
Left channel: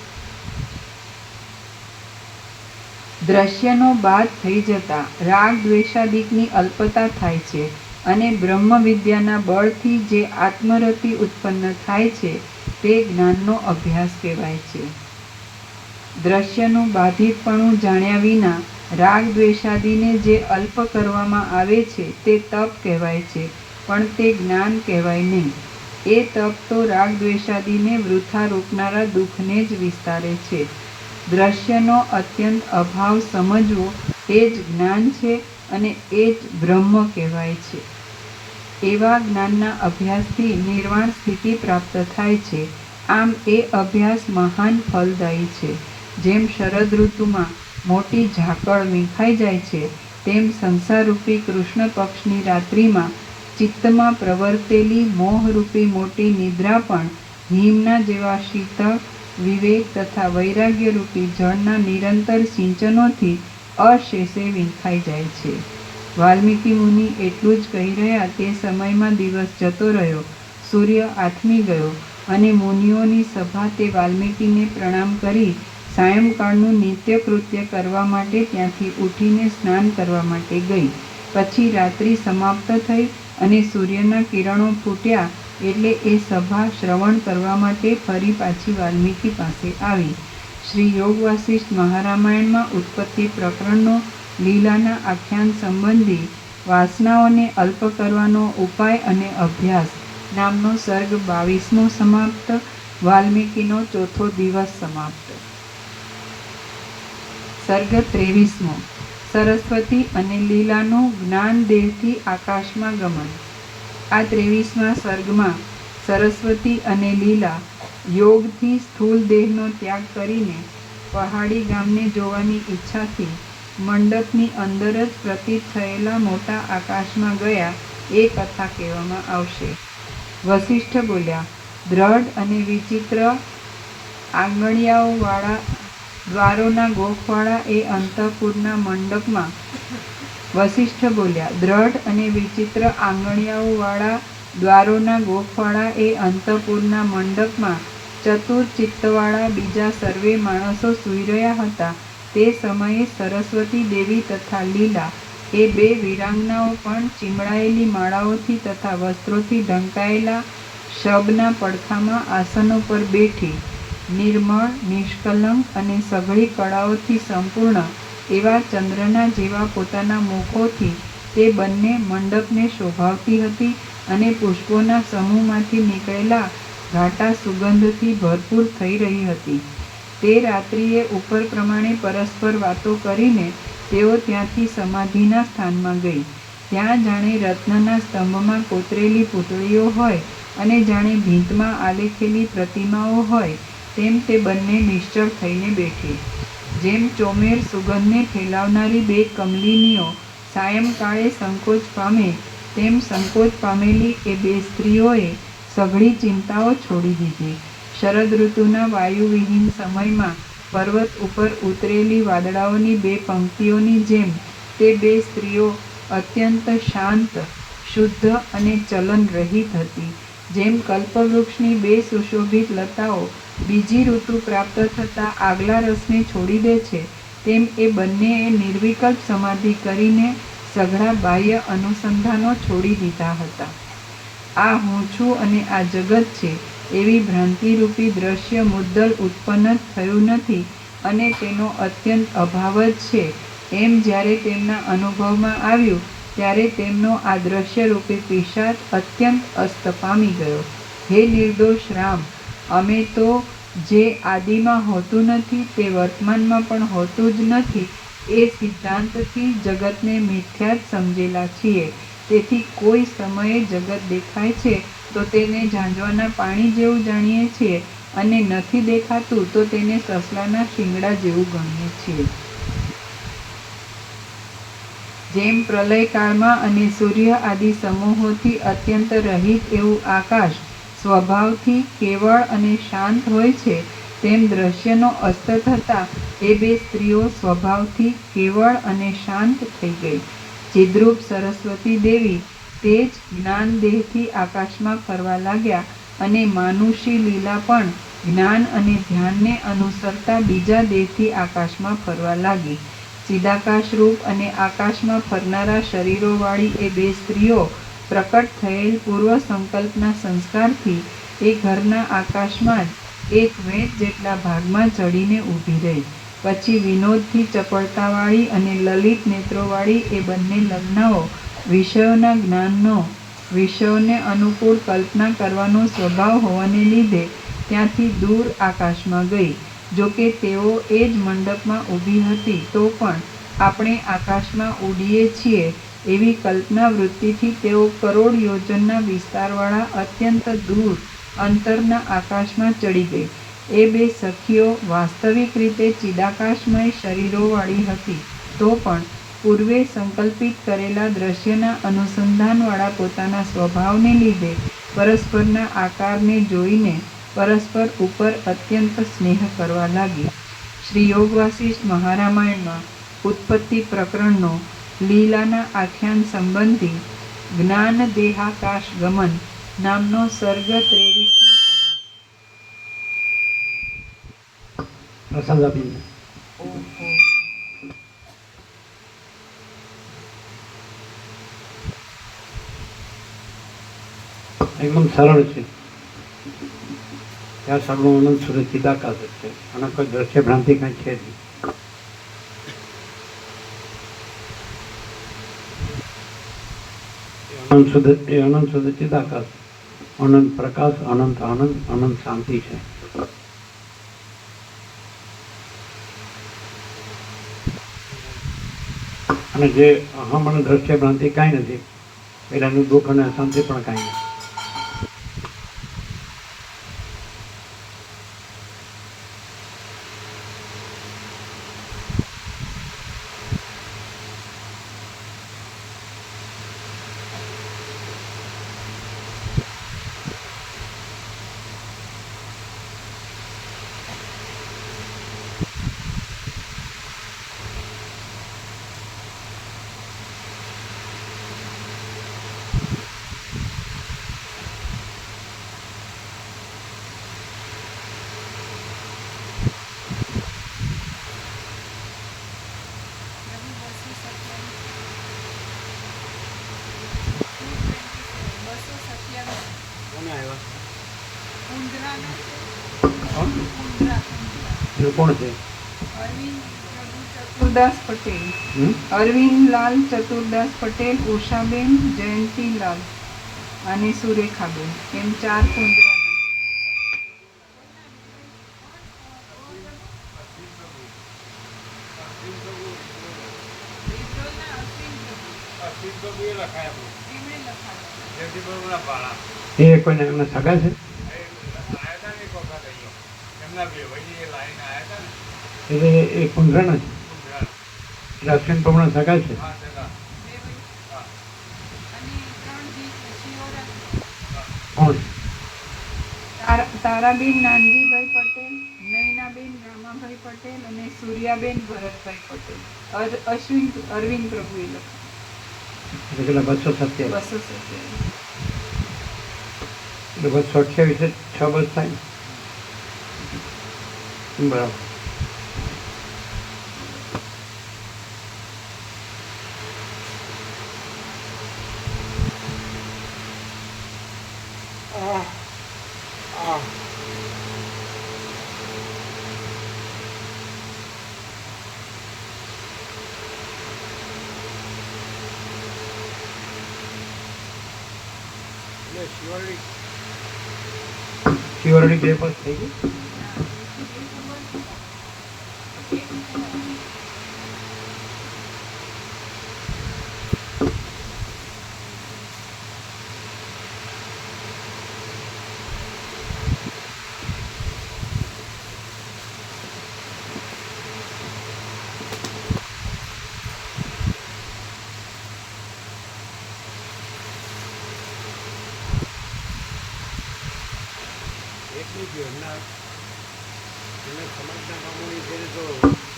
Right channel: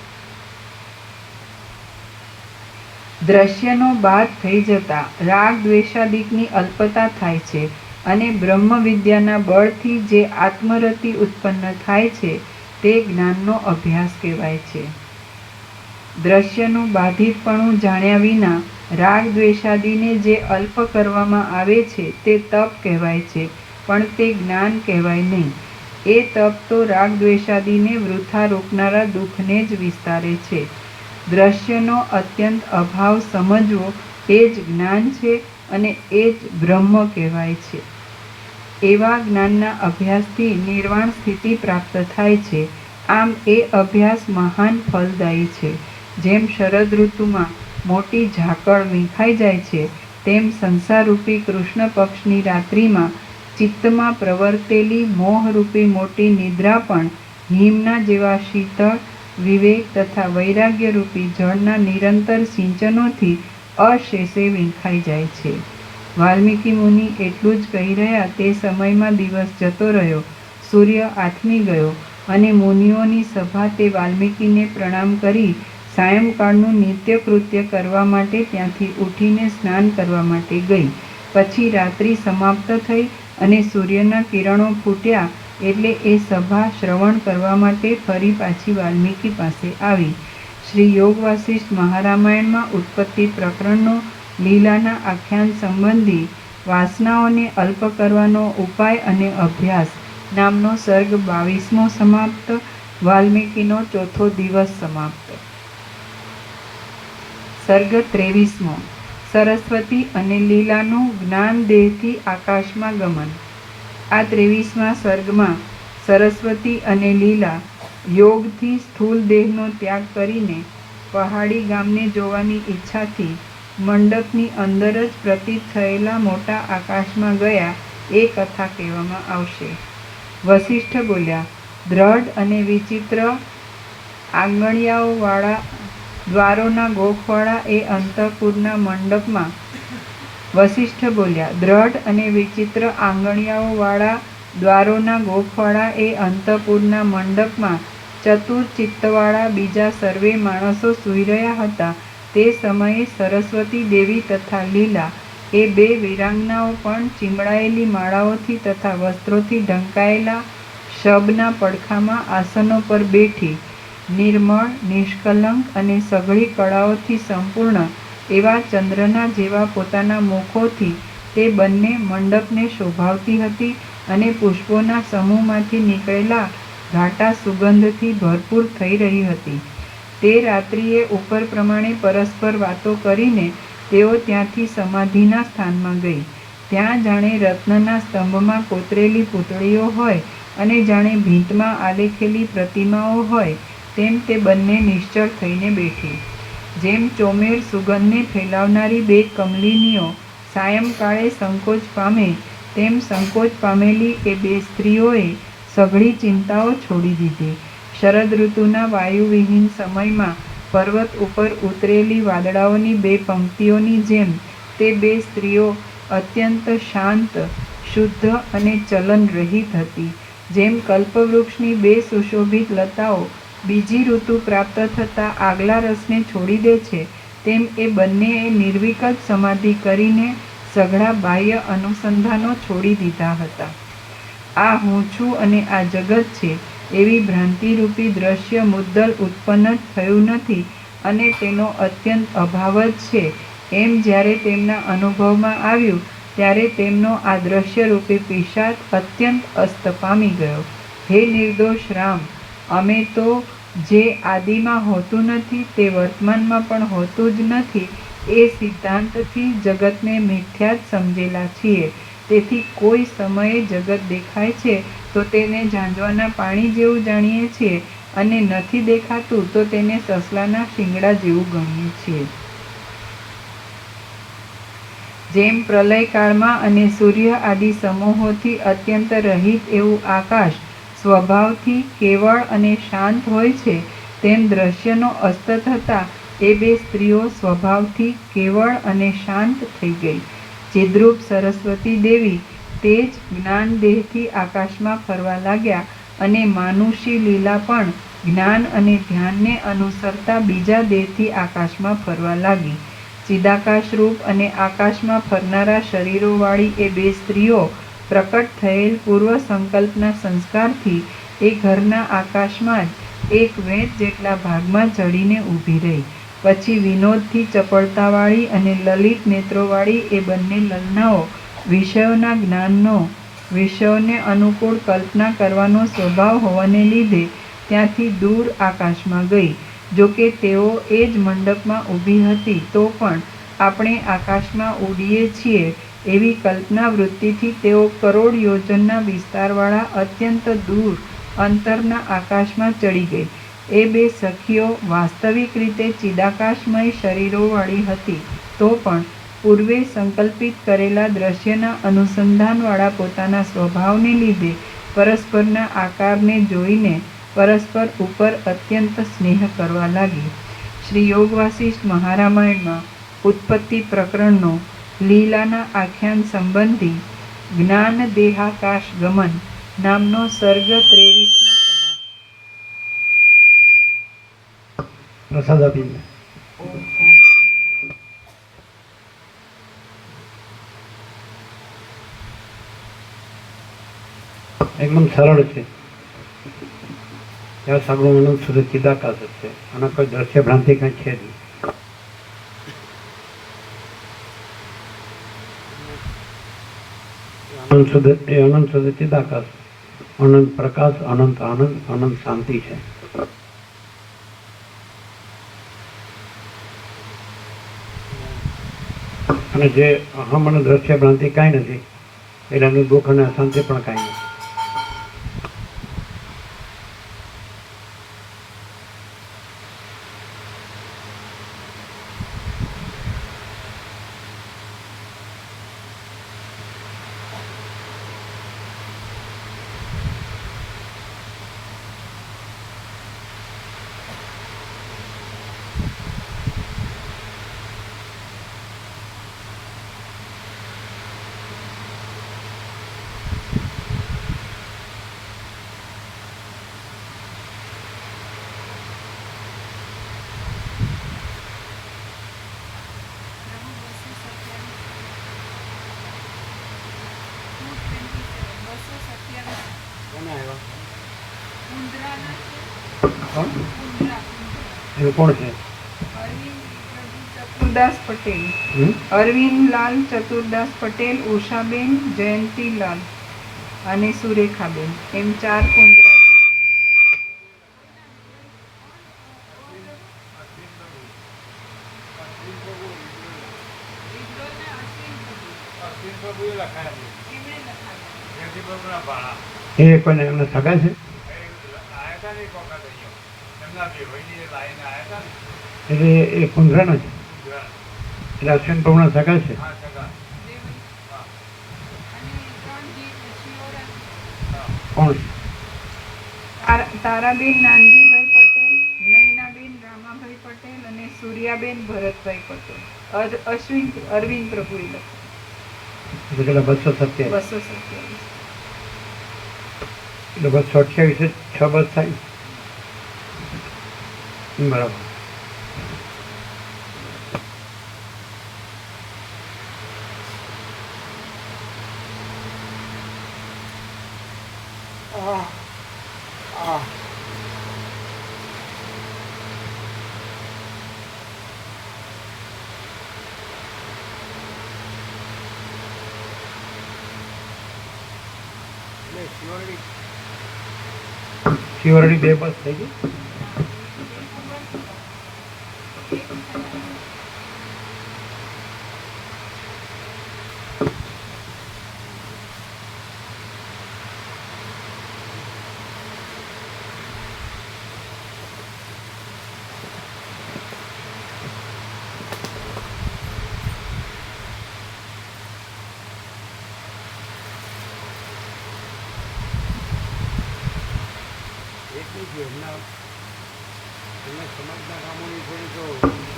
દ્રશ્યનો બાદ થઈ જતા રાગ દ્વેષાદિકની અલ્પતા થાય છે, અને બ્રહ્મ વિદ્યાના બળથી જે આત્મરતિ ઉત્પન્ન થાય છે, તે જ્ઞાનનો અભ્યાસ કહેવાય છે. દ્રશ્યનું બાધિતપણું જાણ્યા વિના રાગ દ્વેષાદિને જે અલ્પ કરવામાં આવે છે તે તપ કહેવાય છે, પણ તે જ્ઞાન કહેવાય નહીં. એ તપ તો રાગ દ્વેષાદિને વૃથા રોકનારા દુઃખને જ વિસ્તારે છે. દ્રશ્યનો અત્યંત અભાવ સમજવો એ જ જ્ઞાન છે, અને એ જ બ્રહ્મ કહેવાય છે. એવા જ્ઞાનના અભ્યાસથી નિર્વાણ સ્થિતિ પ્રાપ્ત થાય છે. આમ એ અભ્યાસ મહાન ફલદાયી છે. જેમ શરદ ઋતુમાં મોટી ઝાકળ મીંખાઈ જાય છે, તેમ સંસારરૂપી કૃષ્ણ પક્ષની રાત્રિમાં ચિત્તમાં પ્રવર્તેલી મોહરૂપી મોટી નિદ્રા પણ હિમના જેવા શીતળ વિવેક તથા વૈરાગ્યરૂપી જળના નિરંતર સિંચનોથી અશેષે વીંખાઈ જાય છે. વાલ્મીકી મુનિ એટલું જ કહી રહ્યા તે સમયમાં દિવસ જતો રહ્યો, સૂર્ય આથમી ગયો અને મુનિઓની સભા તે વાલ્મીકીને પ્રણામ કરી સાયંકાળનું નિત્યકૃત્ય કરવા માટે ત્યાંથી ઉઠીને સ્નાન કરવા માટે ગઈ. પછી રાત્રિ સમાપ્ત થઈ અને સૂર્યના કિરણો ફૂટ્યા એટલે એ સભા શ્રવણ કરવા માટે ફરી પાછી વાલ્મીકી પાસે આવી. શ્રી યોગ વાસિષ્ઠ મહારામાયણમાં ઉત્પત્તિ પ્રકરણનો લીલાના આખ્યાન સંબંધી વાસનાઓને અલ્પ કરવાનો ઉપાય અને અભ્યાસ નામનો સર્ગ 22મો સમાપ્ત. વાલ્મીકીનો ચોથો દિવસ સમાપ્ત. સર્ગ 23મો. સરસ્વતી અને લીલાનું જ્ઞાન દેહથી આકાશમાં ગમન. આ 23મા સર્ગમાં સરસ્વતી અને લીલા યોગથી સ્થૂલ દેહનો ત્યાગ કરીને પહાડી ગામને જોવાની ઈચ્છાથી મંડપની અંદર જ પ્રતીત થયેલા મોટા આકાશમાં ગયા એ કથા કહેવામાં આવશે. વસિષ્ઠ બોલ્યા, દ્રઢ અને વિચિત્ર આંગણિયાઓવાળા દ્વારોના ગોખવાળા એ અંતઃપુરના મંડપમાં વસિષ્ઠ બોલ્યા, દ્રઢ અને વિચિત્ર આંગણિયાઓવાળા દ્વારોના ગોખવાળા એ અંતઃપુરના મંડપમાં ચતુર ચિત્તવાળા બીજા સર્વે માણસો સૂઈ રહ્યા હતા. તે સમયે સરસ્વતી દેવી તથા લીલા એ બે વીરાંગનાઓ પણ ચીમડાયેલી માળાઓથી તથા વસ્ત્રોથી ઢંકાયેલા શબના પડખામાં આસનો પર બેઠી નિર્મળ, નિષ્કલંક અને સઘળી કળાઓથી સંપૂર્ણ એવા ચંદ્રના જેવા પોતાના મુખોથી તે બંને મંડપને શોભાવતી હતી અને પુષ્પોના સમૂહમાંથી નીકળેલા ઘાટા સુગંધથી ભરપૂર થઈ રહી હતી. તે રાત્રિએ ઉપર પ્રમાણે પરસ્પર વાતો કરીને તેઓ ત્યાંથી સમાધિના સ્થાનમાં ગઈ. ત્યાં જાણે રત્નના સ્તંભમાં કોતરેલી પૂતળીઓ હોય અને જાણે ભીંતમાં આલેખેલી પ્રતિમાઓ હોય તેમ તે બંને નિશ્ચળ થઈને બેઠી. જેમ ચોમેર સુગંધને ફેલાવનારી બે કમલિનીઓ સાયંકાળે સંકોચ પામે તેમ સંકોચ પામેલી એ બે સ્ત્રીઓએ સઘળી ચિંતાઓ છોડી દીધી. શરદ ઋતુના વાયુવિહીન સમયમાં પર્વત ઉપર ઉતરેલી વાદળાઓની બે પંક્તિઓની જેમ તે બે સ્ત્રીઓ અત્યંત શાંત, શુદ્ધ અને ચલન રહિત હતી. જેમ કલ્પવૃક્ષની બે સુશોભિત લતાઓ બીજી ઋતુ પ્રાપ્ત થતાં આગલા રસને છોડી દે છે, તેમ એ બંનેએ નિર્વિકલ્પ સમાધિ કરીને સઘળા બાહ્ય અનુસંધાનો છોડી દીધા હતા. આ હું છું અને આ જગત છે એવી ભ્રાંતિરૂપી દ્રશ્ય મુદ્દલ ઉત્પન્ન જ થયું નથી અને તેનો અત્યંત અભાવ જ છે એમ જ્યારે તેમના અનુભવમાં આવ્યું ત્યારે તેમનો આ દ્રશ્યરૂપી પિશાચ અત્યંત અસ્ત પામી ગયો. હે નિર્દોષ રામ, અમે તો જે આદિમાં હોતું નથી તે વર્તમાનમાં પણ હોતું જ નથી એ સિદ્ધાંતથી જગતને મિથ્યા જ સમજેલા છીએ. તેથી કોઈ સમયે જગત દેખાય છે તો તેને ઝાંઝવાના પાણી જેવું જાણીએ છીએ અને નથી દેખાતું તો તેને સસલાના શિંગડા જેવું ગણીએ છીએ. જેમ પ્રલયકાળમાં અને સૂર્ય આદિ સમૂહોથી અત્યંત રહિત એવું આકાશ સ્વભાવથી કેવળ અને શાંત હોય છે, તેમ દ્રશ્યનો અસ્ત થતાં એ બે સ્ત્રીઓ સ્વભાવથી કેવળ અને શાંત થઈ ગઈ. ચિદ્રૂપ સરસ્વતી દેવી તે જ જ્ઞાન દેહથી આકાશમાં ફરવા લાગ્યા અને માનુષી લીલા પણ જ્ઞાન અને ધ્યાનને અનુસરતા બીજા દેહથી આકાશમાં ફરવા લાગી. ચિદાકાશ રૂપ અને આકાશમાં ફરનારા શરીરોવાળી એ બે સ્ત્રીઓ પ્રકટ થયેલ પૂર્વ સંકલ્પના સંસ્કારથી એ ઘરના આકાશમાં જ એક વેંત જેટલા ભાગમાં ચડીને ઊભી રહી. પછી વિનોદથી ચપળતાવાળી અને લલિત નેત્રોવાળી એ બંને લલનાઓ વિષયોના જ્ઞાનનો, વિષયોને અનુકૂળ કલ્પના કરવાનો સ્વભાવ હોવાને લીધે ત્યાંથી દૂર આકાશમાં ગઈ. જોકે તેઓ એ જ મંડપમાં ઊભી હતી તો પણ આપણે આકાશમાં ઉડીએ છીએ એવી કલ્પના વૃત્તિથી તેઓ કરોડ યોજનના વિસ્તારવાળા અત્યંત દૂર અંતરના આકાશમાં ચડી ગઈ. એ બે સખીઓ વાસ્તવિક રીતે ચિદાકાશમય શરીરોવાળી હતી, તો પણ પૂર્વે સંકલ્પિત કરેલા દ્રશ્યના અનુસંધાનવાળા પોતાના સ્વભાવને લીધે પરસ્પરના આકારને જોઈને પરસ્પર ઉપર અત્યંત સ્નેહ કરવા લાગી. શ્રી યોગ વાસિષ્ઠ મહારામાયણમાં ઉત્પત્તિ પ્રકરણનો લીલાના આખ્યાન સંબંધી જ્ઞાન દેહાકાશ ગમન નામનો સર્ગ 23મો પ્રસાદ આપીને એકદમ સરળ છે. ત્યાં સાંભળવું અનંત સુધી ચિદાકાશ જ છે અને કોઈ દ્રશ્ય ભ્રાંતિ કંઈ છે નહીં. અનંત સુધી ચિદાકાશ, અનંત પ્રકાશ, અનંત આનંદ, અનંત શાંતિ છે. અને જે અહમ અને દ્રશ્ય ભ્રાંતિ કાંઈ નથી એટલે એનું દુઃખ અને અશાંતિ પણ કાંઈ નથી. કોને આવ્યા? એ કોણ છે? ચતુરદાસ પટેલ, અરવિંદલાલ ચતુરદાસ પટેલ, ઉષાબેન, જયંતીલાલ અને સુરેખાબેન, એમ 4 કુંદરાના. એ કોઈને એમને સગા છે? એટલે એ કુંદરાના છે, એટલે અશ્વિન પ્રભુના સગા છે. કોણ છે? તારાબેન નાનજીભાઈ પટેલ, નયનાબેન રામાભાઈ પટેલ અને સૂર્યાબેન ભરતભાઈ પટેલ. અરવિંદ પ્રભુએ લખ્યું. એટલે પેલા 227 227. એટલે 228 6 બસ થાય. બરાબર. શિવરડી 2 બસ થઈ ગઈ.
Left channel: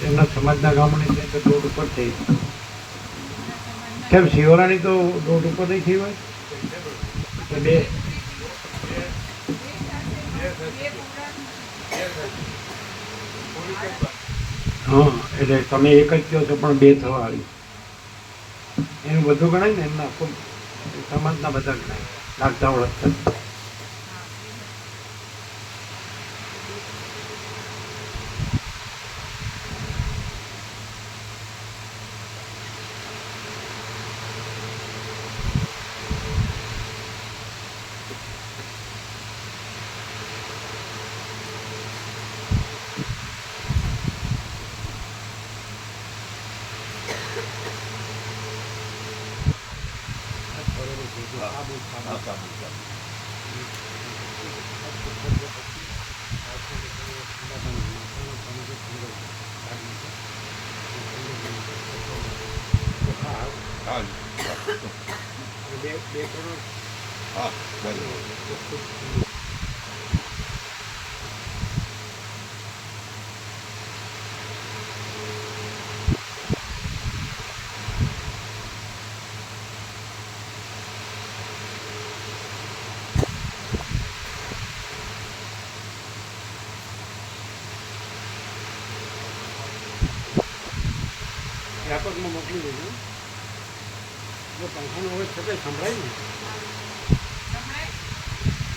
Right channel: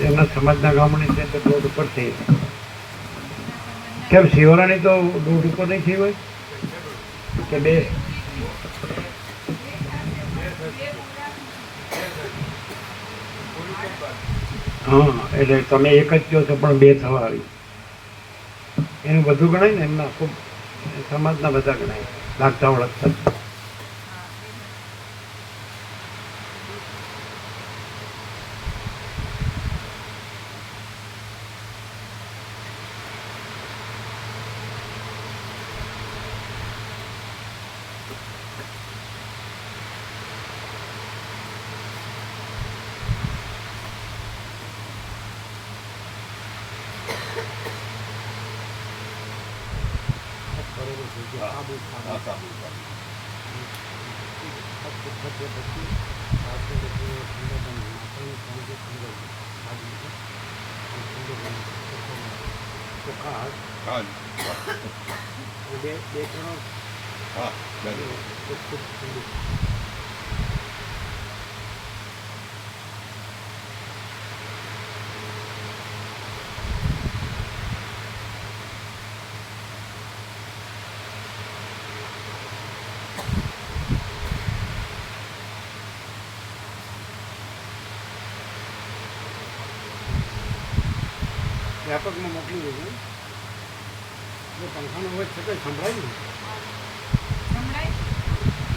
એમના સમાજના ગામોની છે તો રોડ ઉપર થઈ. કેમ શિવરાણી તો રોડ ઉપર નહીં થઈ હોય કે 2? હા, એટલે તમે એક જ કહો છો પણ 2 થવા આવી. એનું બધું ગણાય ને, એમના ખૂબ સમાજના બધા ગણાય, લાગતા ઓળખતા. ઠંડા પણ માતાનું પણ જે ઠંડો લાગી છે ઠંડો પણ ચોખ્ખા હાથ બે ત્રણ ચોખ્ખું ઠંડુ. વ્યાપકમાં મોકલી દેજો. જો પંખાનો અવાજ છતાંય સંભળાય ને,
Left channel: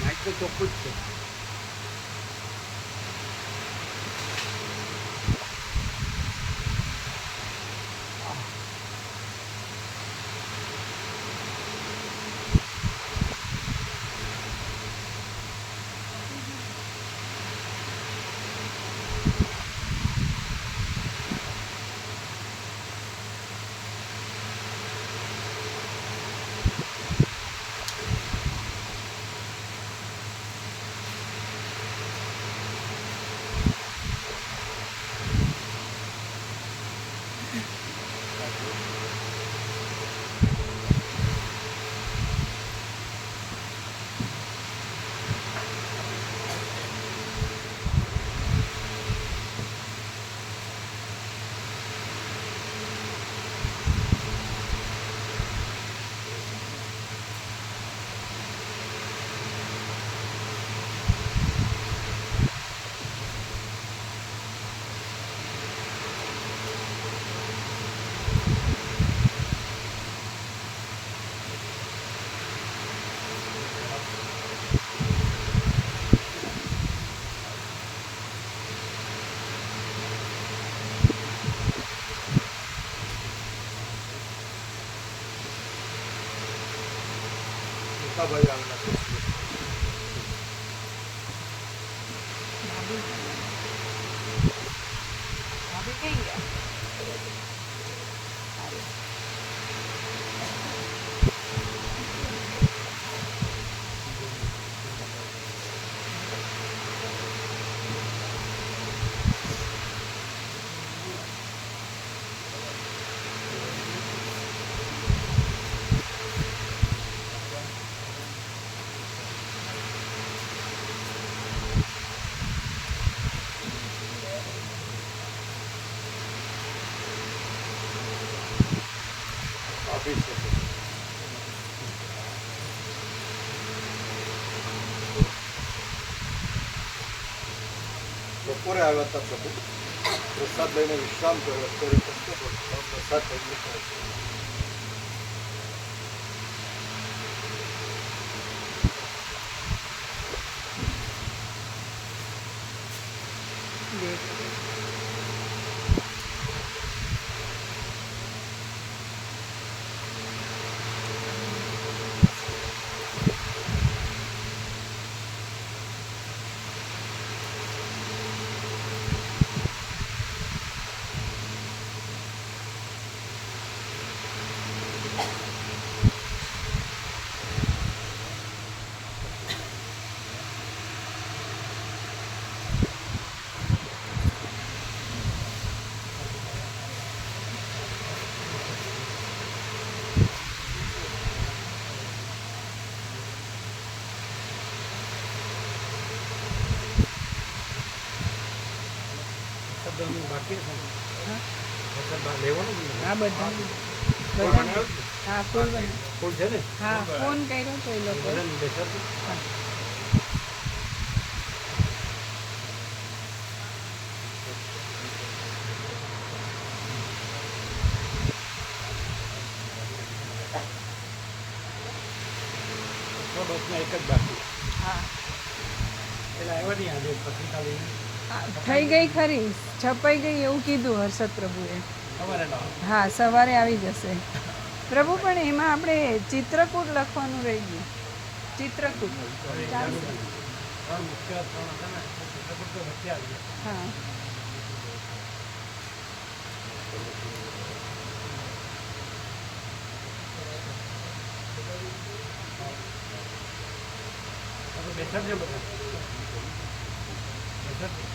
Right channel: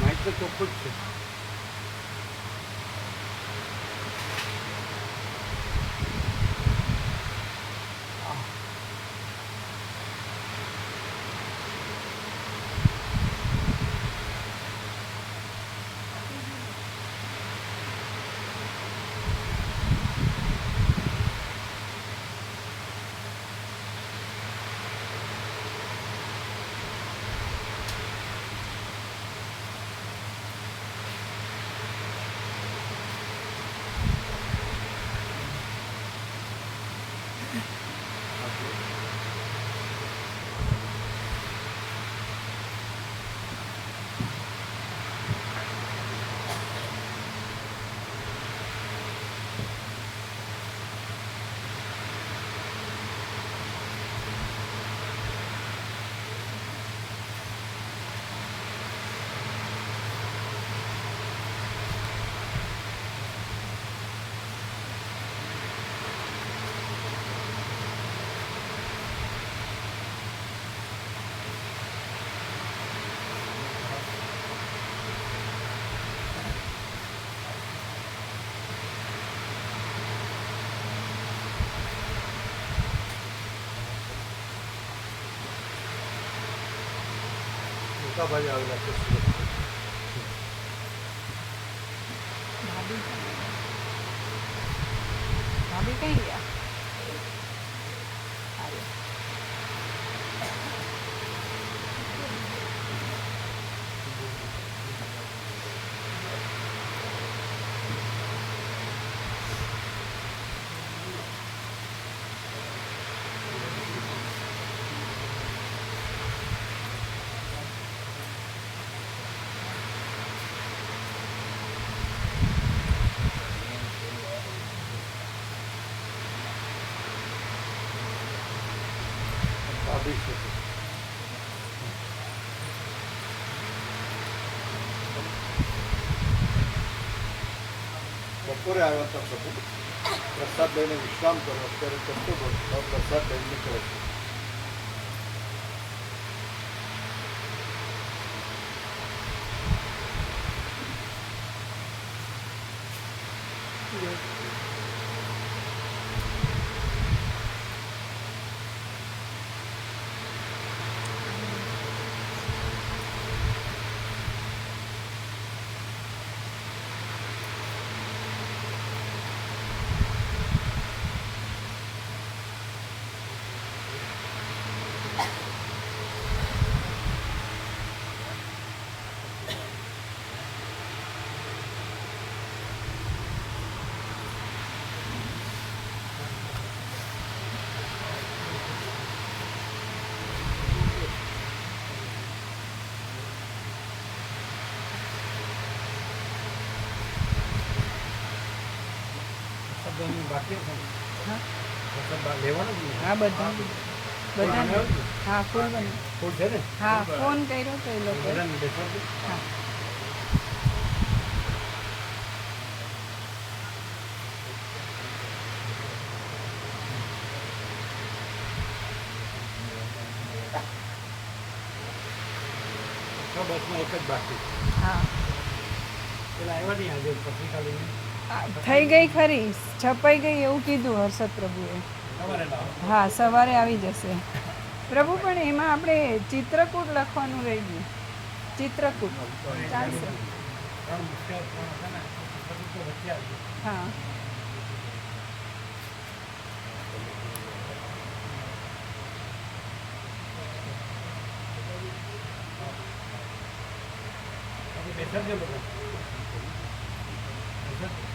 માઇક તો ચોખ્ખું જ છે. ભાઈ આવેલા છે. ભાભી કઈ ગયા? બપોરે આવ્યા હતા પ્રભુ, પ્રસાદ લઈને વિશ્રામ કર્યો. અત્યારે ચંદ્ર પ્રસાદ લઈને નીકળે છે. બાકી છે લેવાનું જ નહીં. હા, બધા હા, ફૂલ બને. ફૂલ છે ને? હા, ફોન કર્યો તો એ લોકો. બધાને બેસાડજો. હા. બસમાં એક જ બાકી. હા, પેલા આવ્યા નહીં આજે પત્રિકા લઈને. થઈ ગઈ ખરી, છપાઈ ગઈ એવું કીધું હર્ષદ પ્રભુએ. સવારે લાવો. હા, સવારે આવી જશે પ્રભુ. પણ એમાં આપણે ચિત્રકૂટ લખવાનું રહી ગયું. ચિત્રકૂટ ચાલશે? ત્રણ મુખ્ય ત્રણ હતા ને, ચિત્રકૂટ તો વચ્ચે આવી ગયા. હા. બેસાડજો બધા. એટલે